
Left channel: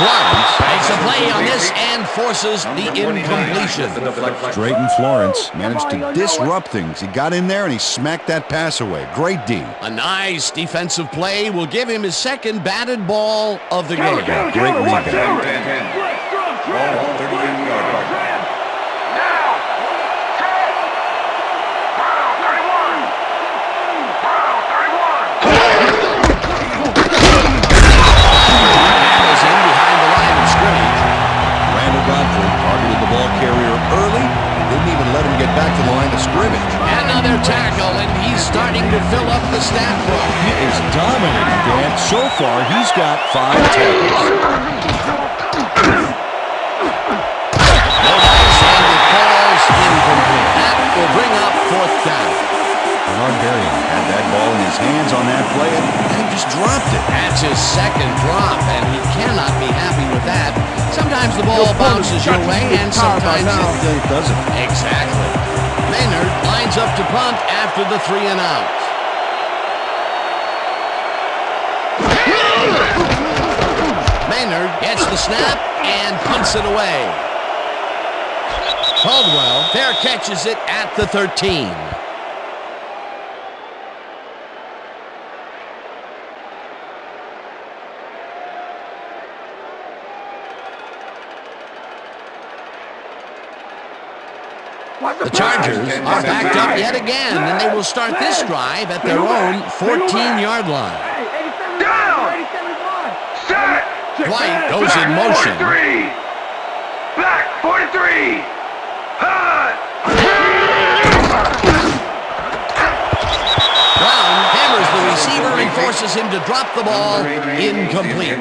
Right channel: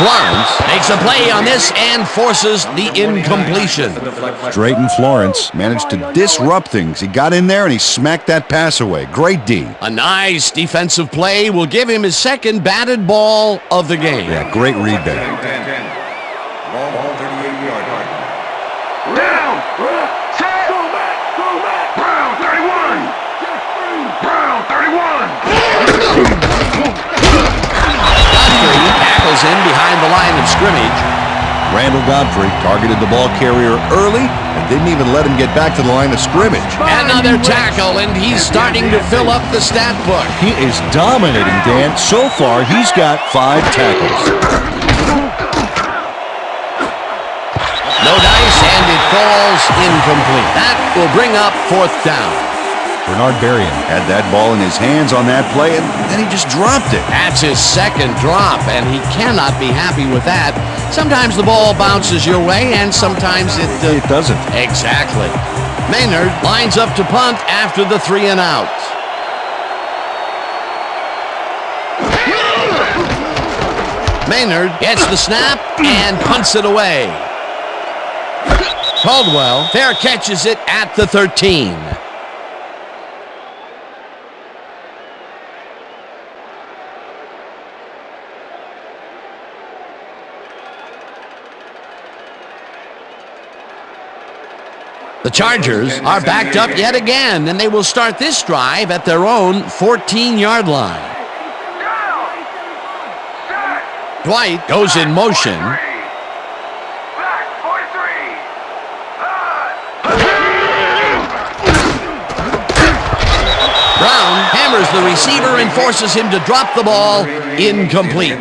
Florence makes a play on this and forces the incompletion. Drayton Florence managed to disrupt things. He got in there and he smacked that pass away. Great D. A nice defensive play will give him his second batted ball of the game. Yeah, great read there. Ball 38-yard line. Brown, set. Go back. Brown, 31. Brown, 31. Tackles in behind the line of scrimmage. Randall Godfrey targeted the ball carrier early and didn't even let him get back to the line of scrimmage. Another tackle, and he's starting to fill up the stat book. He is dominating, Dan. So far, he's got 5 tackles. No dice, and it falls incomplete. That will bring up 4th down. Bernard Berrien had that ball in his hands on that play, and then he just dropped it. That's his second drop, and he cannot be happy with that. Sometimes the ball bounces your way, and sometimes It doesn't. Exactly. Maynard lines up to punt after the 3 and out. Maynard gets the snap and punts it away. Caldwell fair catches it at the 13. The Chargers are backed up yet again, and they will start this drive at their own 14-yard line. Dwight goes in motion. Back, 43. Brown hammers the receiver and forces him to drop the ball. Incomplete.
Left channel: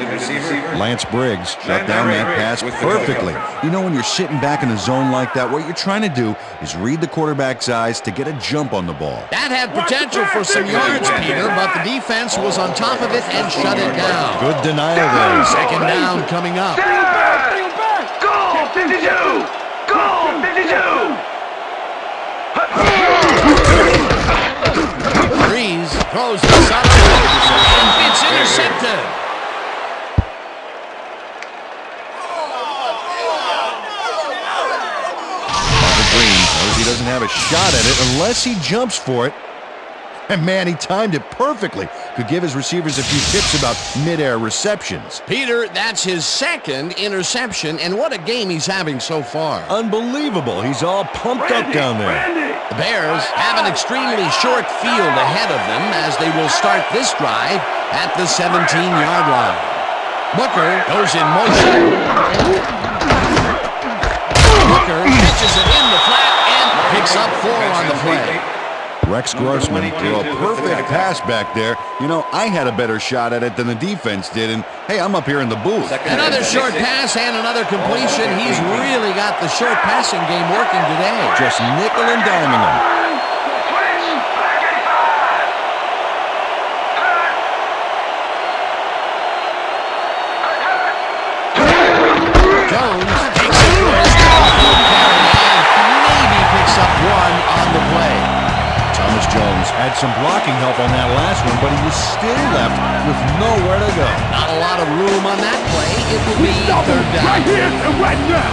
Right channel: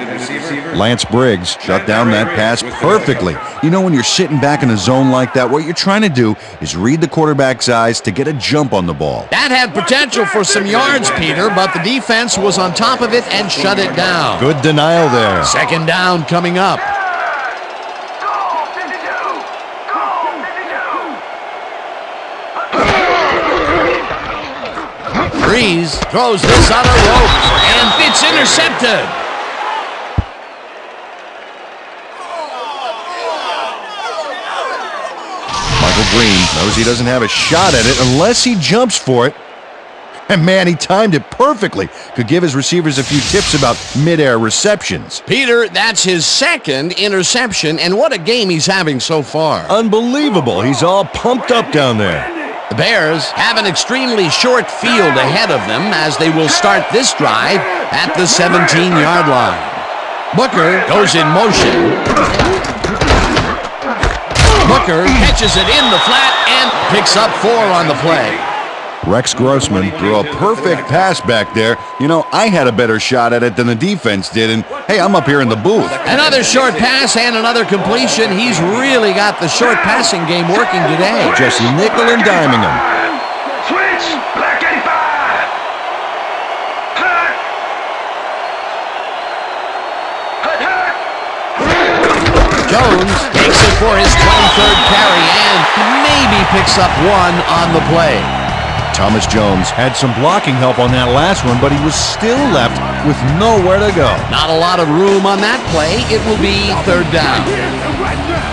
Lance Briggs shut down that pass perfectly. You know, when you're sitting back in a zone like that, what you're trying to do is read the quarterback's eyes to get a jump on the ball. That had potential for some yards, Peter, but the defense was on top of it and shut it down. Good denial there. Second down coming up. Breeze throws this on a rope, and it's intercepted. Michael Green knows he doesn't have a shot at it unless he jumps for it. And man, he timed it perfectly. Could give his receivers a few tips about mid-air receptions. Peter, that's his second interception, and what a game he's having so far. Unbelievable. He's all pumped up down there. The Bears have an extremely short field ahead of them as they will start this drive at the 17-yard line. Booker goes in motion. Booker catches it in the flat and picks up 4 on the play. Rex Grossman threw a perfect pass back there. You know, I had a better shot at it than the defense did, and hey, I'm up here in the booth. Another short pass and another completion. He's really got the short passing game working today. Just nickel and diming him. Switch, back 85. Hut. Hut, hut. Jones takes it for his 23rd carry and maybe picks up 1 on the play. Thomas Jones had some blocking help on that last one, but he was still left with nowhere to go. Not a lot of room on that play. It will be 3rd down. Right here and right now.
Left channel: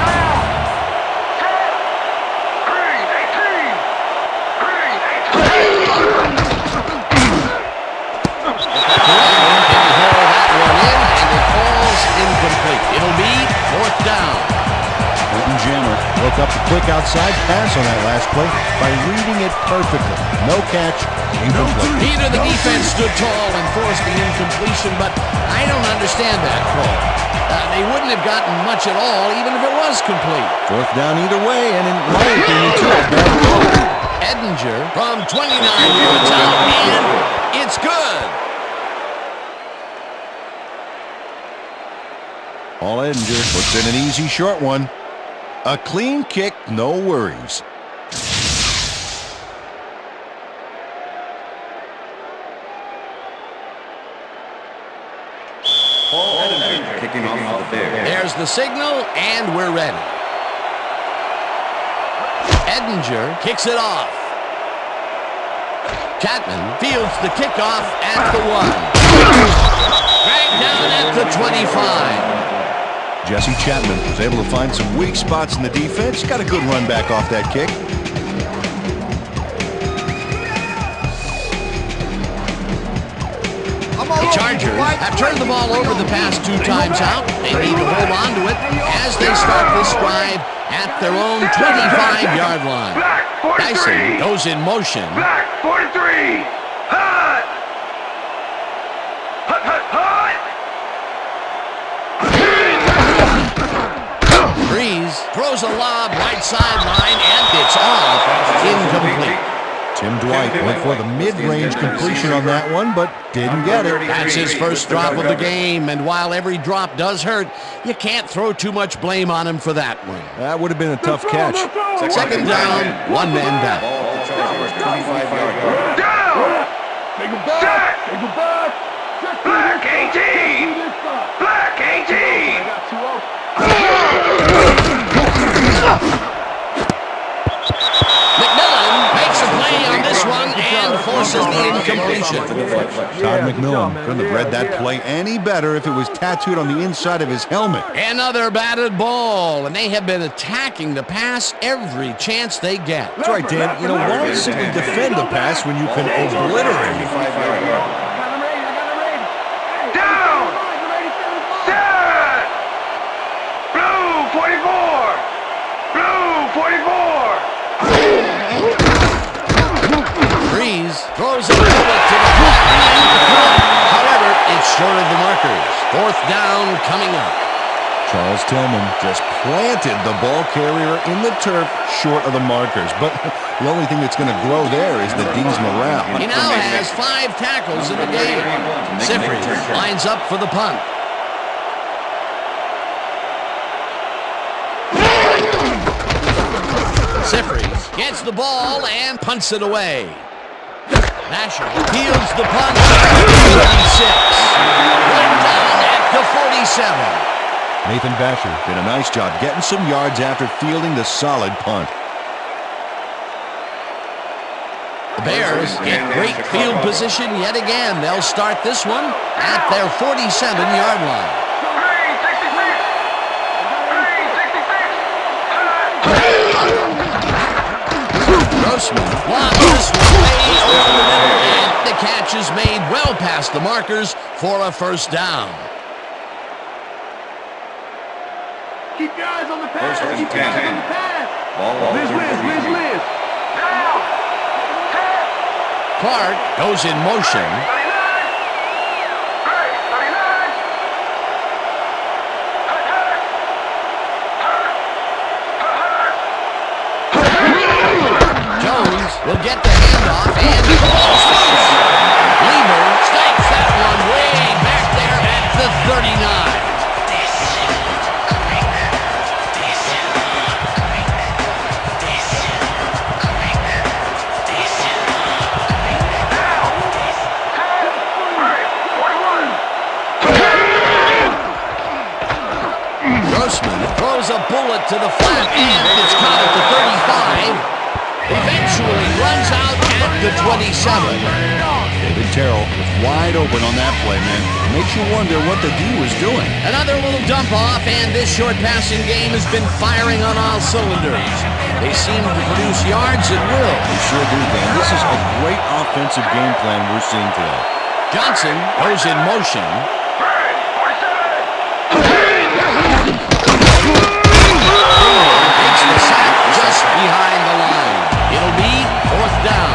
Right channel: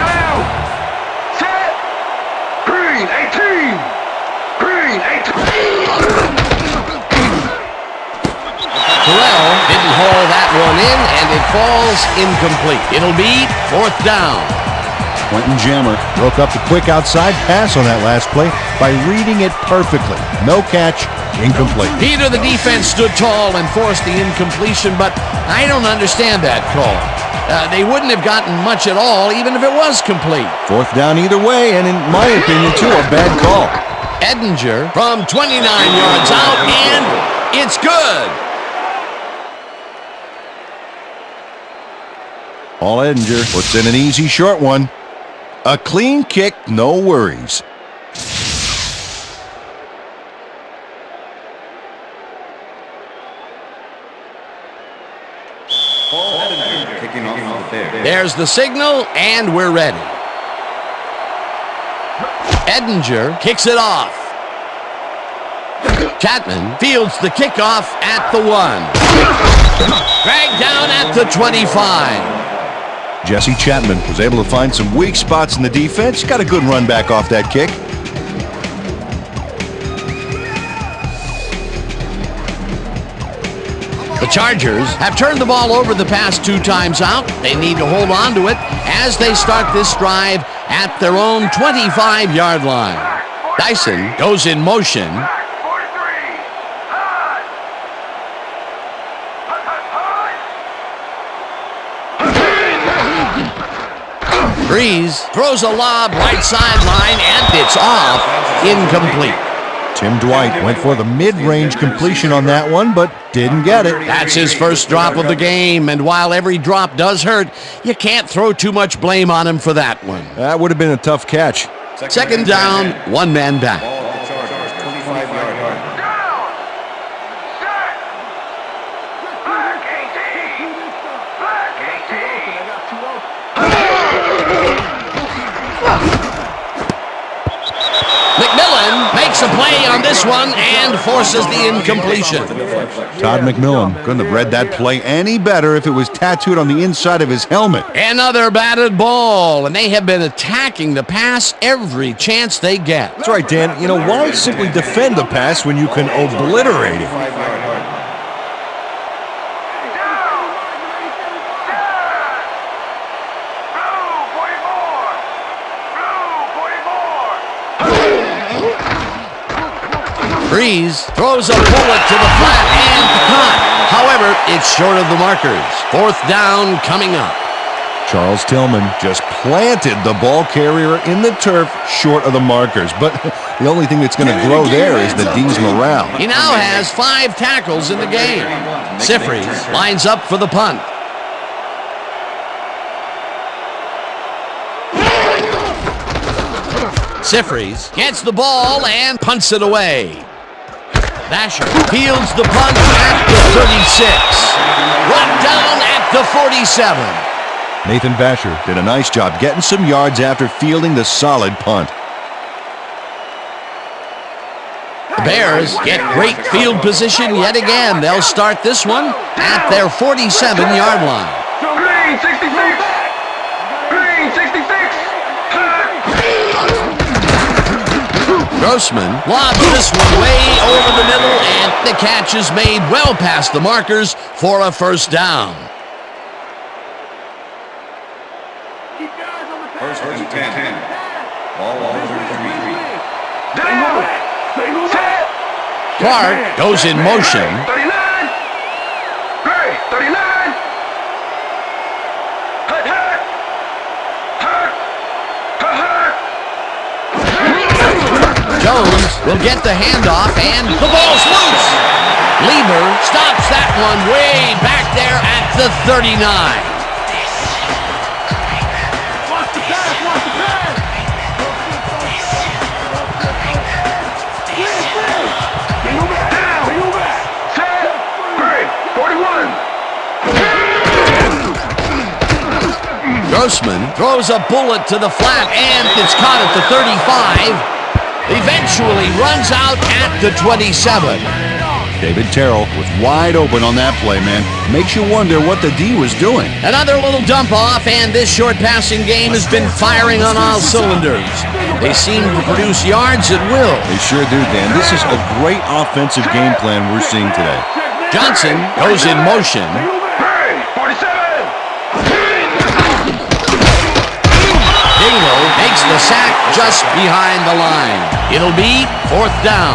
Down. Set. Green, 18. Green, 18. Terrell didn't haul that one in, and it falls incomplete. It'll be 4th down. Quentin Jammer broke up the quick outside pass on that last play by reading it perfectly. No catch, incomplete. Peter, the defense stood tall and forced the incompletion, but I don't understand that call. They wouldn't have gotten much at all, even if it was complete. Fourth down either way, and in my opinion, too, a bad call. Edinger from 29 yards out, and it's good. Paul Edinger puts in an easy short one. A clean kick, no worries. Paul Edinger kicking off for the Bears. There's the signal, and we're ready. Edinger kicks it off. Chapman fields the kickoff at the 1. Dragged down at the 25. Jesse Chapman was able to find some weak spots in the defense. Got a good run back off that kick. The Chargers have turned the ball over the past 2 times out. They need to hold on to it as they start this drive at their own 25-yard line. Dyson goes in motion. Breeze throws a lob right sideline, and it's off. Incomplete. Tim Dwight went for the mid-range completion on that one, but didn't get it. That's his first drop of the game, and while every drop does hurt, you can't throw too much blame on him for that one. That would have been a tough catch. Second down, 1 man back. Ball at the Chargers, 25-yard line. Take it back. Take it back. Black KG. Black KG. I got 2 open. McMillan makes a play on this one and forces the incompletion. Todd McMillan couldn't have read that play any better if it was tattooed on the inside of his helmet. Another batted ball, and they have been attacking the pass every chance they get. That's right, Dan. You know, why simply defend the pass when you can obliterate it? Breeze throws a bullet to the flat and caught. However, it's short of the markers. Fourth down coming up. Charles Tillman just planted the ball carrier in the turf short of the markers. But the only thing that's going to grow there is the D's morale. He now has 5 tackles in the game. Sifri lines up for the punt. Sifries gets the ball and punts it away. Vasher fields the punt at the 36. Run down at the 47. Nathan Vasher did a nice job getting some yards after fielding the solid punt. The Bears get great field position yet again. They'll start this one at their 47-yard line. Grossman lobs this one way over the middle, and the catch is made well past the markers for a first down. Keep your eyes on the pass. First and Keep your eyes 10. on the pass. Ball Liz. Single back. Single back. Clark goes in motion. 39. 39. Jones will get the handoff, and the ball's loose. Lieber stops that one way back there at the 39. Grossman throws a bullet to the flat, and it's caught at the 35. Eventually runs out at the 27. David Terrell was wide open on that play, man. Makes you wonder what the D was doing. Another little dump off, and this short passing game has been firing on all cylinders. They seem to produce yards at will. They sure do, Dan. This is a great offensive game plan we're seeing today. Johnson goes in motion. Dingley the sack just behind the line. It'll be 4th down.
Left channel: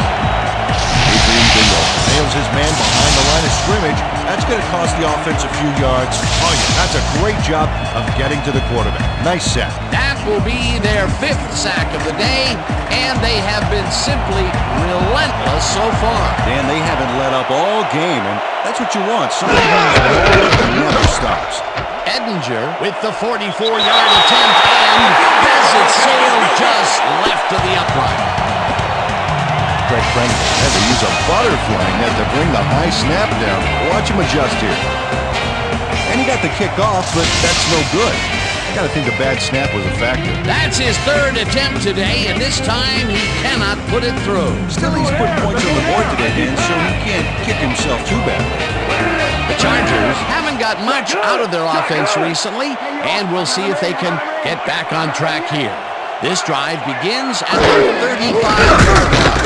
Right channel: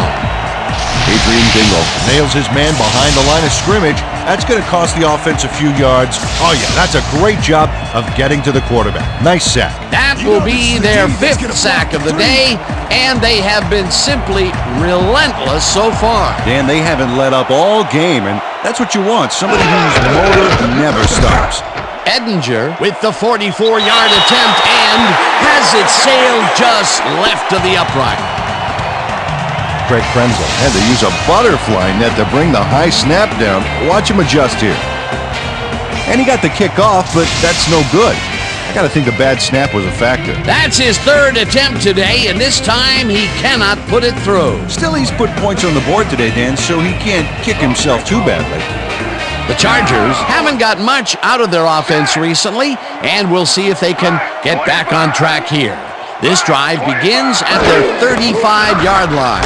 Adrian Dingle nails his man behind the line of scrimmage. That's going to cost the offense a few yards. Oh, yeah, that's a great job of getting to the quarterback. Nice sack. That will be their 5th sack of the day, and they have been simply relentless so far. Dan, they haven't let up all game, and that's what you want. Somebody whose motor never stops. Edinger with the 44-yard attempt and has it sailed just left of the upright. Greg Krenzel had to use a butterfly net to bring the high snap down. Watch him adjust here. And he got the kick off, but that's no good. I got to think the bad snap was a factor. That's his 3rd attempt today, and this time he cannot put it through. Still, he's put points on the board today, Dan, so he can't kick himself too badly. The Chargers haven't got much out of their offense recently, and we'll see if they can get back on track here. This drive begins at their 35-yard line.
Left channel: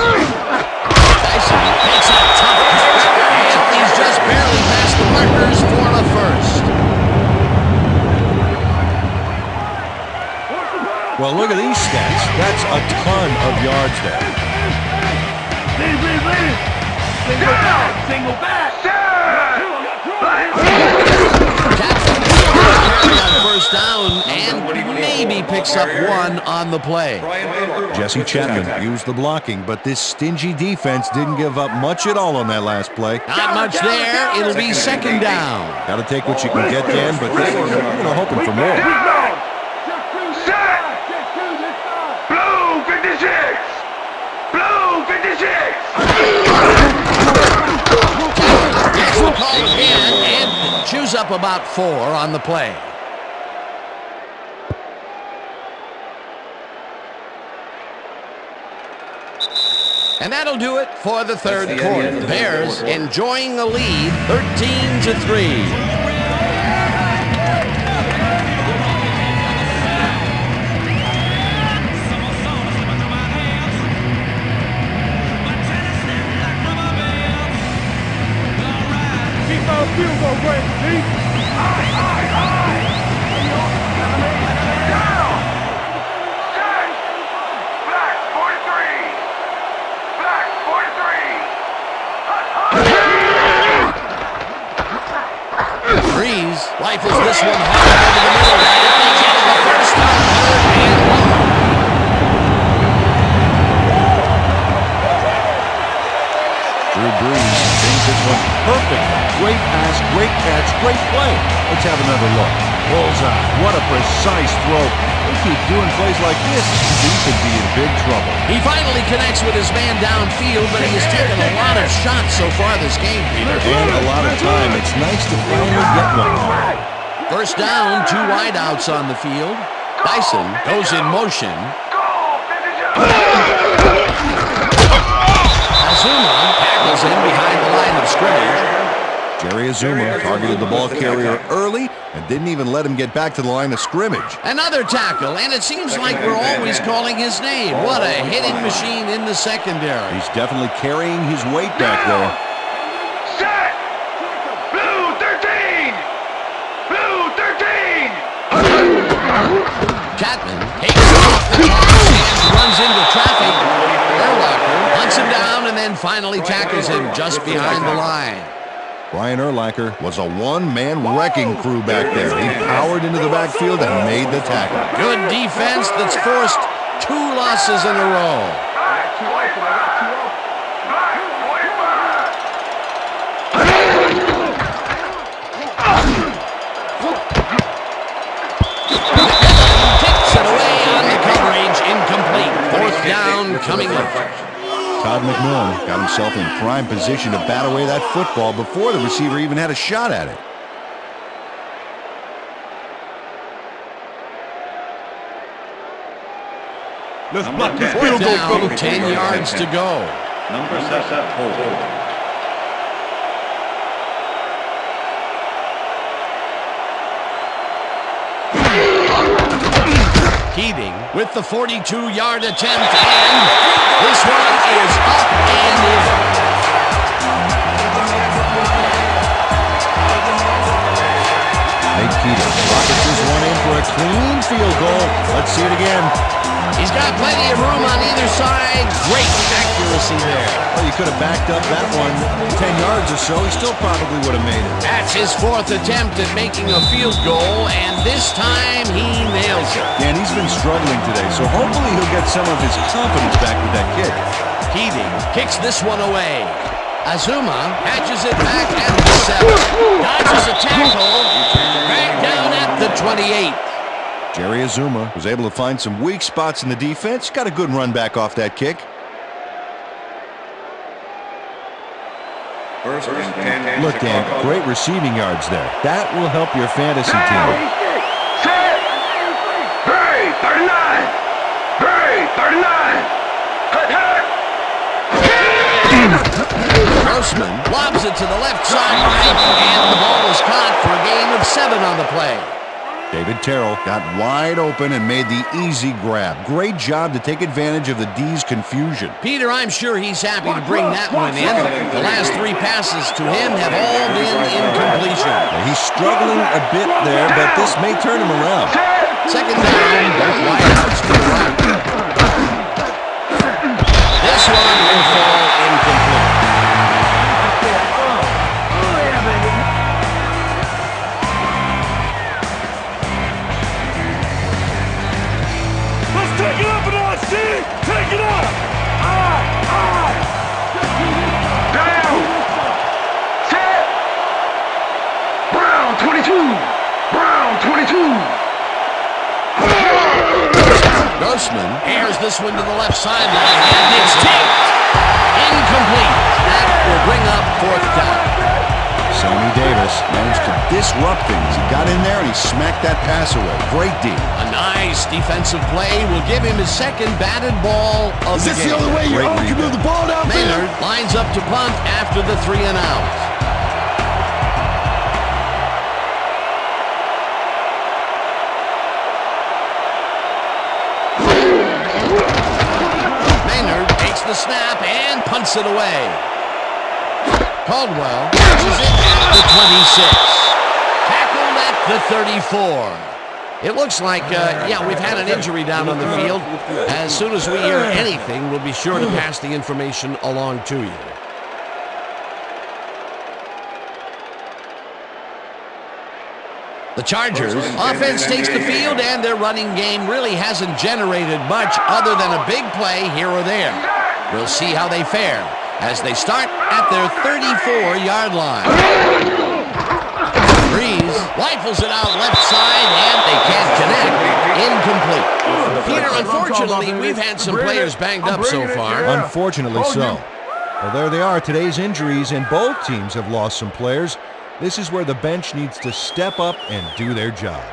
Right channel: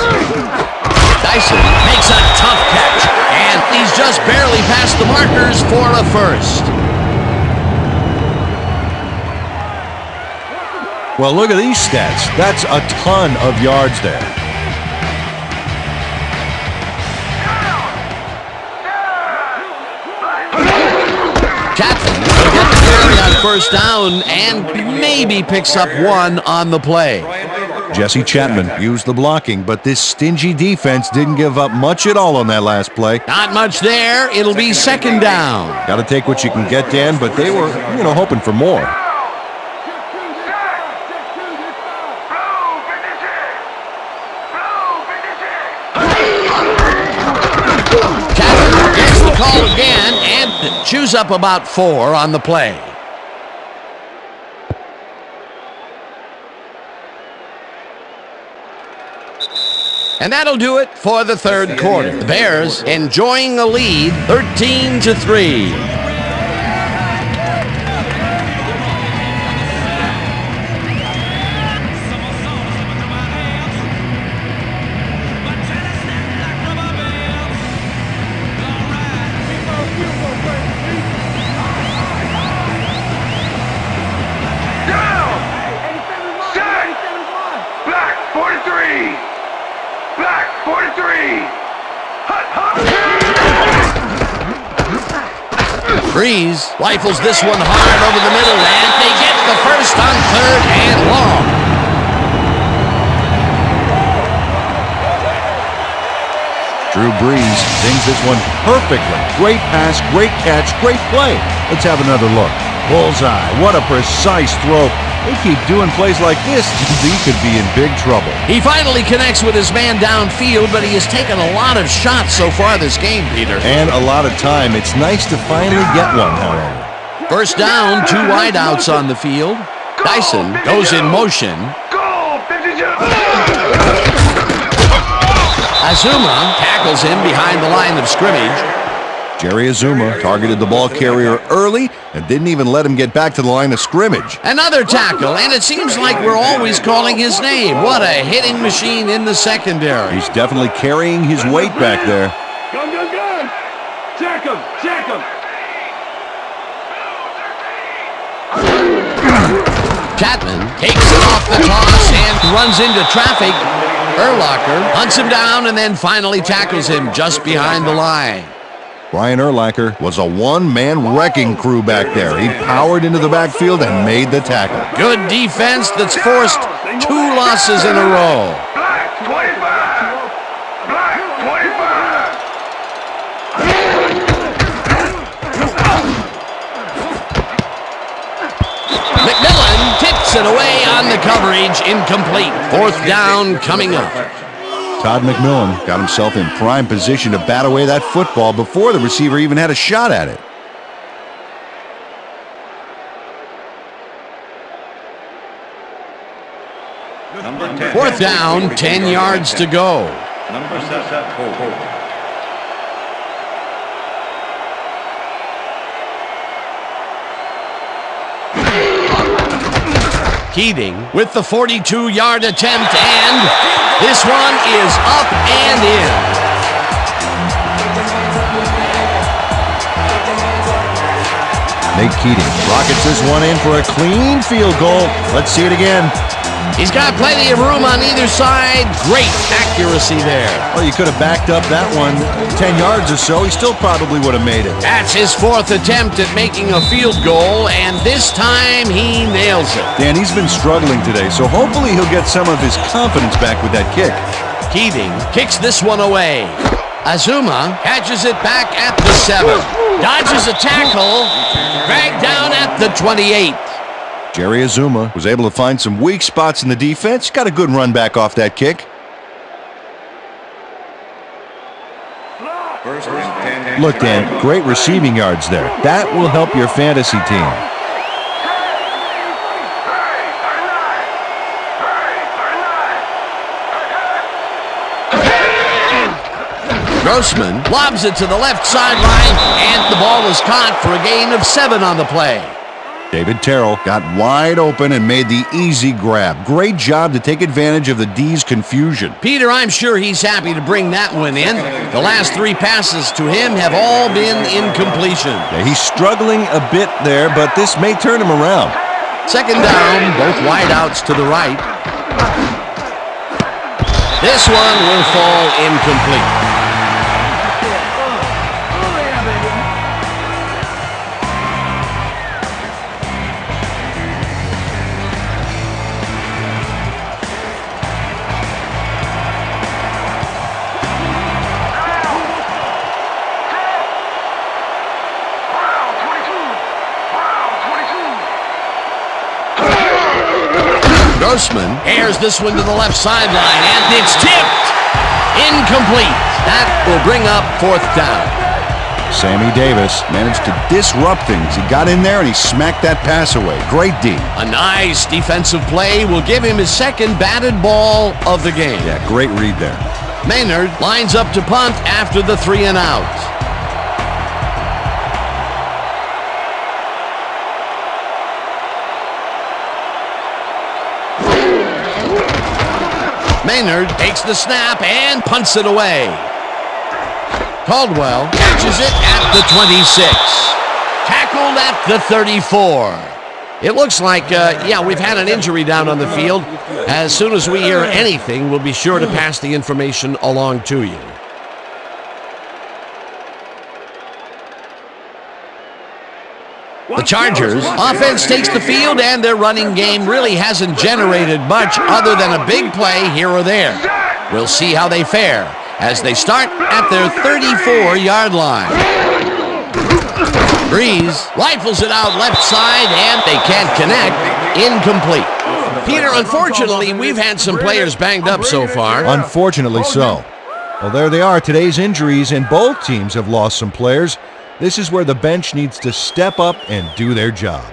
Dyson makes a tough catch, and he's just barely past the markers for a first. Well, look at these stats. That's a ton of yards there. Carry on 1st down and maybe picks up 1 on the play. Jesse Chapman used the blocking, but this stingy defense didn't give up much at all on that last play. Not much there. It'll be 2nd down. Got to take what you can get, Dan, but they were, hoping for more. Gets the call again and chews up about 4 on the play. And that'll do it for the 3rd quarter. The Bears enjoying a lead, 13-3. Breeze rifles this one hard over the middle, and they get the first on 3rd and long. Drew Brees sings this one perfectly. Great pass, great catch, great play. Let's have another look. Bullseye. What a precise throw. They keep doing plays like this, he could be in big trouble. He finally connects with his man downfield, but he has taken a lot of shots so far this game, Peter. And a lot of time. It's nice to finally get one, however. 1st down, 2 wideouts on the field. Dyson goes in motion. Azuma tackles him behind the line of scrimmage. Jerry Azuma targeted the ball carrier early and didn't even let him get back to the line of scrimmage. Another tackle, and it seems like we're always calling his name. What a hitting machine in the secondary. He's definitely carrying his weight back there. Go. Check him. Blue 13. Chapman takes off the toss and runs into traffic. Urlacher hunts him down and then finally tackles him just behind the line. Brian Urlacher was a one-man wrecking crew back there. He powered into the backfield and made the tackle. Good defense that's forced 2 losses in a row. McMillan tips it away on the coverage, incomplete. 4th down coming up. Todd McMillan got himself in prime position to bat away that football before the receiver even had a shot at it. Fourth down, 10 yards to go. Number 7, holding. Keating with the 42-yard attempt, and this one is up and in. Nate Keating rockets this one in for a clean field goal. Let's see it again. He's got plenty of room on either side. Great accuracy there. Well, you could have backed up that one 10 yards or so. He still probably would have made it. That's his fourth attempt at making a field goal, and this time he nails it. Dan, he's been struggling today, so hopefully he'll get some of his confidence back with that kick. Keating kicks this one away. Azuma catches it back at the 7. Dodges a tackle. Dragged down at the 28. Jerry Azuma was able to find some weak spots in the defense. Got a good run back off that kick. First and 10. Look, Dan, great receiving yards there. That will help your fantasy team. Grossman lobs it to the left sideline, and the ball is caught for a gain of 7 on the play. David Terrell got wide open and made the easy grab. Great job to take advantage of the D's confusion. Peter, I'm sure he's happy to bring that one in. The last 3 passes to him have all been incompletion. Yeah, he's struggling a bit there, but this may turn him around. Second down, both wideouts to the right. This one will fall incomplete. Grossman airs this one to the left sideline, and it's tipped. Incomplete. That will bring up 4th down. Sammy Davis managed to disrupt things. He got in there and he smacked that pass away. Great D. A nice defensive play will give him his second batted ball of the game. Yeah, great read there. Maynard lines up to punt after the 3 and out. Maynard takes the snap and punts it away. Caldwell catches it at the 26. Tackled at the 34. It looks like, we've had an injury down on the field. As soon as we hear anything, we'll be sure to pass the information along to you. The Chargers offense takes the field, and their running game really hasn't generated much other than a big play here or there. We'll see how they fare as they start at their 34-yard line. Breeze rifles it out left side, and they can't connect. Incomplete. Peter, unfortunately, we've had some players banged up so far. Unfortunately so. Well, there they are, today's injuries, and both teams have lost some players. This is where the bench needs to step up and do their job.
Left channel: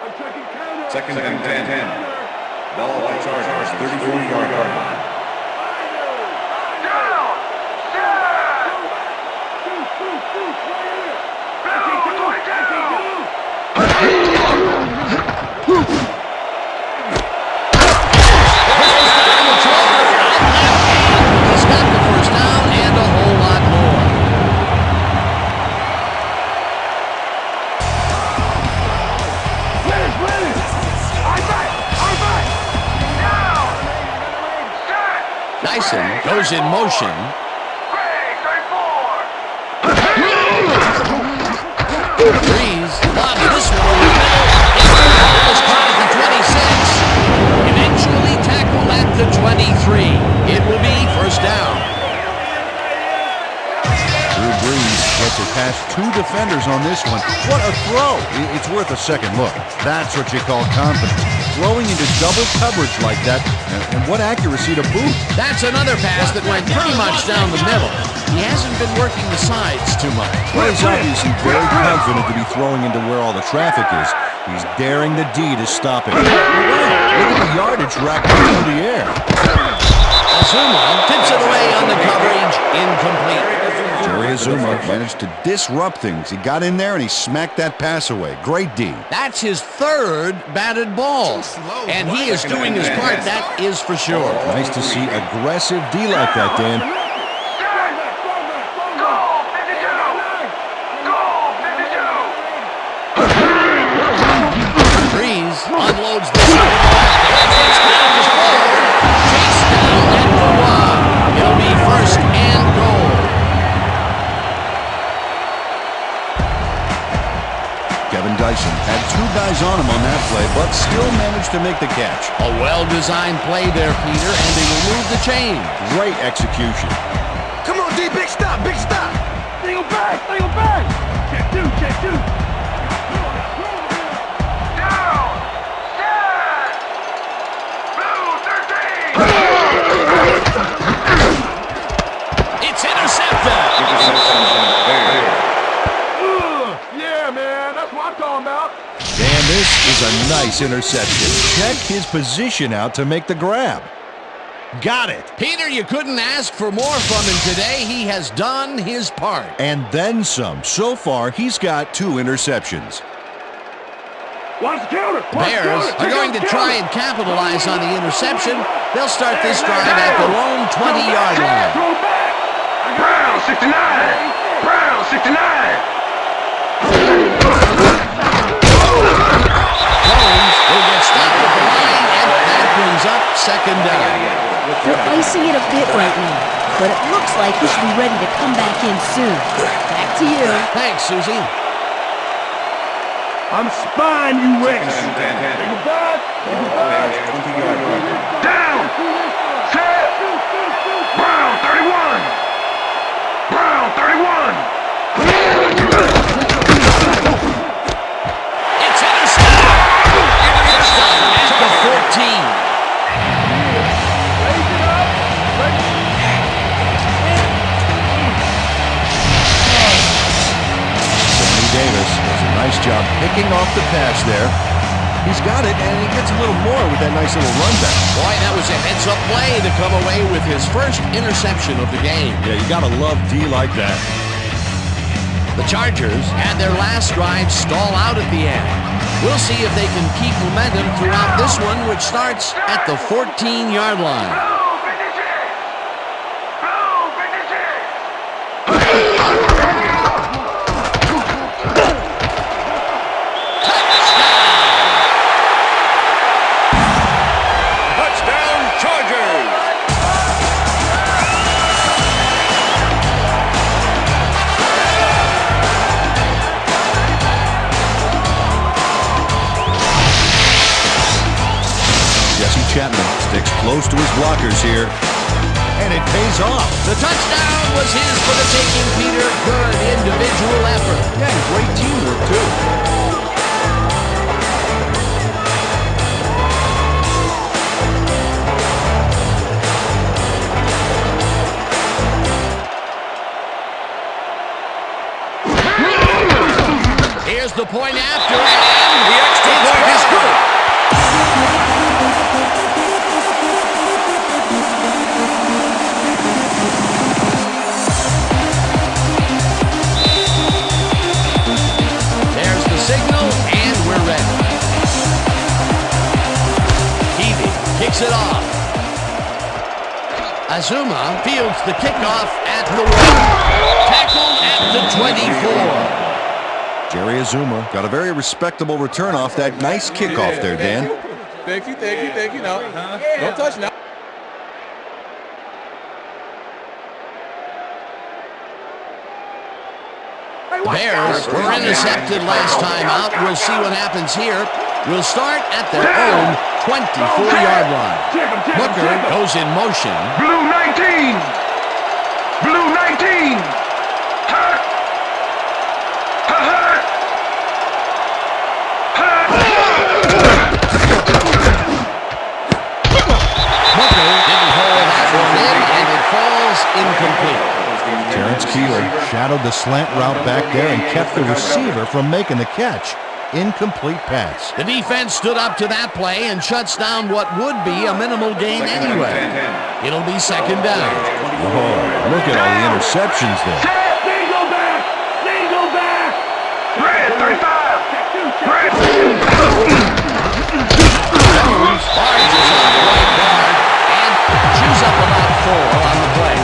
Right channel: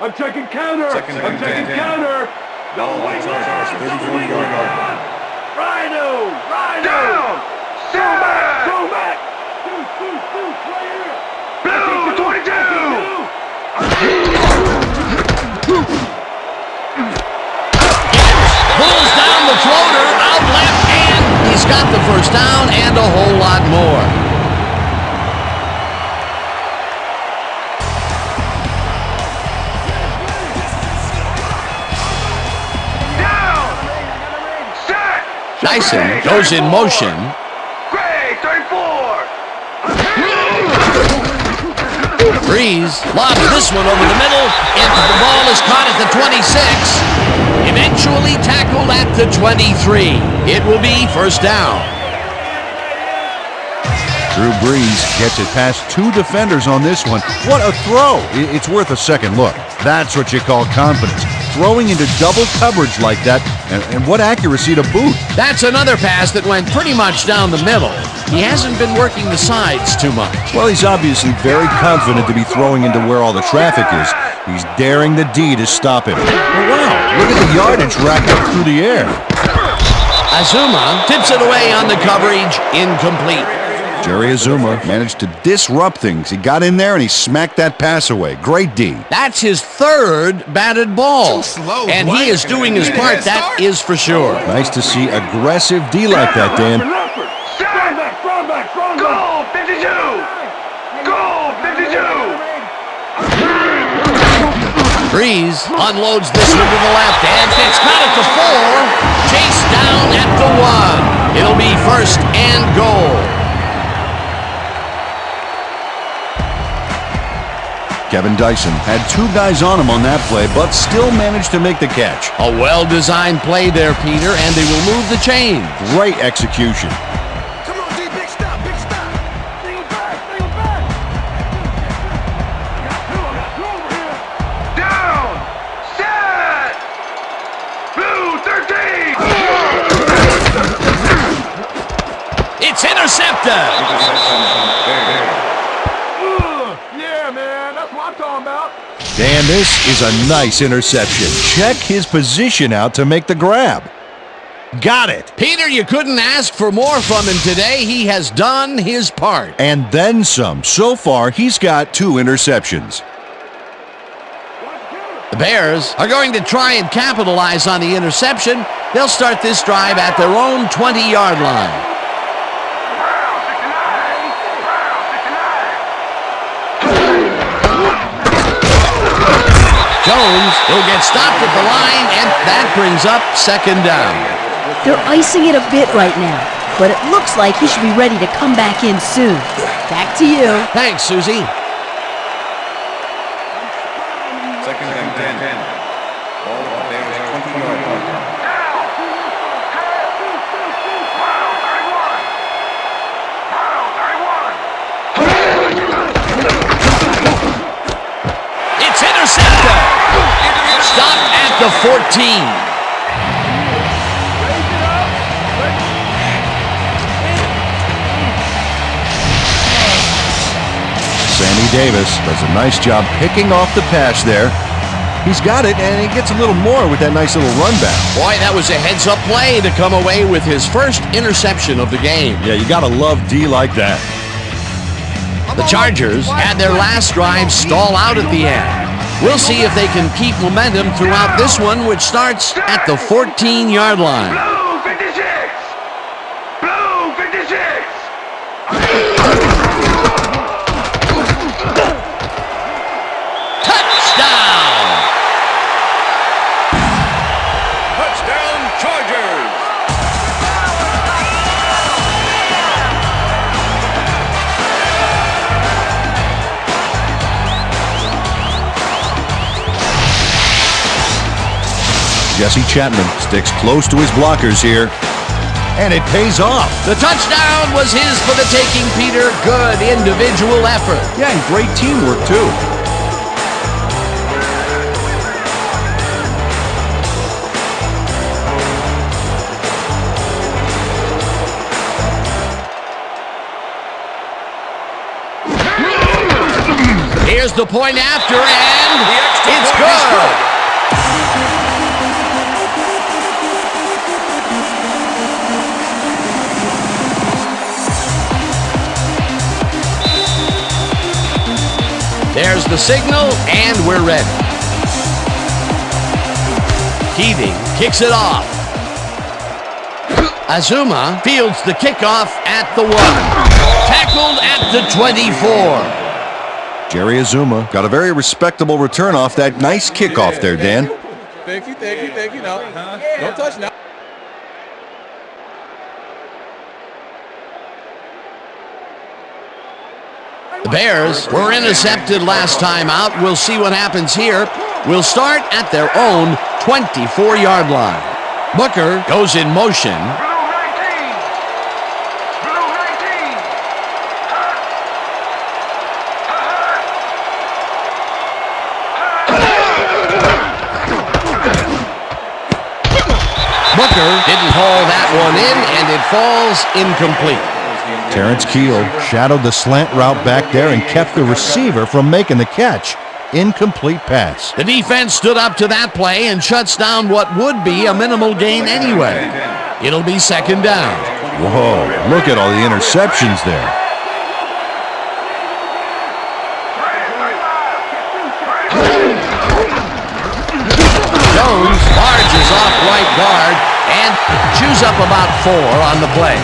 I'm checking counter. Second and 10. Counter. Ball on Chargers, 34-yard line. Rhino. Go back. Shoot, right here. Pulls down the floater out left hand. He's got the first down and a whole lot more. Dyson goes in motion. Breeze lobs this one over the middle. The ball is caught at the 26. Eventually tackled at the 23. It will be first down. Drew Brees gets it past 2 defenders on this one. What a throw! It's worth a second look. That's what you call confidence. Throwing into double coverage like that, and what accuracy to boot. That's another pass that went pretty much down the middle. He hasn't been working the sides too much. Well, he's obviously very confident to be throwing into where all the traffic is. He's daring the D to stop him. Oh, wow, look at the yardage racked up through the air. Azuma tips it away on the coverage, incomplete. Jerry Azuma managed to disrupt things. He got in there and he smacked that pass away. Great D. That's his third batted ball. And he is doing his part, that is for sure. Nice to see aggressive D like that, Dan. Breeze unloads this one to the left, and it's got it to 4. Chased down at the 1. It'll be 1st and goal. Kevin Dyson had 2 guys on him on that play, but still managed to make the catch. A well-designed play there, Peter, and they will move the chains. Great execution. Come on, D, big stop, big stop. Single back, single back. Check 2, check 2. I got 2 over here. Down, set, blue 13. It's intercepted. Yeah, man, that's what I'm talking about. Dan, this is a nice interception. Check his position out to make the grab. Got it. Peter, you couldn't ask for more from him today. He has done his part. And then some. So far, he's got 2 interceptions. Watch the counter. The Bears are going to try and capitalize on the interception. They'll start this drive at their own 20-yard line. Throw back. Brown 69. Brown 69. Jones will get stopped at the line, and that brings up 2nd down. They're icing it a bit right now, but it looks like he should be ready to come back in soon. Back to you. Thanks, Susie. I'm spying you, Rick. 2nd and 10. Ball at the Bears' 20-yard line. Down. Set. Brown 31. Brown 31. It's intercepted. Stopped at the 14. Raise it up. Sammy Davis does a nice job picking off the pass there. He's got it, and he gets a little more with that nice little run back. Boy, that was a heads-up play to come away with his first interception of the game. Yeah, you gotta love D like that. The Chargers had their last drive stall out at the end. We'll see if they can keep momentum throughout this one, which starts at the 14-yard line. Blue 56. Blue 56. Touchdown! Touchdown, Chargers! Jesse Chapman sticks close to his blockers here, and it pays off. The touchdown was his for the taking, Peter. Good individual effort. Yeah, and great teamwork, too. Here's the point after, and The extra it's point is good. There's the signal, and we're ready. Keating kicks it off. Azuma fields the kickoff at the 1. Tackled at the 24. Jerry Azuma got a very respectable return off that nice kickoff there, Dan. Thank you. No, don't touch now. The Bears were intercepted last time out. We'll see what happens here. We'll start at their own 24-yard line. Booker goes in motion. Blue 19. Blue 19. Hurt. Hurt. Booker didn't haul that one in, and it falls incomplete. Terrence Keel shadowed the slant route back there and kept the receiver from making the catch. Incomplete pass. The defense stood up to that play and shuts down what would be a minimal gain anyway. It'll be 2nd down. Whoa, look at all the interceptions there. Single back. Single back. Check 2. Jones barges off right guard and chews up about 4 on the play.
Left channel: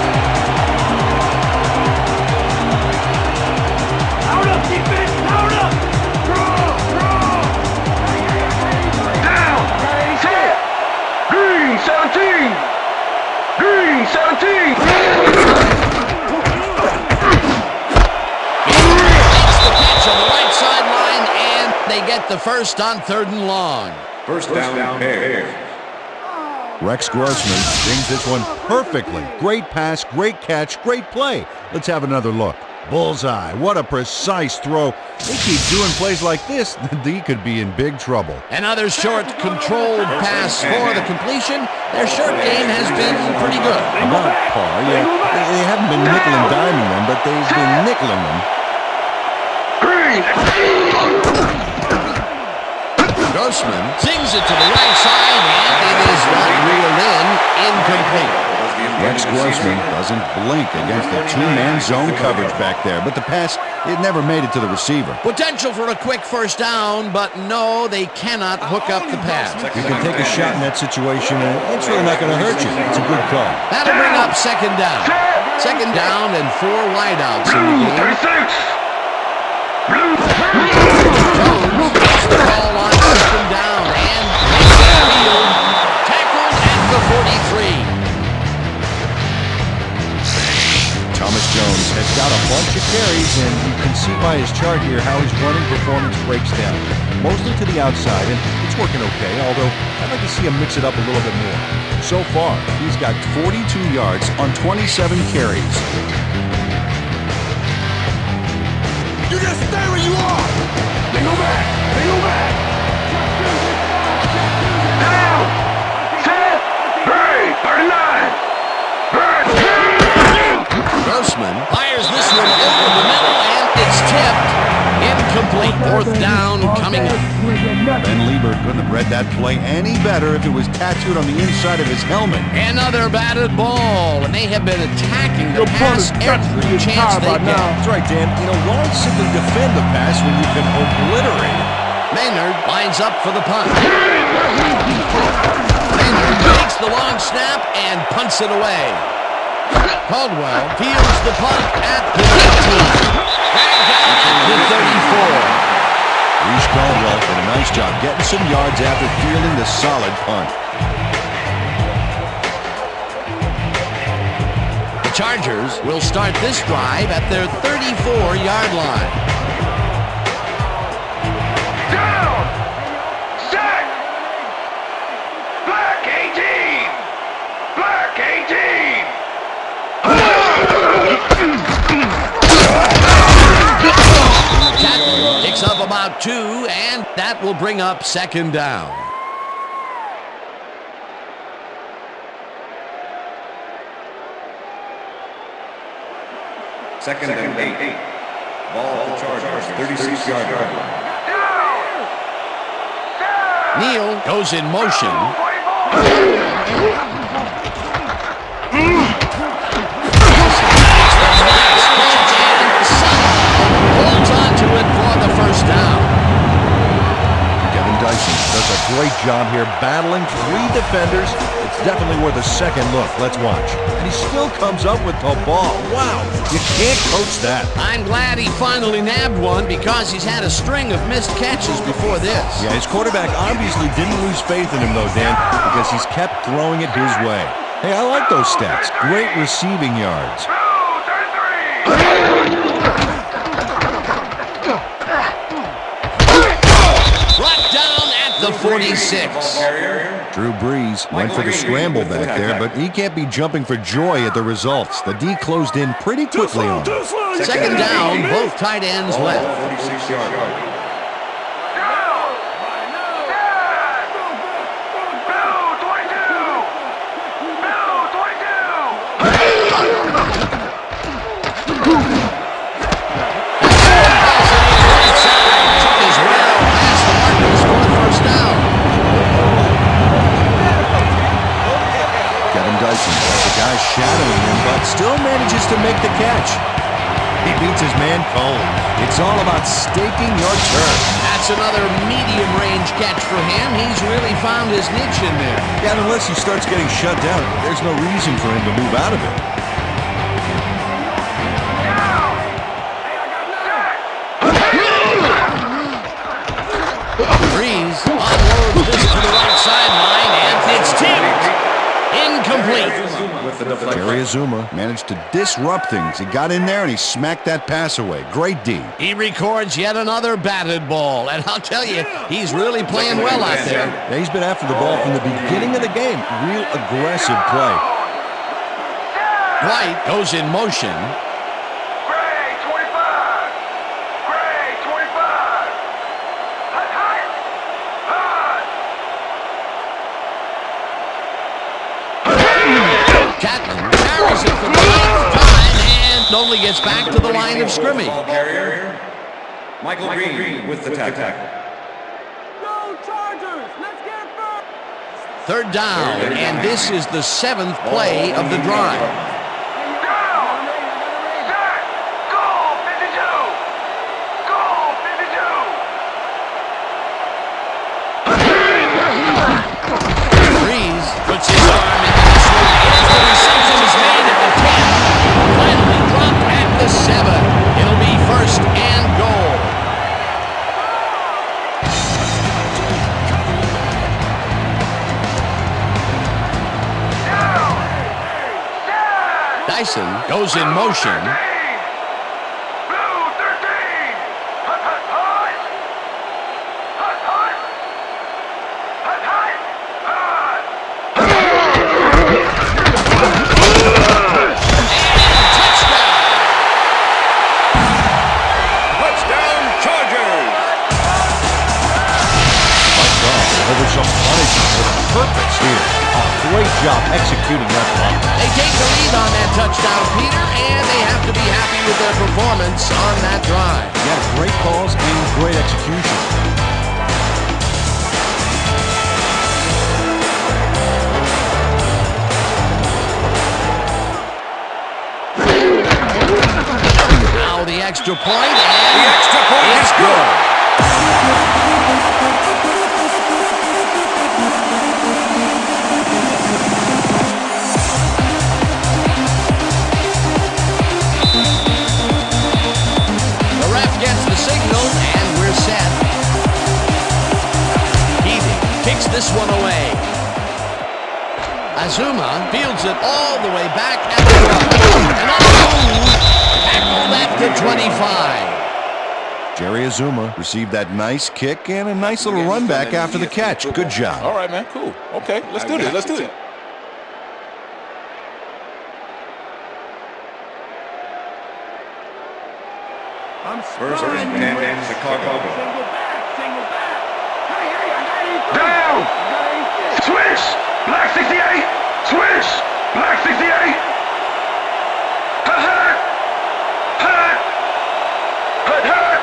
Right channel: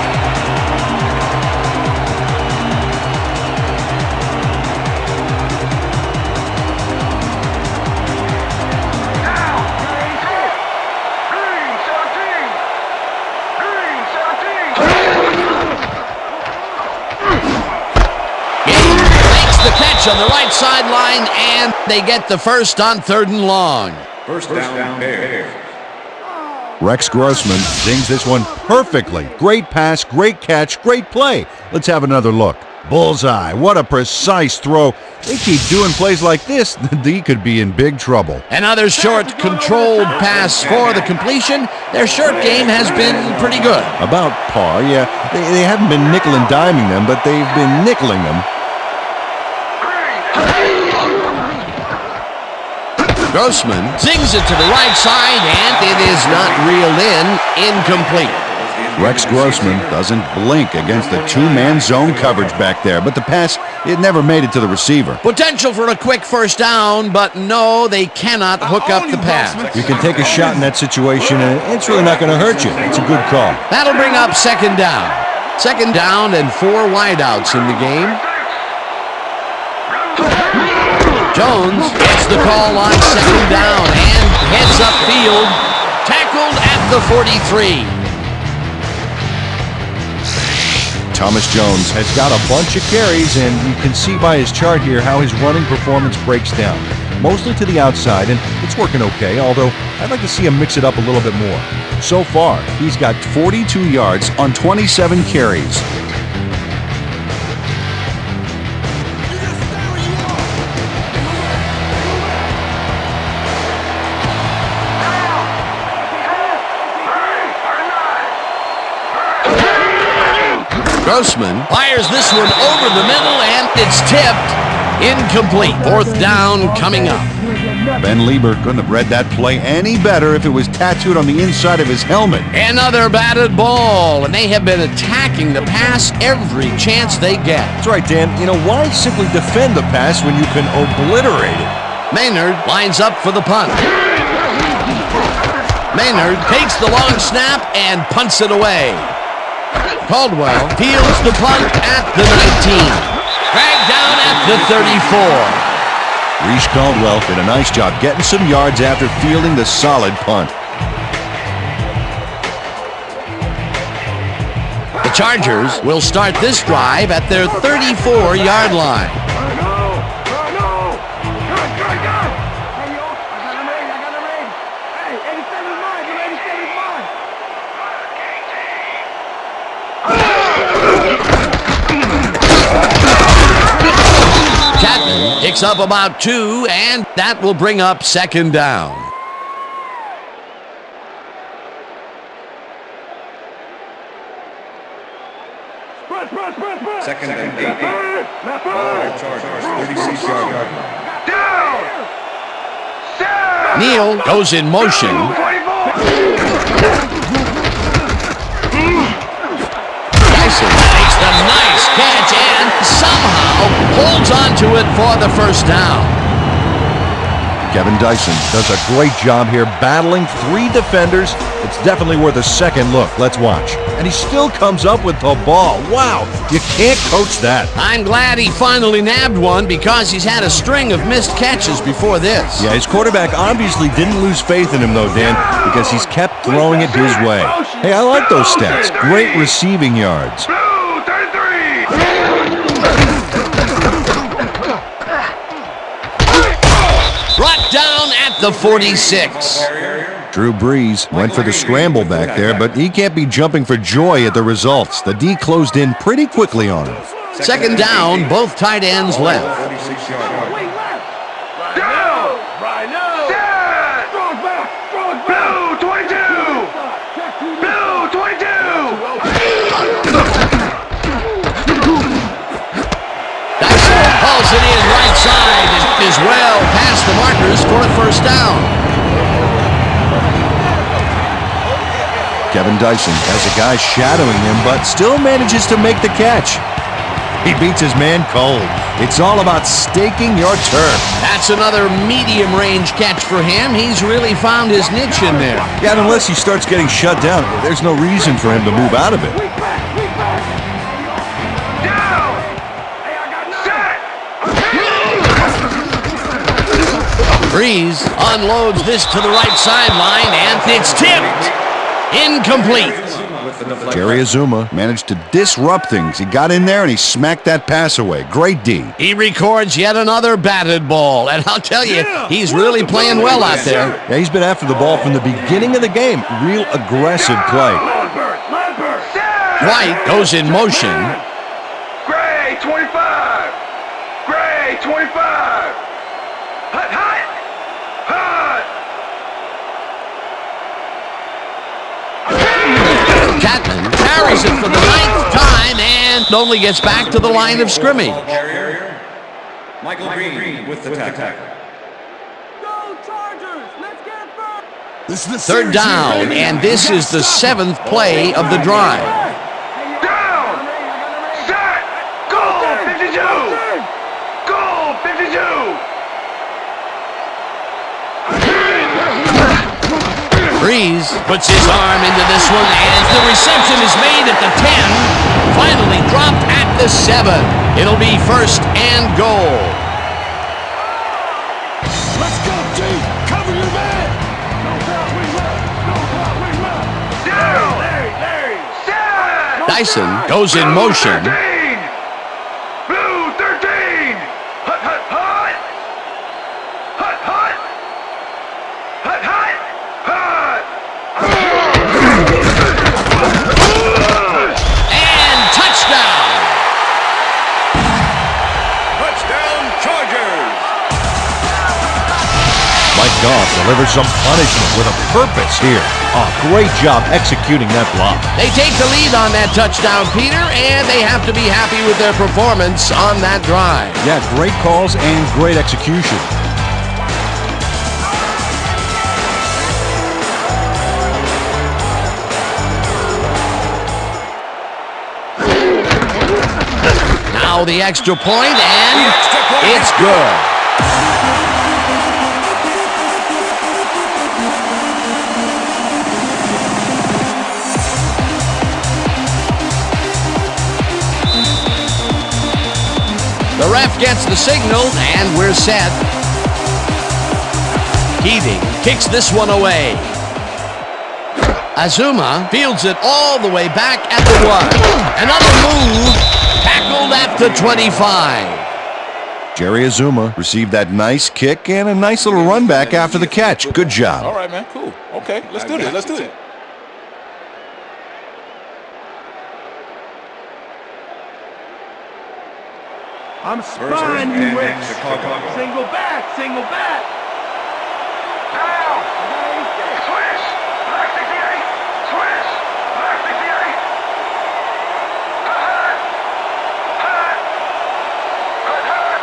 on the right sideline, and they get the first on 3rd and long. First down, Bears. Rex Grossman zings this one perfectly. Great pass, great catch, great play. Let's have another look. Bullseye. What a precise throw. They keep doing plays like this, the D could be in big trouble. Another short, controlled pass for the completion. Their short game has been pretty good. About par, yeah. They haven't been nickel and diming them, but they've been nickeling them. Grossman zings it to the right side, and it is not reeled in. Incomplete. Rex Grossman doesn't blink against the two-man zone coverage back there, but the pass, it never made it to the receiver. Potential for a quick first down, but no, they cannot hook up the pass. You can take a shot in that situation, and it's really not going to hurt you. It's a good call. That'll bring up 2nd down. 2nd down and 4 wideouts in the game. Jones gets the call on 2nd down and heads upfield. Tackled at the 43. Thomas Jones has got a bunch of carries, and you can see by his chart here how his running performance breaks down. Mostly to the outside, and it's working okay, although I'd like to see him mix it up a little bit more. So far, he's got 42 yards on 27 carries. You just stay where you are. They go back. They go back. Grossman fires this one over the middle, and it's tipped. Incomplete. 4th down coming up. Ben Lieber couldn't have read that play any better if it was tattooed on the inside of his helmet. Another batted ball, and they have been attacking the pass every chance they get. That's right, Dan. You know, why simply defend the pass when you can obliterate it? Maynard lines up for the punt. Maynard takes the long snap and punts it away. Caldwell fields the punt at the 19. Dragged down at the 34. Reese Caldwell did a nice job getting some yards after fielding the solid punt. The Chargers will start this drive at their 34-yard line. Chapman picks up about 2, and that will bring up 2nd down. Second and 8. Ball Chargers, 36-yard line. Neal goes in motion. Dyson makes the nice catch and somehow holds on to it for the first down. Kevin Dyson does a great job here battling 3 defenders. It's definitely worth a second look. Let's watch. And he still comes up with the ball. Wow, you can't coach that. I'm glad he finally nabbed one because he's had a string of missed catches before this. Yeah, his quarterback obviously didn't lose faith in him though, Dan, because he's kept throwing it his way. Hey, I like those stats. Great receiving yards. Brought down at the 46. Drew Brees went for the scramble back there, but he can't be jumping for joy at the results. The D closed in pretty quickly on him. 2nd down, both tight ends left. 46-yard line. Pulls it in right side as well past the markers for a first down. Kevin Dyson has a guy shadowing him, but still manages to make the catch. He beats his man cold. It's all about staking your turf. That's another medium-range catch for him. He's really found his niche in there. Yeah, and unless he starts getting shut down, there's no reason for him to move out of it. Brees unloads this to the right sideline, and it's tipped. Incomplete. with the deflection. Jerry Azuma managed to disrupt things. He got in there and he smacked that pass away. Great D. He records yet another batted ball, and I'll tell you, he's really playing well out there. Yeah, he's been after the ball from the beginning of the game. Real aggressive play. White goes in motion. Gray, 25. Gray, 25. Hot, hot. Hot. Chapman carries it for the 9th time and only gets back to the line of scrimmage. Ball carrier, Michael Green with the tackle. Go Chargers! Let's get it first! This is the 3rd down, and this is the 7th play of the drive. Breeze puts his arm into this one, and the reception is made at the 10. Finally dropped at the 7. It'll be 1st and goal. Let's go, team! Cover your man! Dyson goes in motion. Blue 13! Hot, hot, hot! Hot, hot! Hot, hot! Hot! And touchdown! Touchdown, Chargers! Mike Goff delivers some punishment with a purpose here. Oh, great job executing that block. They take the lead on that touchdown, Peter, and they have to be happy with their performance on that drive. Yeah, great calls and great execution. Now the extra point, and The extra point it's is good. The ref gets the signal, and we're set. Keating kicks this one away. Azuma fields it all the way back at the 1. Another move, tackled at the 25. Jerry Azuma received that nice kick and a nice little run back after the catch. Good job. All right, man. Cool. Okay, let's do this. Let's do it. I'm First spying and you, 10, Rich. Chicago. Single back, single back. Hey, hey, I got 83. Down. I got 86. Switch. Black 68. Switch. Black 68. Hot, hot. Hot. Hot, hot.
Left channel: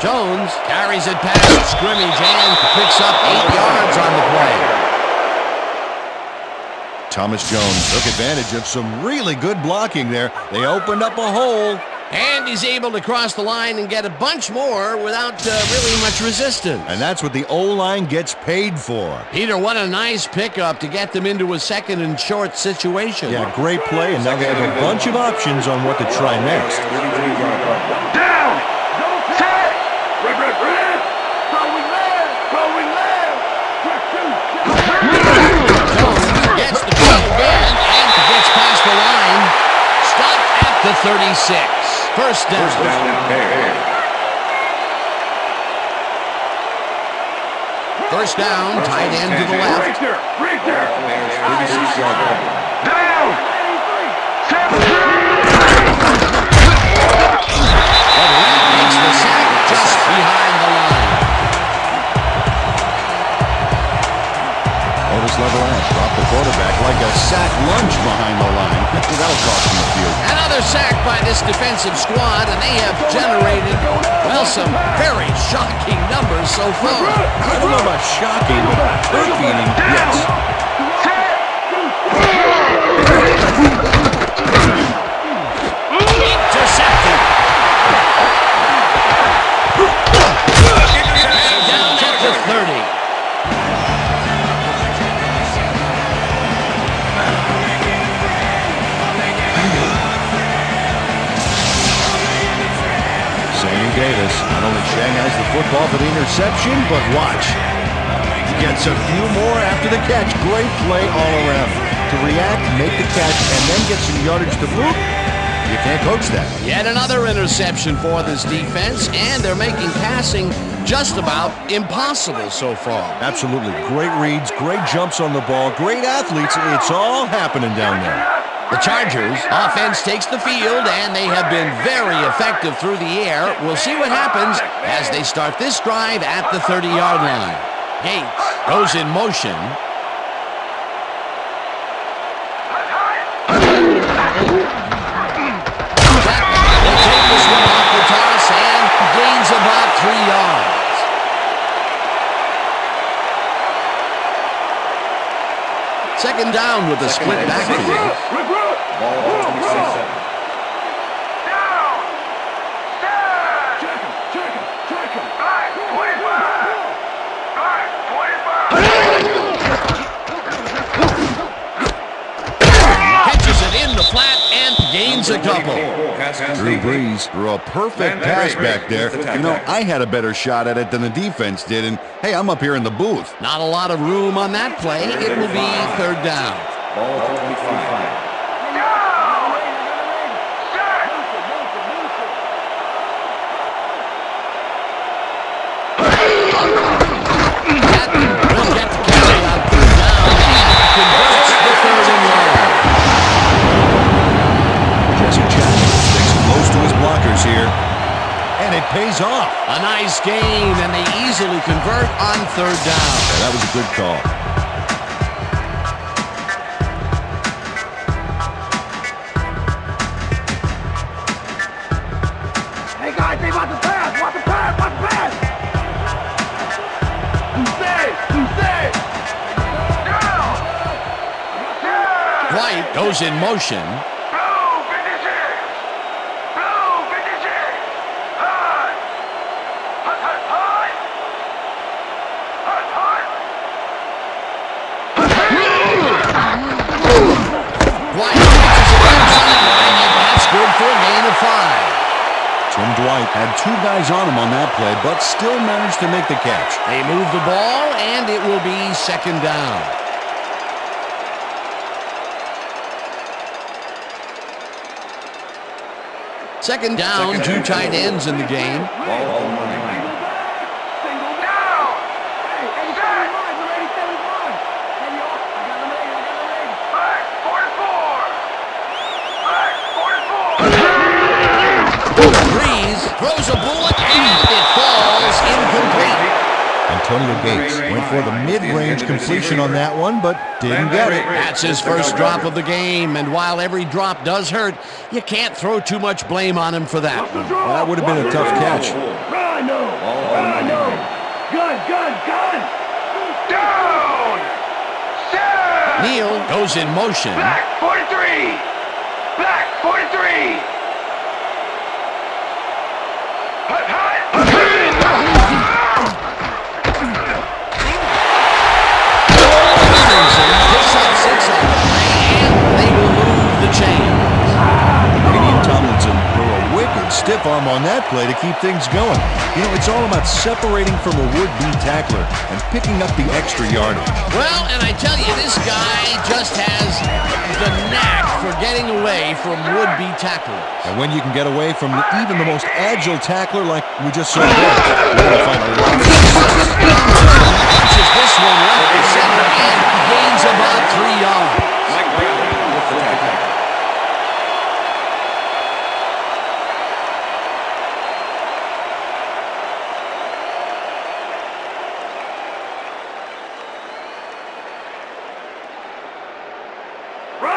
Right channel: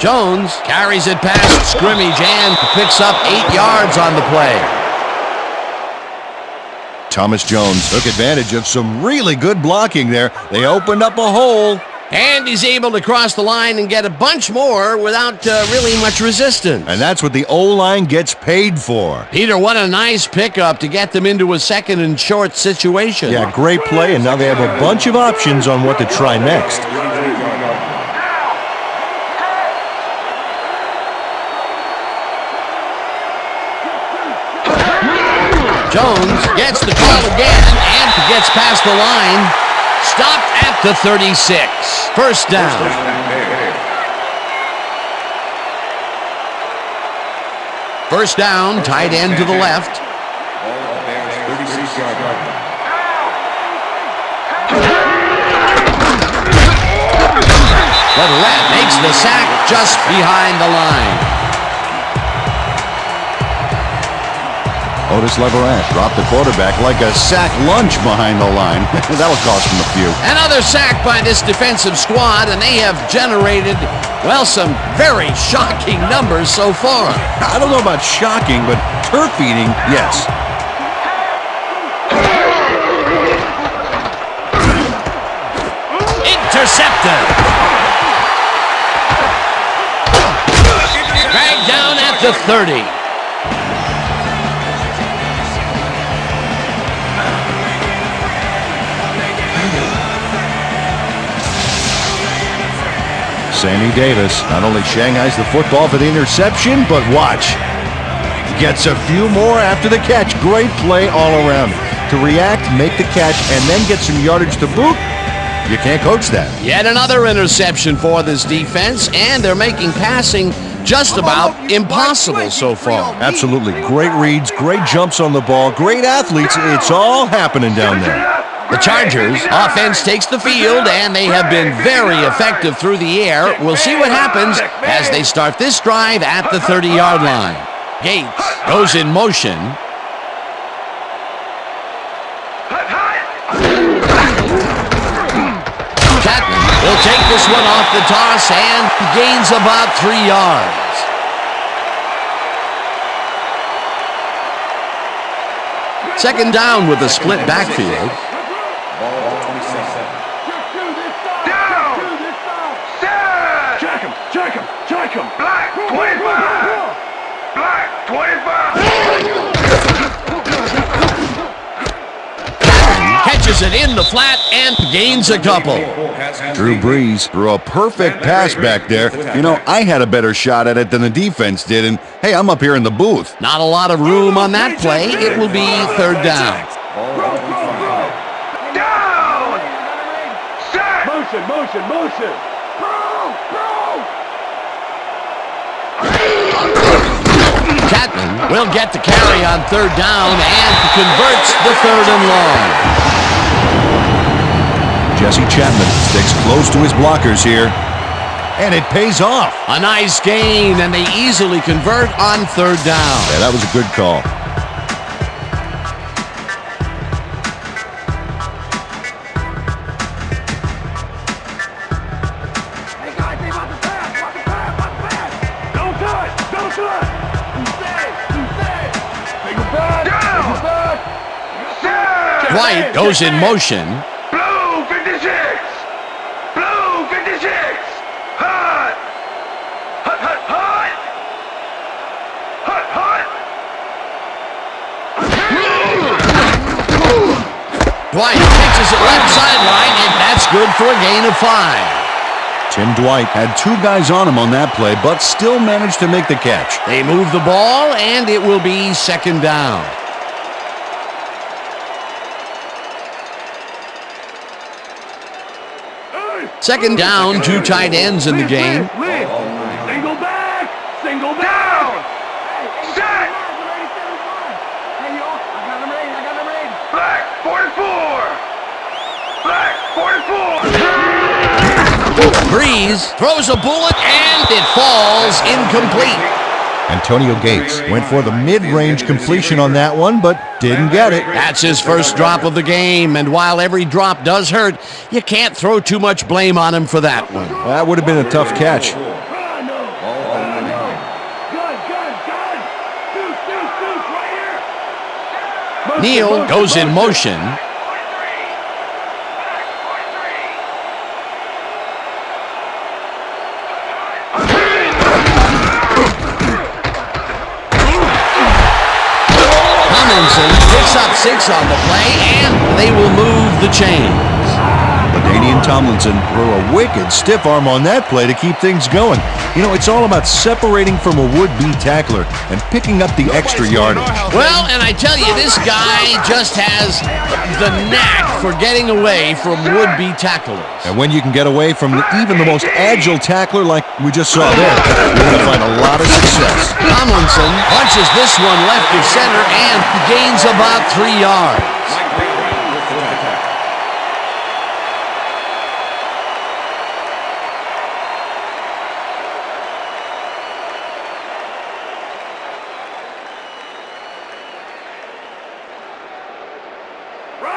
Jones carries it past scrimmage and picks up 8 yards on the play. Thomas Jones Took advantage of some really good blocking there. They opened up a hole. And he's able to cross the line and get a bunch more without really much resistance. And that's what the O-line gets paid for. Peter, what a nice pickup to get them into a 2nd and short situation. Yeah, great play, and now they have a bunch of options on what to try next. Down. Double tap. Red, red, red. Going left. Going left. Check, Jones gets the call again and gets past the line. Stopped at the 36. First down. First down, tight end to the left. Bears 36-yard line. Leverett makes the sack just behind the line. Otis Leverett dropped the quarterback like a sack lunch behind the line. That'll cost him a few. Another sack by this defensive squad, and they have generated, well, some very shocking numbers so far. I don't know about shocking, but turf eating, yes. Intercepted. Dragged down at the 30. Sammy Davis not only shanghais the football for the interception, but watch. Gets a few more after the catch. Great play all around. To react, make the catch, and then get some yardage to boot, you can't coach that. Yet another interception for this defense, and they're making passing just about impossible so far. Absolutely. Great reads, great jumps on the ball, great athletes. It's all happening down there. The Chargers offense takes the field, and they have been very effective through the air. We'll see what happens as they start this drive at the 30-yard line. Gates goes in motion. Will take this one off the toss and gains about 3 yards. Second down with a split backfield. Ball 27. Check him! Check him! Check him! Black 25! Black 25! Catches it in the flat and gains a couple. Drew Brees threw a perfect pass back there. You know, I had a better shot at it than the defense did, and hey, I'm up here in the booth. Not a lot of room on that play. It will be third down. Ball 25. Motion! Catton will get the carry on third down and converts the third and long. Jesse Chapman sticks close to his blockers here, and it pays off. A nice gain, and they easily convert on third down. Yeah, that was a good call. Hey guys, they want the pass! Want the pass! Want the pass! Don't do it! Don't do it! Who's safe? Take it back! Take it back! I got you! Dwight goes in motion. Blue 56! Blue 56! Hot! Hot, hot, hot! Hot, hot! Dwight pitches it left sideline, and that's good for a gain of 5. Tim Dwight had 2 guys on him on that play, but still managed to make the catch. They move the ball, and it will be second down. Second down, 2 tight ends in the game. Single back! Single down! Hey, 87 is mine! Number 87 is mine! Hey, y'all, I got number 8, I got number 8! Black 44! Black 44! Breeze throws a bullet, and it falls incomplete. Antonio Gates went for the mid-range completion on that one, but didn't get it. That's his first drop of the game, and while every drop does hurt, you can't throw too much blame on him for that one. Well, that would have been a tough catch. Rhino! Rhino! Gun! Right here! Neal goes in motion. Black 43! Black 43! Tomlinson picks up 6 on the play, and they will move the chains. LaDainian Tomlinson threw a wicked stiff arm on that play to keep things going. You know, it's all about separating from a would-be tackler and picking up the extra yardage. Well, and I tell you, this guy just has the knack for getting away from would-be tacklers. And when you can get away from even the most agile tackler like we just saw there, you're going to find a lot of success. Tomlinson punches this one left to center and gains about 3 yards. Mike Brown with the tackle.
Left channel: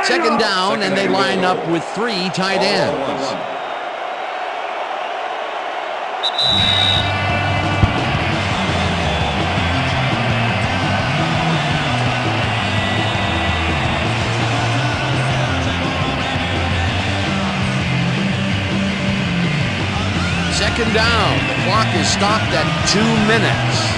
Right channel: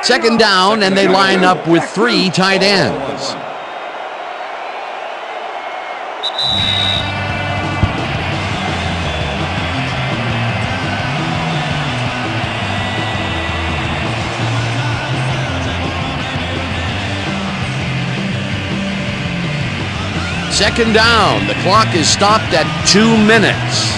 Second down, and they line up with 3 tight ends. Second down, the clock is stopped at 2 minutes.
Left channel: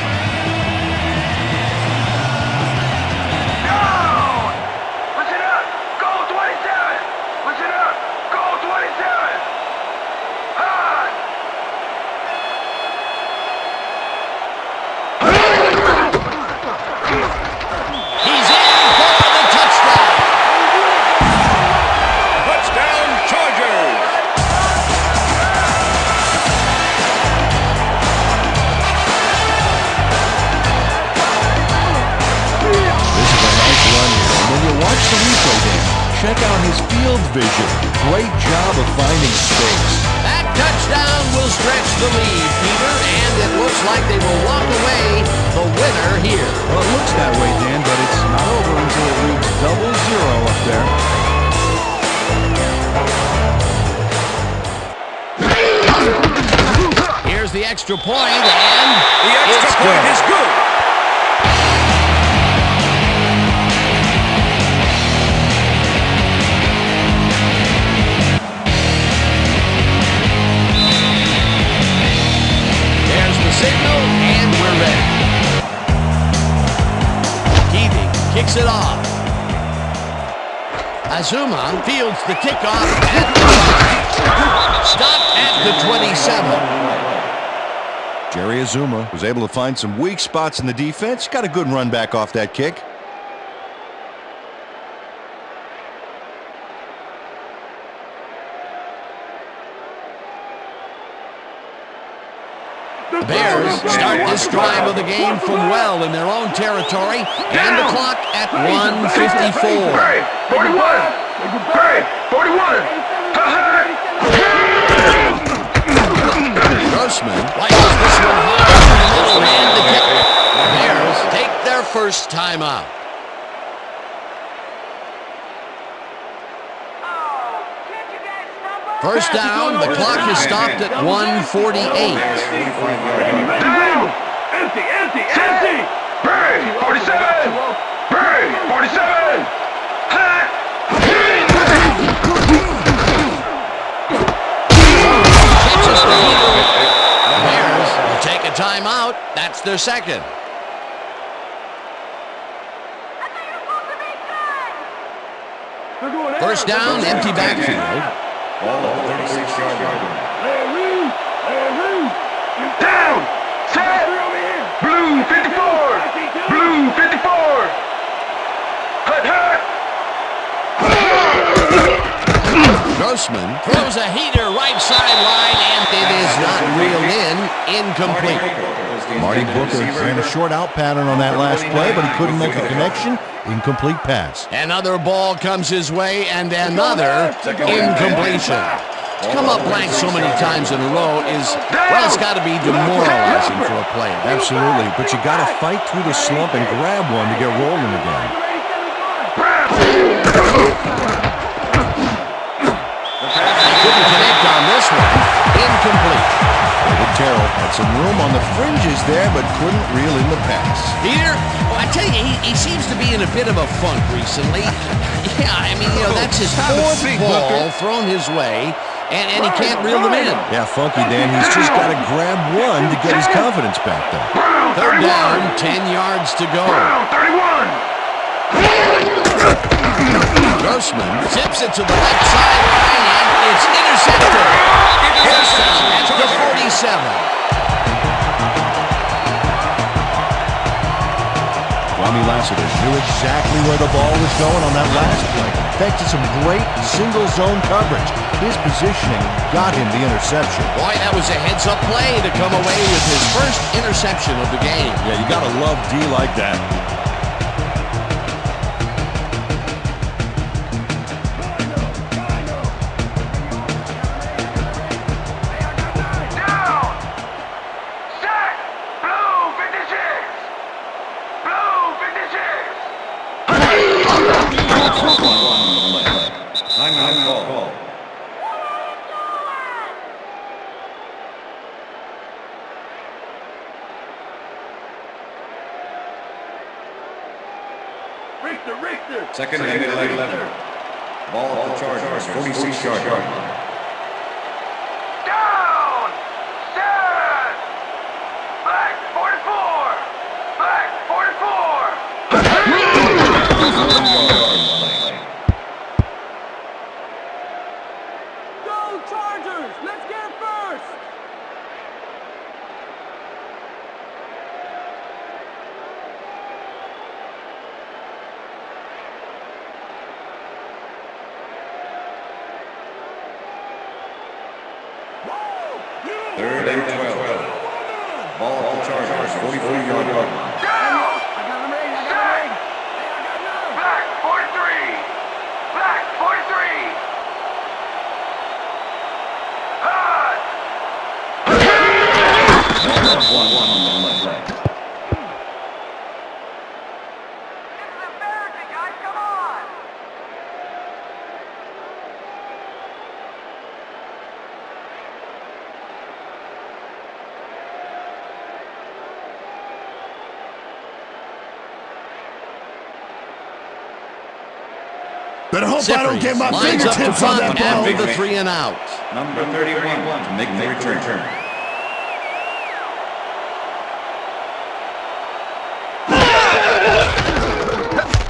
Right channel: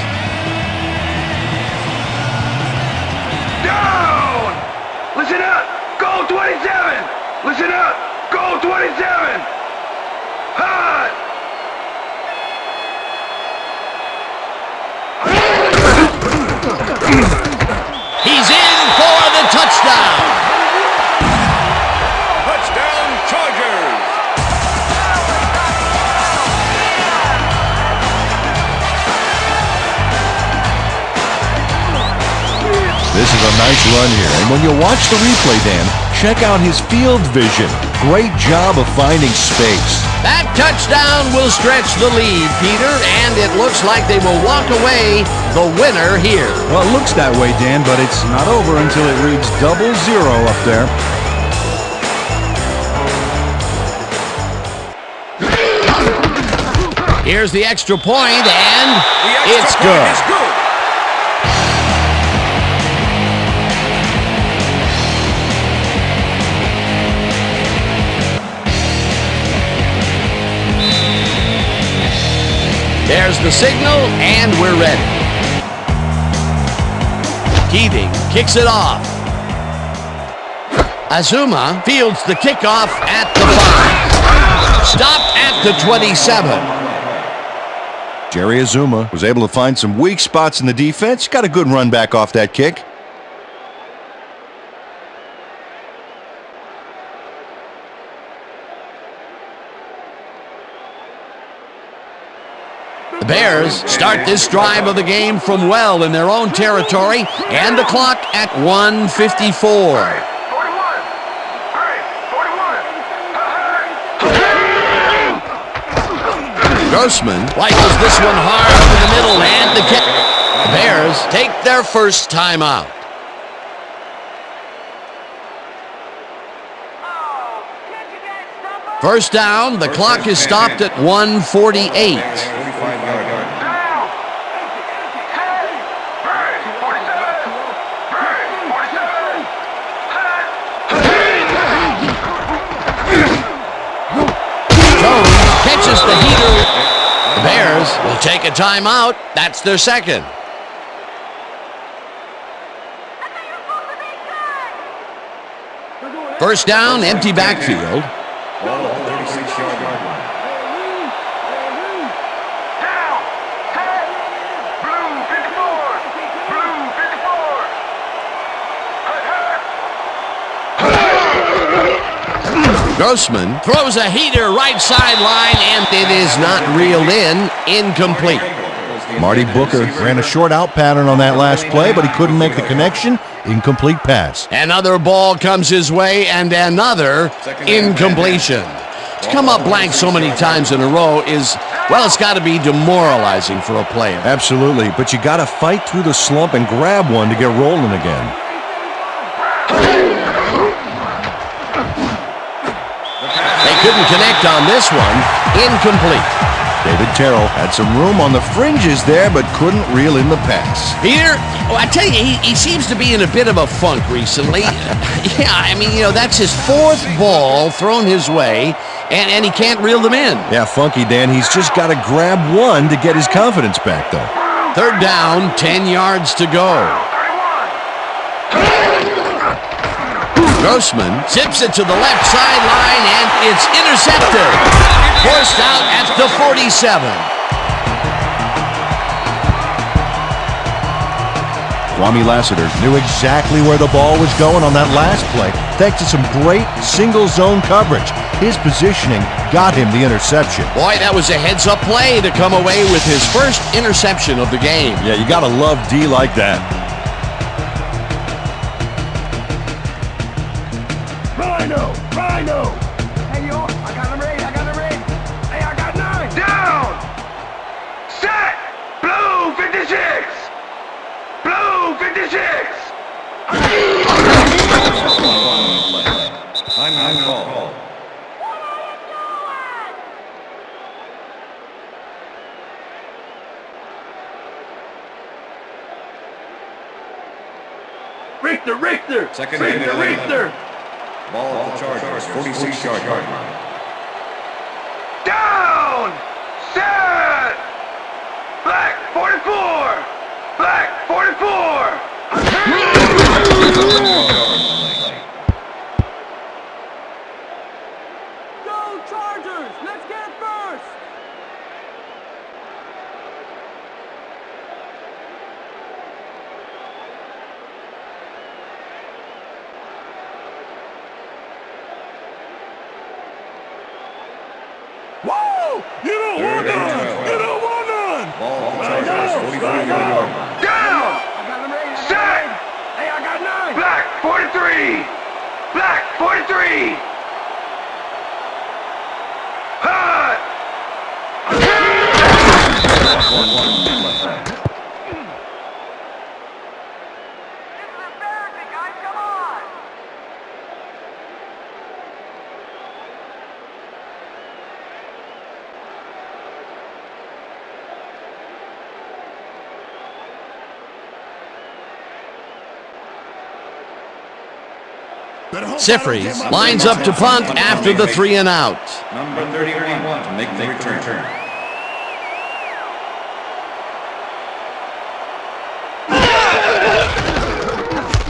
run here. And when you watch the replay, Dan, check out his field vision. Great job of finding space. That touchdown will stretch the lead, Peter, and it looks like they will walk away the winner here. Well, it looks that way, Dan, but it's not over until it reads 0-0 up there. Here's the extra point, and The extra it's point good. is good. There's the signal, and we're ready. Keating kicks it off. Azuma fields the kickoff at the 5. Stopped at the 27. Jerry Azuma was able to find some weak spots in the defense. Got a good run back off that kick. The Bears start this drive of the game from well in their own territory, and the clock at 1:54. Grossman rifles this one hard to the middle, and the kick. The Bears take their first timeout. First down, the clock is stopped at 1:48. Catches the heater. The Bears will take a timeout. That's their second. First down, empty backfield. Ball at the 36-yard line. Down! Set! Blue 54! Blue 54! Hut, hut! Grossman throws a heater right sideline, and it is not reeled in. Incomplete. Marty Booker ran a short out pattern on that last play, but he couldn't make the connection. Incomplete pass. Another ball comes his way, and another incompletion. To come up blank so many times in a row is, well, it's got to be demoralizing for a player. Absolutely, but you got to fight through the slump and grab one to get rolling again. They couldn't connect on this one. Incomplete. David Terrell had some room on the fringes there, but couldn't reel in the pass. Peter, I tell you, he seems to be in a bit of a funk recently. Yeah, I mean, that's his fourth ball thrown his way, and he can't reel them in. Yeah, funky, Dan. He's just got to grab one to get his confidence back, though. Third down, 10 yards to go. Grossman zips it to the left sideline, and it's intercepted. Forced out at the 47. Kwame Lassiter knew exactly where the ball was going on that last play, thanks to some great single zone coverage. His positioning got him the interception. Boy, that was a heads-up play to come away with his first interception of the game. Yeah, you got to love D like that. Timeout call. Richter! Second and 11. Ball at the Chargers, 46-yard line. Down! Set! Black 44! Black 44! Go Chargers! Let's get it first! Whoa! You don't Third want and none! 12. You don't want none! Ball at the Chargers, 44-yard line. Down! I got him ready! Hey, I got 9! Better hope I don't get Sifries my lines up to fingertips on punt that after ball. the 3 and out. Number 31 to make the return.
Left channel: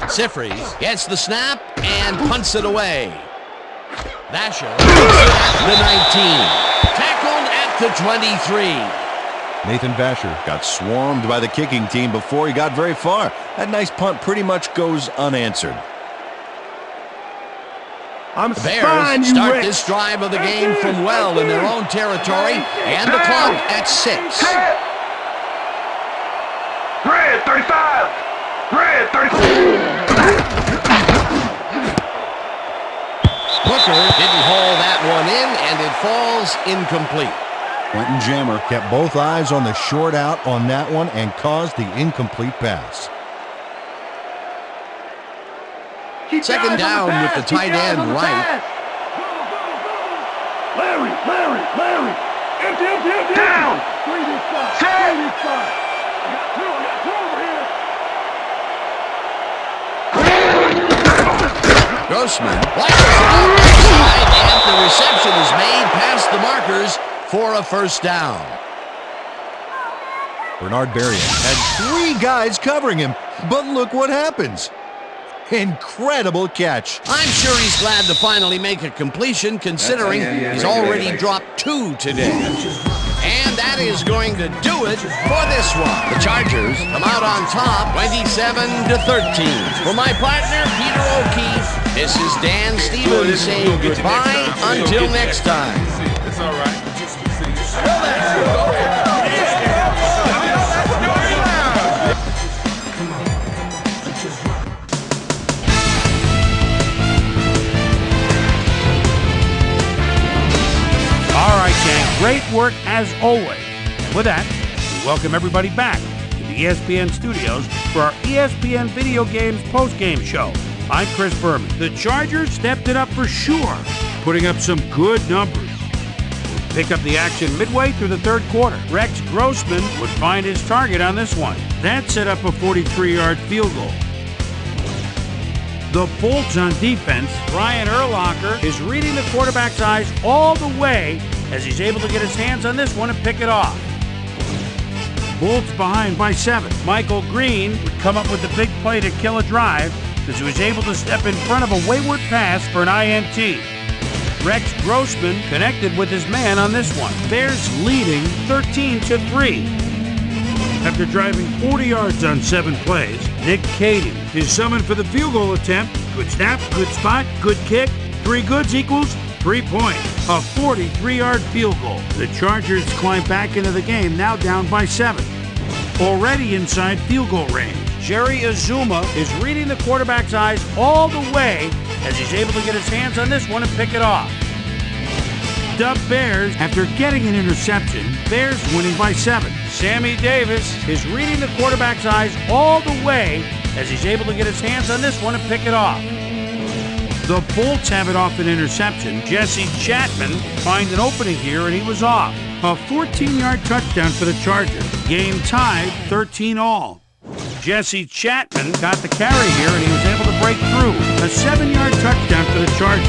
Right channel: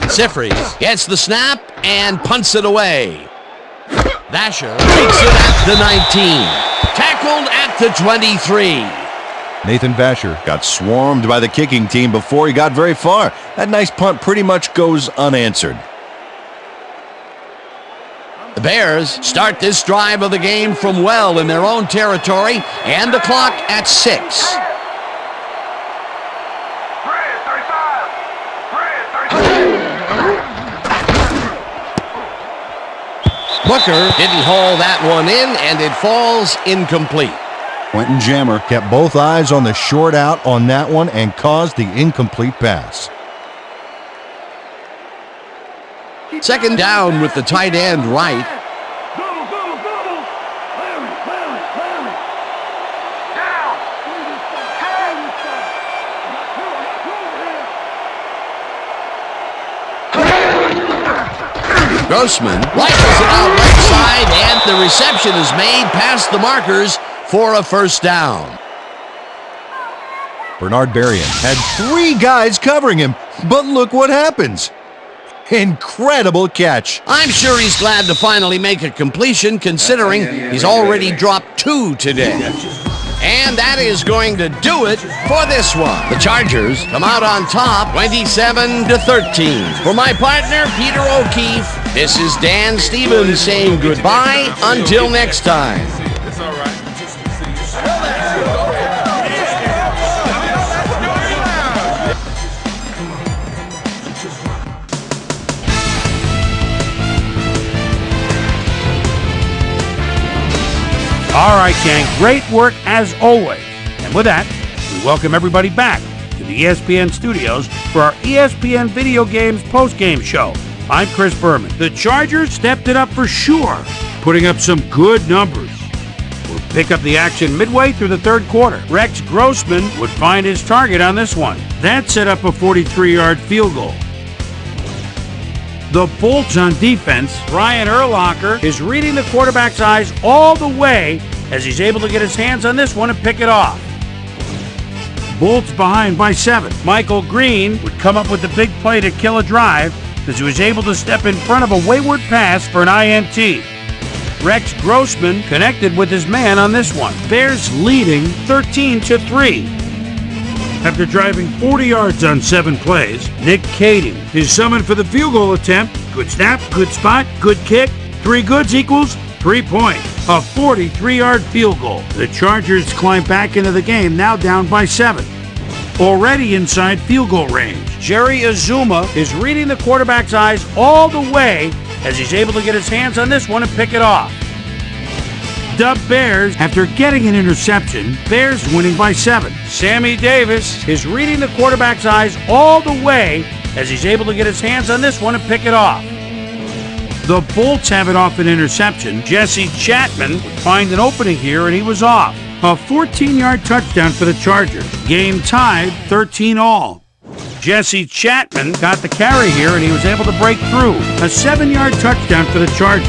Sifries gets the snap and punts it away. Vasher takes it at the 19. Tackled at the 23. Nathan Vasher got swarmed by the kicking team before he got very far. That nice punt pretty much goes unanswered. The Bears start this drive of the game from well in their own territory, and the clock at 6. Red 35. Red 35. Booker didn't haul that one in, and it falls incomplete. Quentin Jammer kept both eyes on the short out on that one and caused the incomplete pass. Second down with the tight end right. Gobble, gobble, gobble. Larry. Empty. Down. Three this side. I got two over here. Grossman rifles it out right side, and the reception is made past the markers for a first down. Bernard Berrien had 3 guys covering him, but look what happens. Incredible catch. I'm sure he's glad to finally make a completion, considering he's already dropped 2 today. And that is going to do it for this one. The Chargers come out on top, 27-13. For my partner, Peter O'Keefe, this is Dan Stevens saying goodbye until next time. It's all right. All right, gang, great work as always. And with that, we welcome everybody back to the ESPN studios for our ESPN Video Games post-game show. I'm Chris Berman. The Chargers stepped it up for sure, putting up some good numbers. We'll pick up the action midway through the third quarter. Rex Grossman would find his target on this one. That set up a 43-yard field goal. The Bolts on defense, Brian Urlacher is reading the quarterback's eyes all the way as he's able to get his hands on this one and pick it off. Bolts behind by 7. Michael Green would come up with the big play to kill a drive as he was able to step in front of a wayward pass for an INT. Rex Grossman connected with his man on this one. Bears leading 13-3. After driving 40 yards on 7 plays, Nick Cady is summoned for the field goal attempt. Good snap, good spot, good kick. 3 goods equals 3 points. A 43-yard field goal. The Chargers climb back into the game, now down by 7. Already inside field goal range. Jerry Azuma is reading the quarterback's eyes all the way as he's able to get his hands on this one and pick it off. Dub Bears after getting an interception. Bears winning by 7. Sammy Davis is reading the quarterback's eyes all the way as he's able to get his hands on this one and pick it off. The Bolts have it off an interception. Jesse Chapman would find an opening here and he was off. A 14-yard touchdown for the Chargers. Game tied 13-all. Jesse Chapman got the carry here and he was able to break through. A 7-yard touchdown for the Chargers.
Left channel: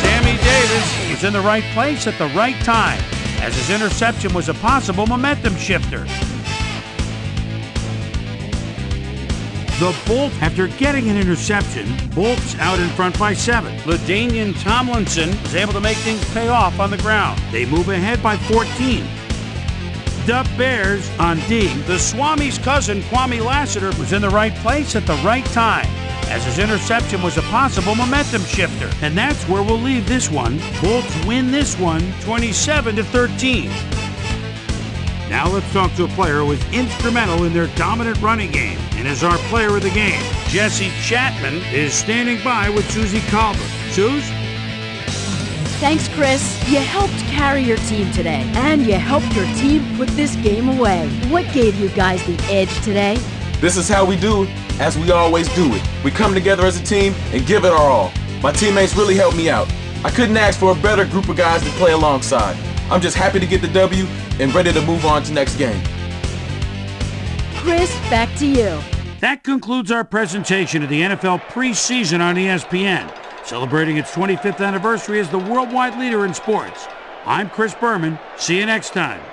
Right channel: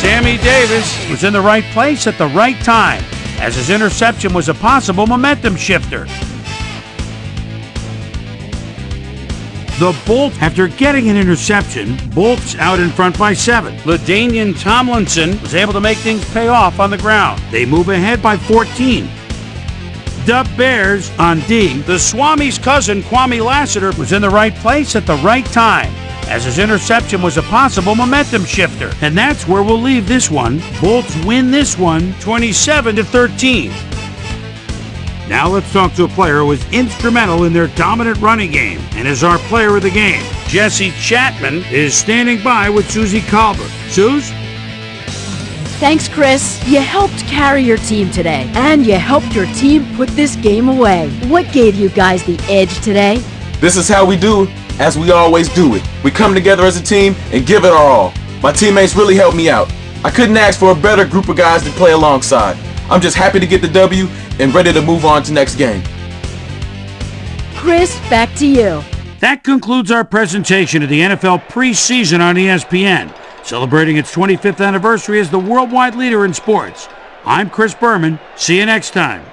Sammy Davis was in the right place at the right time, as his interception was a possible momentum shifter. The Bolts, after getting an interception, Bolts out in front by 7. LaDainian Tomlinson was able to make things pay off on the ground. They move ahead by 14. Dub Bears on D. The Swami's cousin, Kwame Lassiter, was in the right place at the right time, as his interception was a possible momentum shifter. And that's where we'll leave this one. Bolts win this one 27-13. Now let's talk to a player who was instrumental in their dominant running game and is our player of the game. Jesse Chapman is standing by with Susie Colbert. Suze? Thanks, Chris. You helped carry your team today, and you helped your team put this game away. What gave you guys the edge today? This is how we do, as we always do it. We come together as a team and give it our all. My teammates really helped me out. I couldn't ask for a better group of guys to play alongside. I'm just happy to get the W and ready to move on to next game. Chris, back to you. That concludes our presentation of the NFL preseason on ESPN, celebrating its 25th anniversary as the worldwide leader in sports. I'm Chris Berman. See you next time.